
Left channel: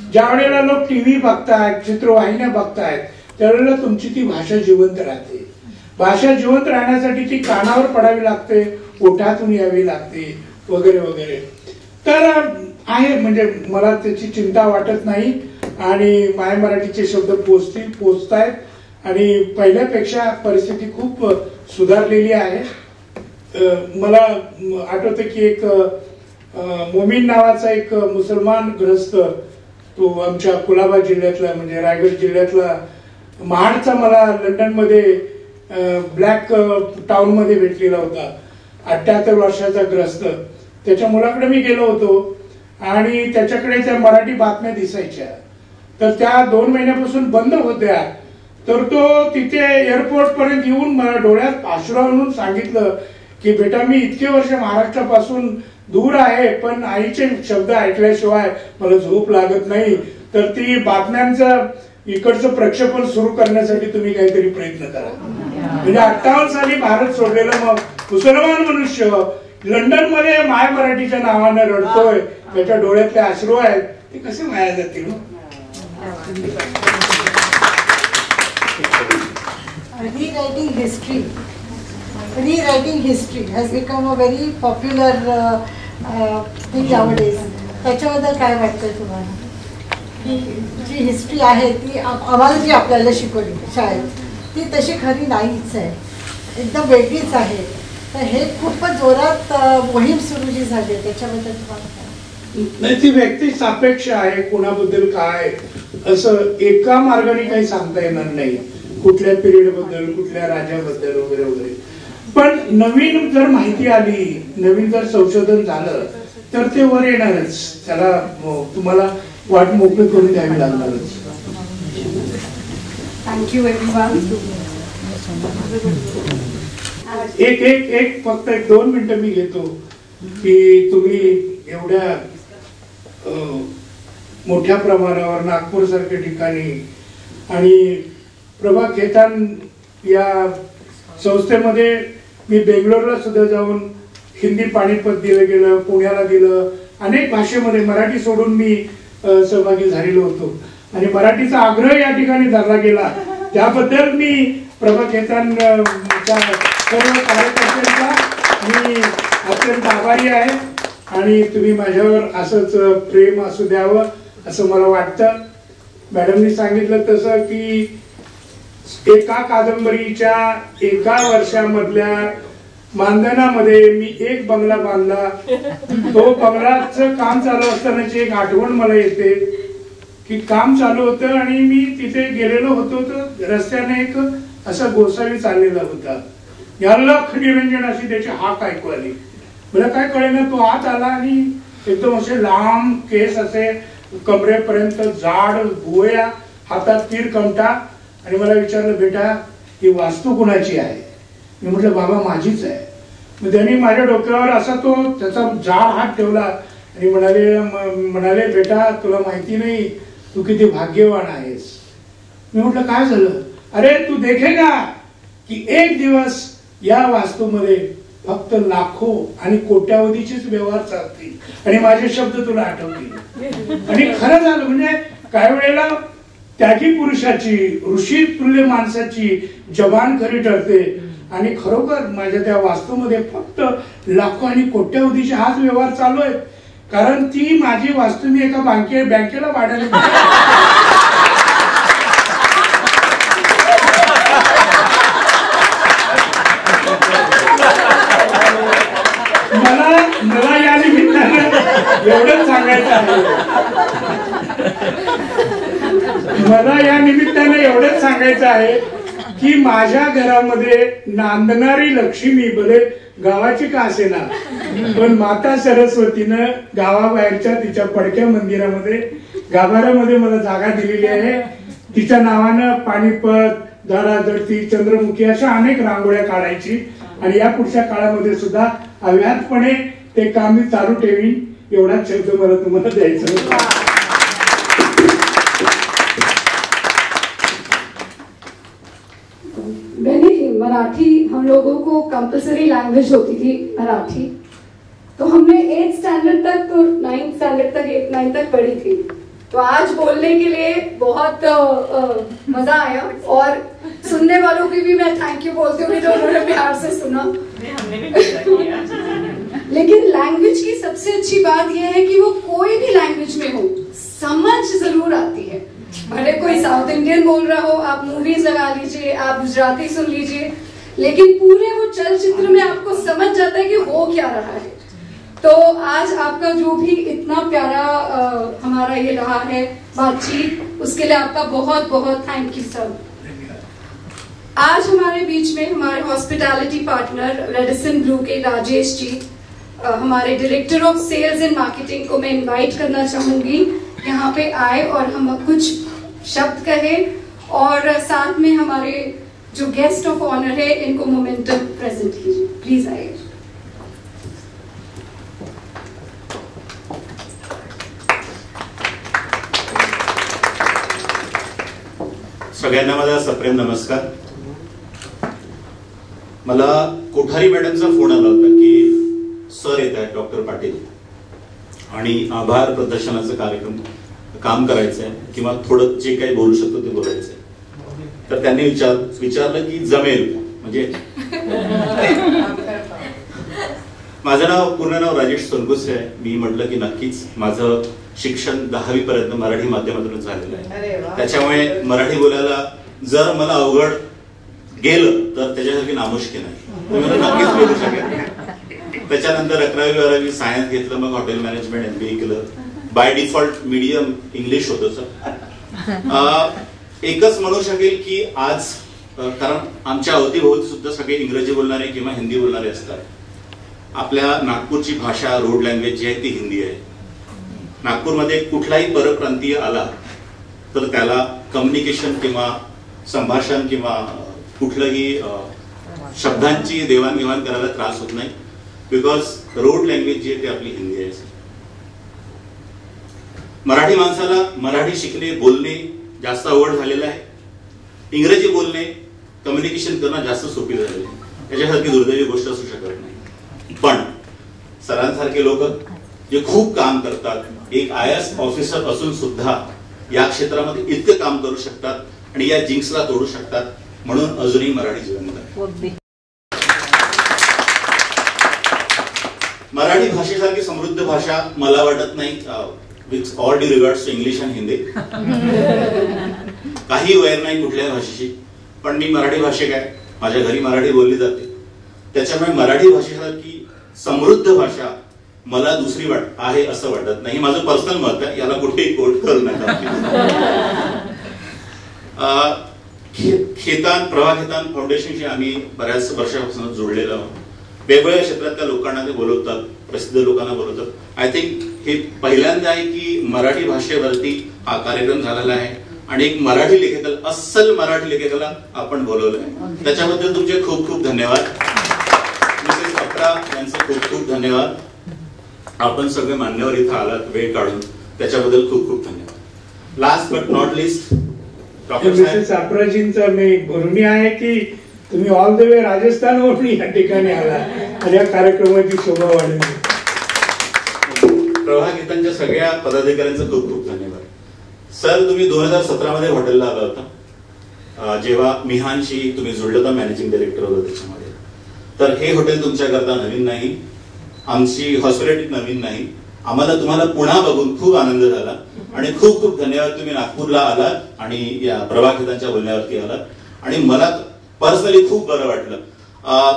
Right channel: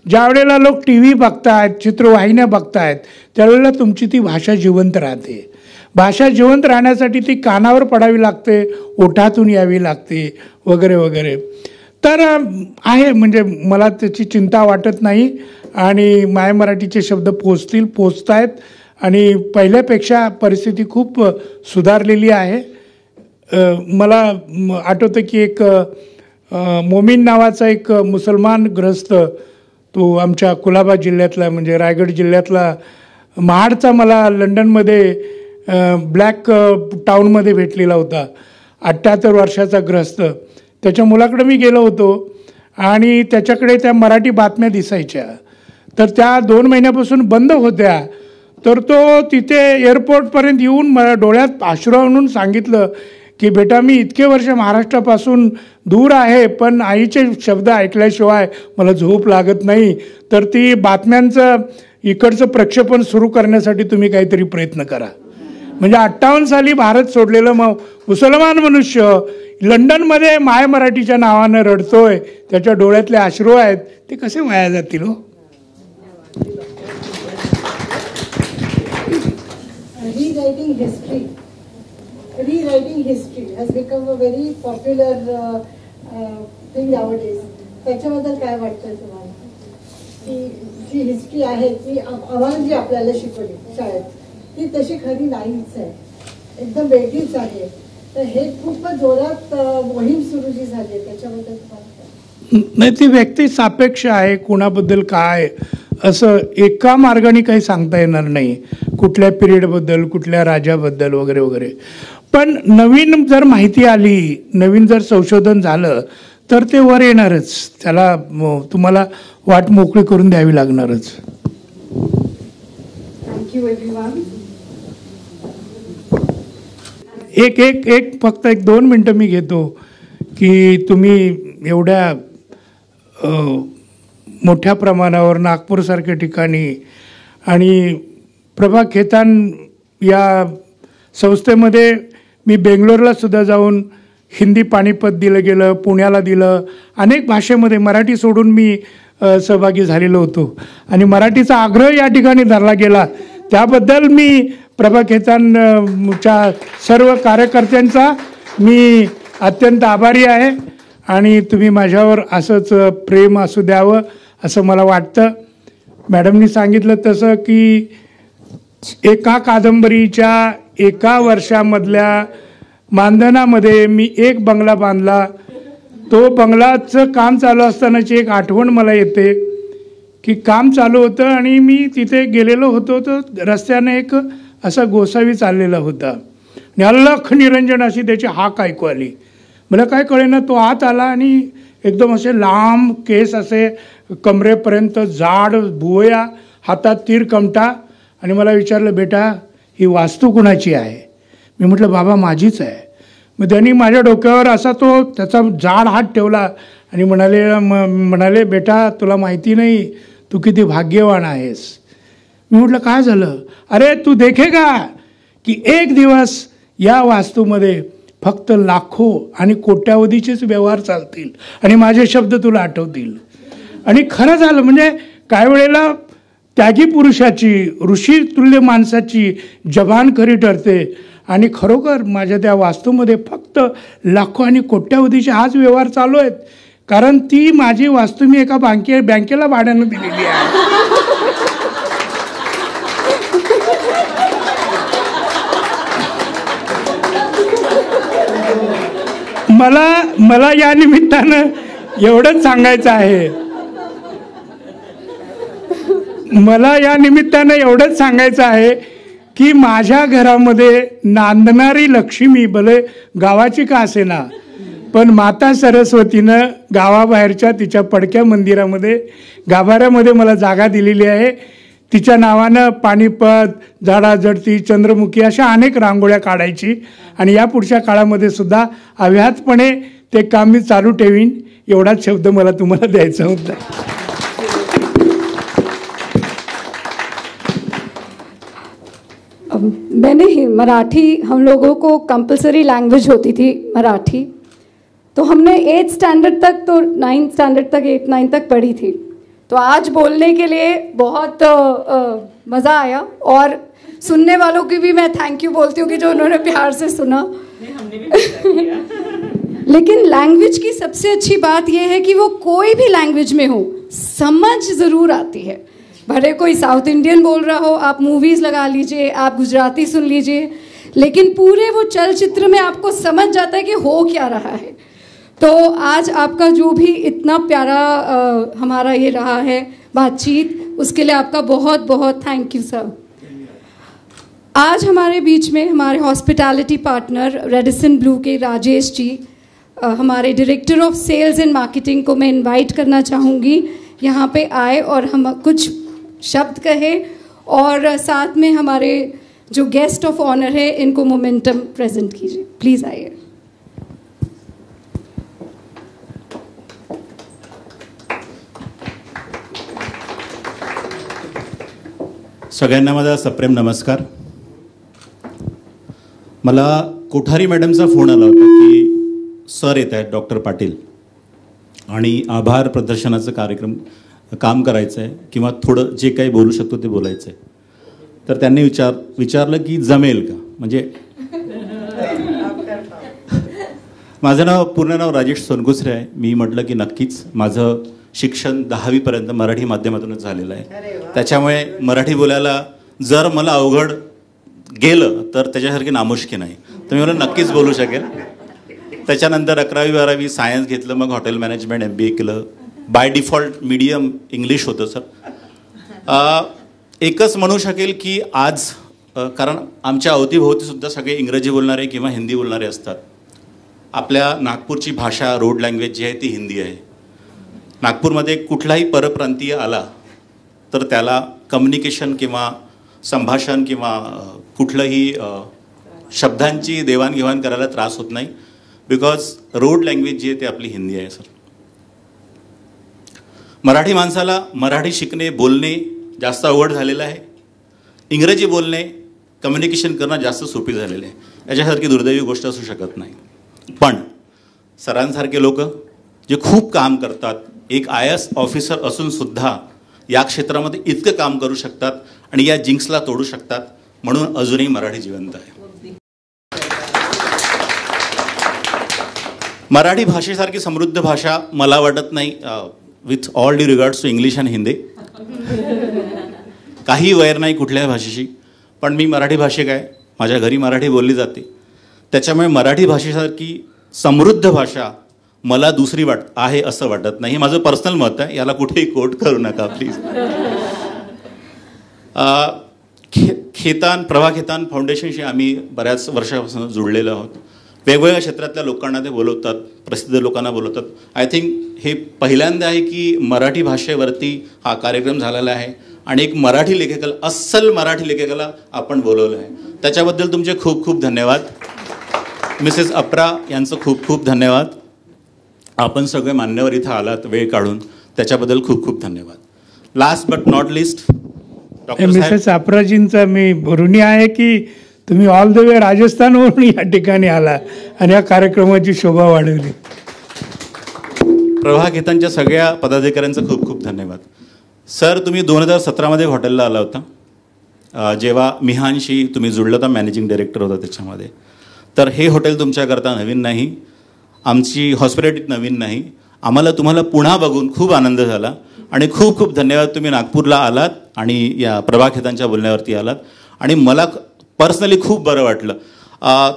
ज्या वेळेला लोक टीव्ही बघतायत, चित्रवाहिन्या बघतायत, त्यावेळेला तुमची ती भाषा जिवंत राहते. भाषा जिवंत राहण्यासाठी ती कानावर पडावी लागते, ओठातून यावी लागते, वगैरे वगैरे. तर आहे, म्हणजे मला त्याची चिंता वाटत नाही. आणि माय मराठीचे शब्द पोचतायत आणि पहिल्यापेक्षा परिस्थिती खूप सुधारलेली आहे. मला आठवतं की एक मोमीन नावाचा एक मुसलमान ग्रस्त, तो आमच्या कुलाबा जिल्ह्यातला, म्हणजे रायगड जिल्ह्यातला महाडचा, मला लंडनमध्ये ब्लॅक टाऊनमध्ये भेटलेला होता. 78 वर्षाचा ग्रस्त. त्याच्या मुलाकडे मी गेलो होतो आणि त्याच्याकडे त्या मराठी बातम्या दिसायच्या, तर त्या 2 महिन्यापासून बंद होत्या. तर तो तिथे एअरपोर्टपर्यंत येऊन मला डोळ्यात अश्रू आणून सांगितलं की बेटा, मी इतके वर्ष महाराष्ट्रापासून दूर आहे, पण आईचे शब्द ऐकल्याशिवाय मला झोप लागत नाही. तर ती बातम्यांचं इकडचं प्रक्षेपण सुरू करण्यासाठी तुम्ही काहीतरी प्रयत्न करा. म्हणजे 58 साली भारत सोडलेलं मुसलमान मनुष्य लंडनमध्ये माय मराठीच्या नावानं रडतोय, त्याच्या डोळ्यातले अश्रू आहेत, ते कसे वाया जातील हो? Rewriting history. rewriting history has become a very popular thing nowadays. त्याच्याबद्दल काय वाटतंय तुम्हाला की जी हिस्ट्री आहे ती आम्हाला जी आपल्याला शिकवली शाळेत ती तशी खरी नाहीच आहे, एकदम वेगळीच आहे. तर हे खूपच जोरात मोहीम सुरू जी झाली त्याच्याबद्दल तुम्हाला नाही, ती व्यक्ती सापेक्ष आहे. कुणाबद्दल काय असं एका मार्गाने काही सांगता येणार नाही, कुठल्या पिरियडबद्दल, कुठल्या राजाबद्दल वगैरे वगैरे. पण नवीन जर माहिती आली, नवीन जर संशोधन झालं तर ते वर येणारच. त्याला तुम्हाला वाट मोकळी करून द्यावी लागणारच. Thank you everyone. एक फक्त 1-2 मिनिटं मी घेतो की तुम्ही एवढ्या मोठ्या प्रमाणावर नागपूरसारख्या ठिकाणी आणि प्रभा खेतान या संस्थेमध्ये मी बेंगलोरला सुद्धा जाऊन हिंदी पानिपत दिलं गेलं, पुण्याला दिलं, अनेक भाषेमध्ये मराठी सोडून मी सहभागी झालेलो होतो आणि मराठीचा आग्रह या ठिकाणी धरला गेला. त्याबद्दल मी प्रभा खेतानच्या सर्व कार्यकर्त्यांचा मी अत्यंत आभारी आहे आणि तुम्ही माझ्यावर असंच प्रेम असू द्यावं असं मला वाटतं. मॅडमनी सांगितलं तसं की एका कादंबरीच्या एका वर्षामधल्या मानधनामध्ये मी एक बंगला बांधला. तो बंगलाचं काम चालू असतानाची एक आठवण मला येते की काम चालू होतं आणि मी तिथे गेलेलो होतो, तर रस्त्याने एक असा गोसावी चाललेला होता. अलख निरंजन अशी त्याची हाक ऐकू आली. मला काय कळेना, तो आत आला आणि एकदम असे लांब केस, असे कमरेपर्यंत जाड भुवया, हातात तीर कमटा, आणि मला विचारलं, बेटा ही वास्तू कुणाची आहे? मी म्हटलं, बाबा माझीच आहे. मग त्यांनी माझ्या डोक्यावर असा तो त्याचा जाड हात ठेवला आणि म्हणाले बेटा तुला माहिती नाही तू किती भाग्यवान आहेस. मी म्हटलं काय झालं? अरे तू देखेगा की एक दिवस या वास्तूमध्ये फक्त लाखो आणि कोट्यावधीचेच व्यवहार चालतील आणि माझे शब्द तुला आठवतील. आणि खरं झालं. म्हणजे काही वेळेला त्यागी पुरुषाची, ऋषी तुल्य माणसाची जबान खरी ठरते आणि खरोखर माझ्या त्या वास्तूमध्ये फक्त लाखो आणि कोट्यावधीचे हाच व्यवहार चालू आहेत. कारण ती माझी वास्तू मी एका बँकेला भाड्याने मला या निमित्तानं एवढंच सांगायचं आहे, की माझ्या घरामध्ये नांदणारी लक्ष्मी भले गावाची का असेना, पण माता सरस्वतीनं गावाबाहेरच्या तिच्या पडक्या मंदिरामध्ये गाभाऱ्यामध्ये मला जागा दिलेली आहे. तिच्या नावानं पानिपत, झाडाझडती, चंद्रमुखी अशा अनेक रांगोळ्या काढायची आणि या पुढच्या काळामध्ये सुद्धा अव्याहतपणे ते काम मी चालू ठेवीन. एवढाच शब्द मला तुम्हाला द्यायचा होता. मैंने मराठी, हम लोगों को कंपलसरी लैंग्वेज होती थी मराठी, तो हमने 8th स्टैंडर्ड तक, तो 9th स्टैंडर्ड तक, 8-9 तक पढ़ी थी. तो आज बोलने के लिए बहुत मज़ा आया और सुनने वालों की भी मैं थैंक यू बोलती हूँ कि जो उन्होंने प्यार से सुना. लेकिन लैंग्वेज की सबसे अच्छी बात यह है कि वो कोई भी लैंग्वेज में हो समझ ज़रूर आती है. भले कोई साउथ इंडियन बोल रहा हो, आप मूवीज लगा लीजिए, आप गुजराती सुन लीजिए, लेकिन पूरे वो चलचित्र में आपको समझ जाता है कि हो क्या रहा है. तो आज आपका जो भी इतना प्यारा हमारा ये रहा है बातचीत, उसके लिए आपका बहुत बहुत थैंक यू सर. आज हमारे बीच में हमारे हॉस्पिटैलिटी पार्टनर रेडिसन ब्लू के राजेश जी, हमारे director of sales and marketing को मैं इनवाइट करना चाहूँगी यहाँ पे आए और हम कुछ शब्द कहे, और साथ में हमारे जो गेस्ट ऑफ ऑनर है इनको मोमेंटम प्रेजेंट कीजिए. प्लीज आइए. सगळ्यांना माझा सप्रेम नमस्कार. मला कोठारी मॅडमचा फोन आला होता की सर येत आहेत डॉक्टर पाटील आणि आभार प्रदर्शनाचं कार्यक्रम काम करायचं आहे किंवा थोडं जे काही बोलू शकतो ते बोलायचं आहे. तर त्यांनी विचारलं की जमेल का, म्हणजे माझं नाव पूर्ण नाव राजेश सोनकुसरे आहे. मी म्हटलं की नक्कीच माझं शिक्षण 10वी पर्यंत मराठी माध्यमातून झालेलं आहे. त्याच्यामुळे मराठी बोलायला जर मला अवघड गेलं तर त्याच्यासारखी नामुष्की नाही, तर मी मला नक्कीच बोलू शकेन. त्याच्यानंतर 11वी 12वी सायन्स घेतलं, मग हॉटेल मॅनेजमेंट MBA केलं. बाय डिफॉल्ट मीडियम इंग्लिश होतं सर. एकच म्हणू शकेल की आज कारण आमच्या अवतीभोवती सुद्धा सगळे इंग्रजी बोलणारे किंवा हिंदी बोलणारे असतात. आपल्या नागपूरची भाषा रोड लँग्वेज जी आहे ती हिंदी आहे. नागपूरमध्ये कुठलाही परप्रांतीय आला तर त्याला कम्युनिकेशन किंवा संभाषण किंवा कुठलंही शब्दांची देवाणघेवाण करायला त्रास होत नाही, बिकॉज रोड लँग्वेज जी आहे ती आपली हिंदी आहे. मराठी माणसाला मराठी शिकणे बोलणे जास्त अवघड झालेलं आहे. इंग्रजी बोलणे कम्युनिकेशन करणं जास्त सोपी झालेलं आहे. याच्यासारखी दुर्दैवी गोष्ट असू शकत नाही. पण सरांसारखे लोक जे खूप काम करतात, एक IAS ऑफिसर असून सुद्धा या क्षेत्रामध्ये इतकं काम करू शकतात आणि या जिंक्सला तोडू शकतात, म्हणून अजूनही मराठी जिवंत आहे. मराठी भाषेसारखी समृद्ध भाषा मला वाटत नाही, with all due regards to English आणि हिंदी. काही वैर नाही कुठल्याही भाषेशी, पण मी मराठी भाषिक आहे, माझ्या घरी मराठी बोलली जाते. त्याच्यामुळे मराठी भाषेसारखी समृद्ध भाषा मला दुसरी आहे असं वाटत नाही. माझं पर्सनल मत आहे, याला कुठेही कोट करू नका. प्रभा खेतान फाउंडेशनशी आम्ही बऱ्याच वर्षापासून जोडलेलो आहोत. वेगवेगळ्या क्षेत्रातल्या लोकांना ते बोलवतात, प्रसिद्ध लोकांना बोलवतात. आय थिंक हे पहिल्यांदा आहे की मराठी भाषेवरती हा कार्यक्रम झालेला आहे आणि एक मराठी लेखकाला, अस्सल मराठी लेखकाला आपण बोलवलं आहे. त्याच्याबद्दल तुमचे खूप खूप धन्यवाद. मिसेस अप्रा यांचं खूप खूप धन्यवाद. आपण सगळे मान्यवर इथं आलात वेळ काढून, त्याच्याबद्दल खूप खूप धन्यवाद. Last but not least, mrs अप्राजींचा मी ऋणी आहे की तुम्ही ऑल द वे राजस्थानवरून या ठिकाणी आला आणि या कार्यक्रमाची शोभा वाढवली. प्रभा खेतानच्या सगळ्या पदाधिकाऱ्यांचं खूप खूप धन्यवाद. सर, तुम्ही 2017 हॉटेलला आला होता, जेव्हा मिहानशी तुम्ही जुळलं होता, मॅनेजिंग डायरेक्टर होता त्याच्यामध्ये. तर हे हॉटेल तुमच्याकरता नवीन नाही, आमची हॉस्पिटॅलिटी नवीन नाही. आम्हाला तुम्हाला पुन्हा बघून खूप आनंद झाला आणि खूप खूप धन्यवाद. तुम्ही नागपूरला आलात आणि या प्रभा खेतानच्या बोलण्यावरती आलात आणि मला पर्सनली खूप बरं वाटलं.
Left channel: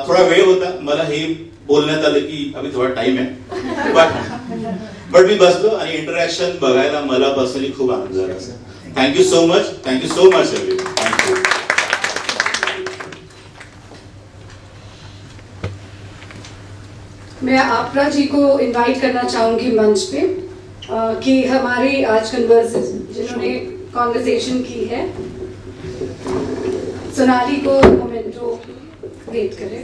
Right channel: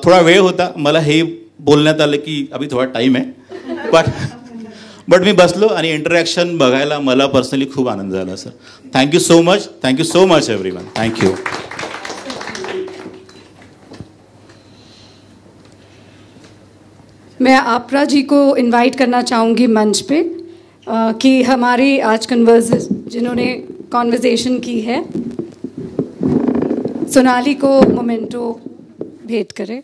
थोडा वेळ होता, मला हे बोलण्यात आलं की अभी थोडा टाईम आहे, बट मी बसलो आणि इंटरॅक्शन बघायला मला पर्सनली खूप आनंद झाला. Sir, thank you so much. Thank you so much everyone. Thank you. मैं आपरा जी को इनवाइट करना चाहूँगी मंच पे कि हमारी आज जिन्होंने कॉन्वर्सेशन की है, सोनाली को मोमेंटो भेंट करें.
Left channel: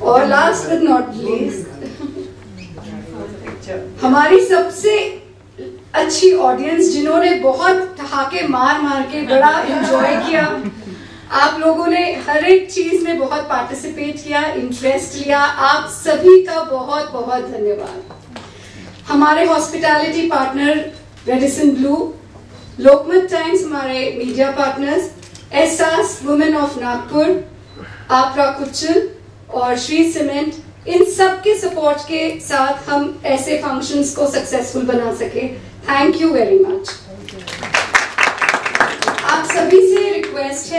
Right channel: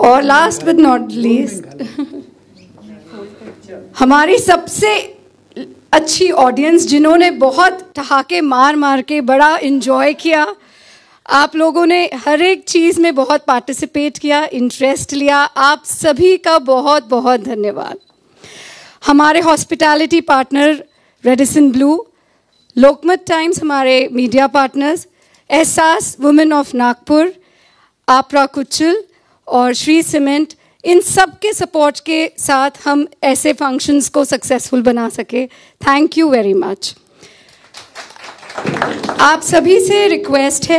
और लास्ट बट नॉट लीस्ट, हमारी सबसे अच्छी ऑडियंस जिन्होंने बहुत ठहाके मार मार के बड़ा एंजॉय किया. आप लोगों ने हर एक चीज़ में बहुत पार्टिसिपेट किया, इंटरेस्ट लिया. आप सभी का बहुत बहुत धन्यवाद. हमारे hospitality partner Radisson Blu, Lokmat times हमारे media partners, Ehsaas women of Nagpur, Apra Kuchal और श्री सीमेंट, इन सब के सपोर्ट के साथ हम ऐसे फंक्शंस को सक्सेसफुल बना सके. Thank you very much. आप सभी से रिक्वेस्ट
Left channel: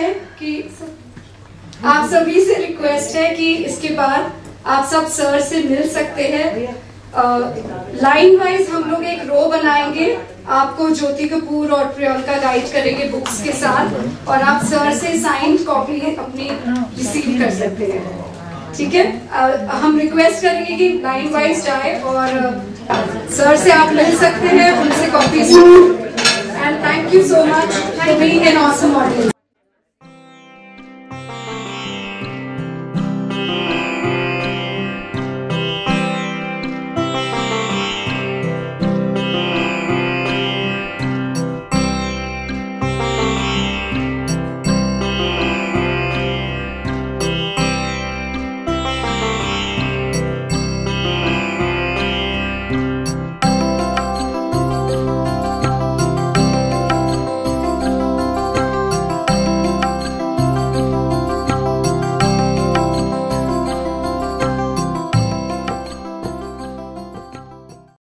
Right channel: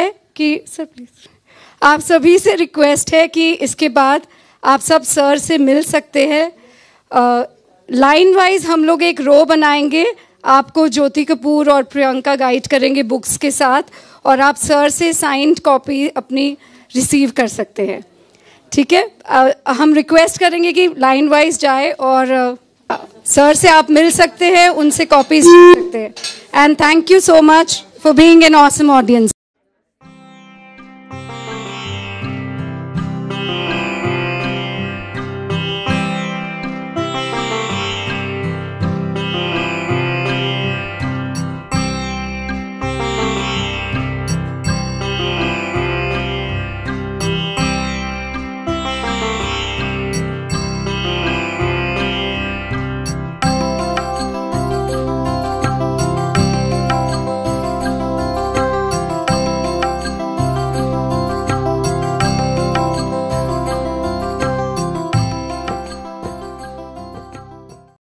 है कि इसके बाद आप सब सर से मिल सकते हैं. लाइन वाइज हम लोग एक रो बनाएंगे, आपको ज्योति कपूर और प्रियंका गाइड करेंगे बुक्स के साथ, और आप सर से साइंड कॉपी अपनी रिसीव कर सकते हैं. ठीक है, हम रिक्वेस्ट करेंगे कि लाइन वाइज जाए और सर से आप मिल सकते हैं, उनसे कॉपीज ले सकते हैं. End thank you so much for being an awesome audience.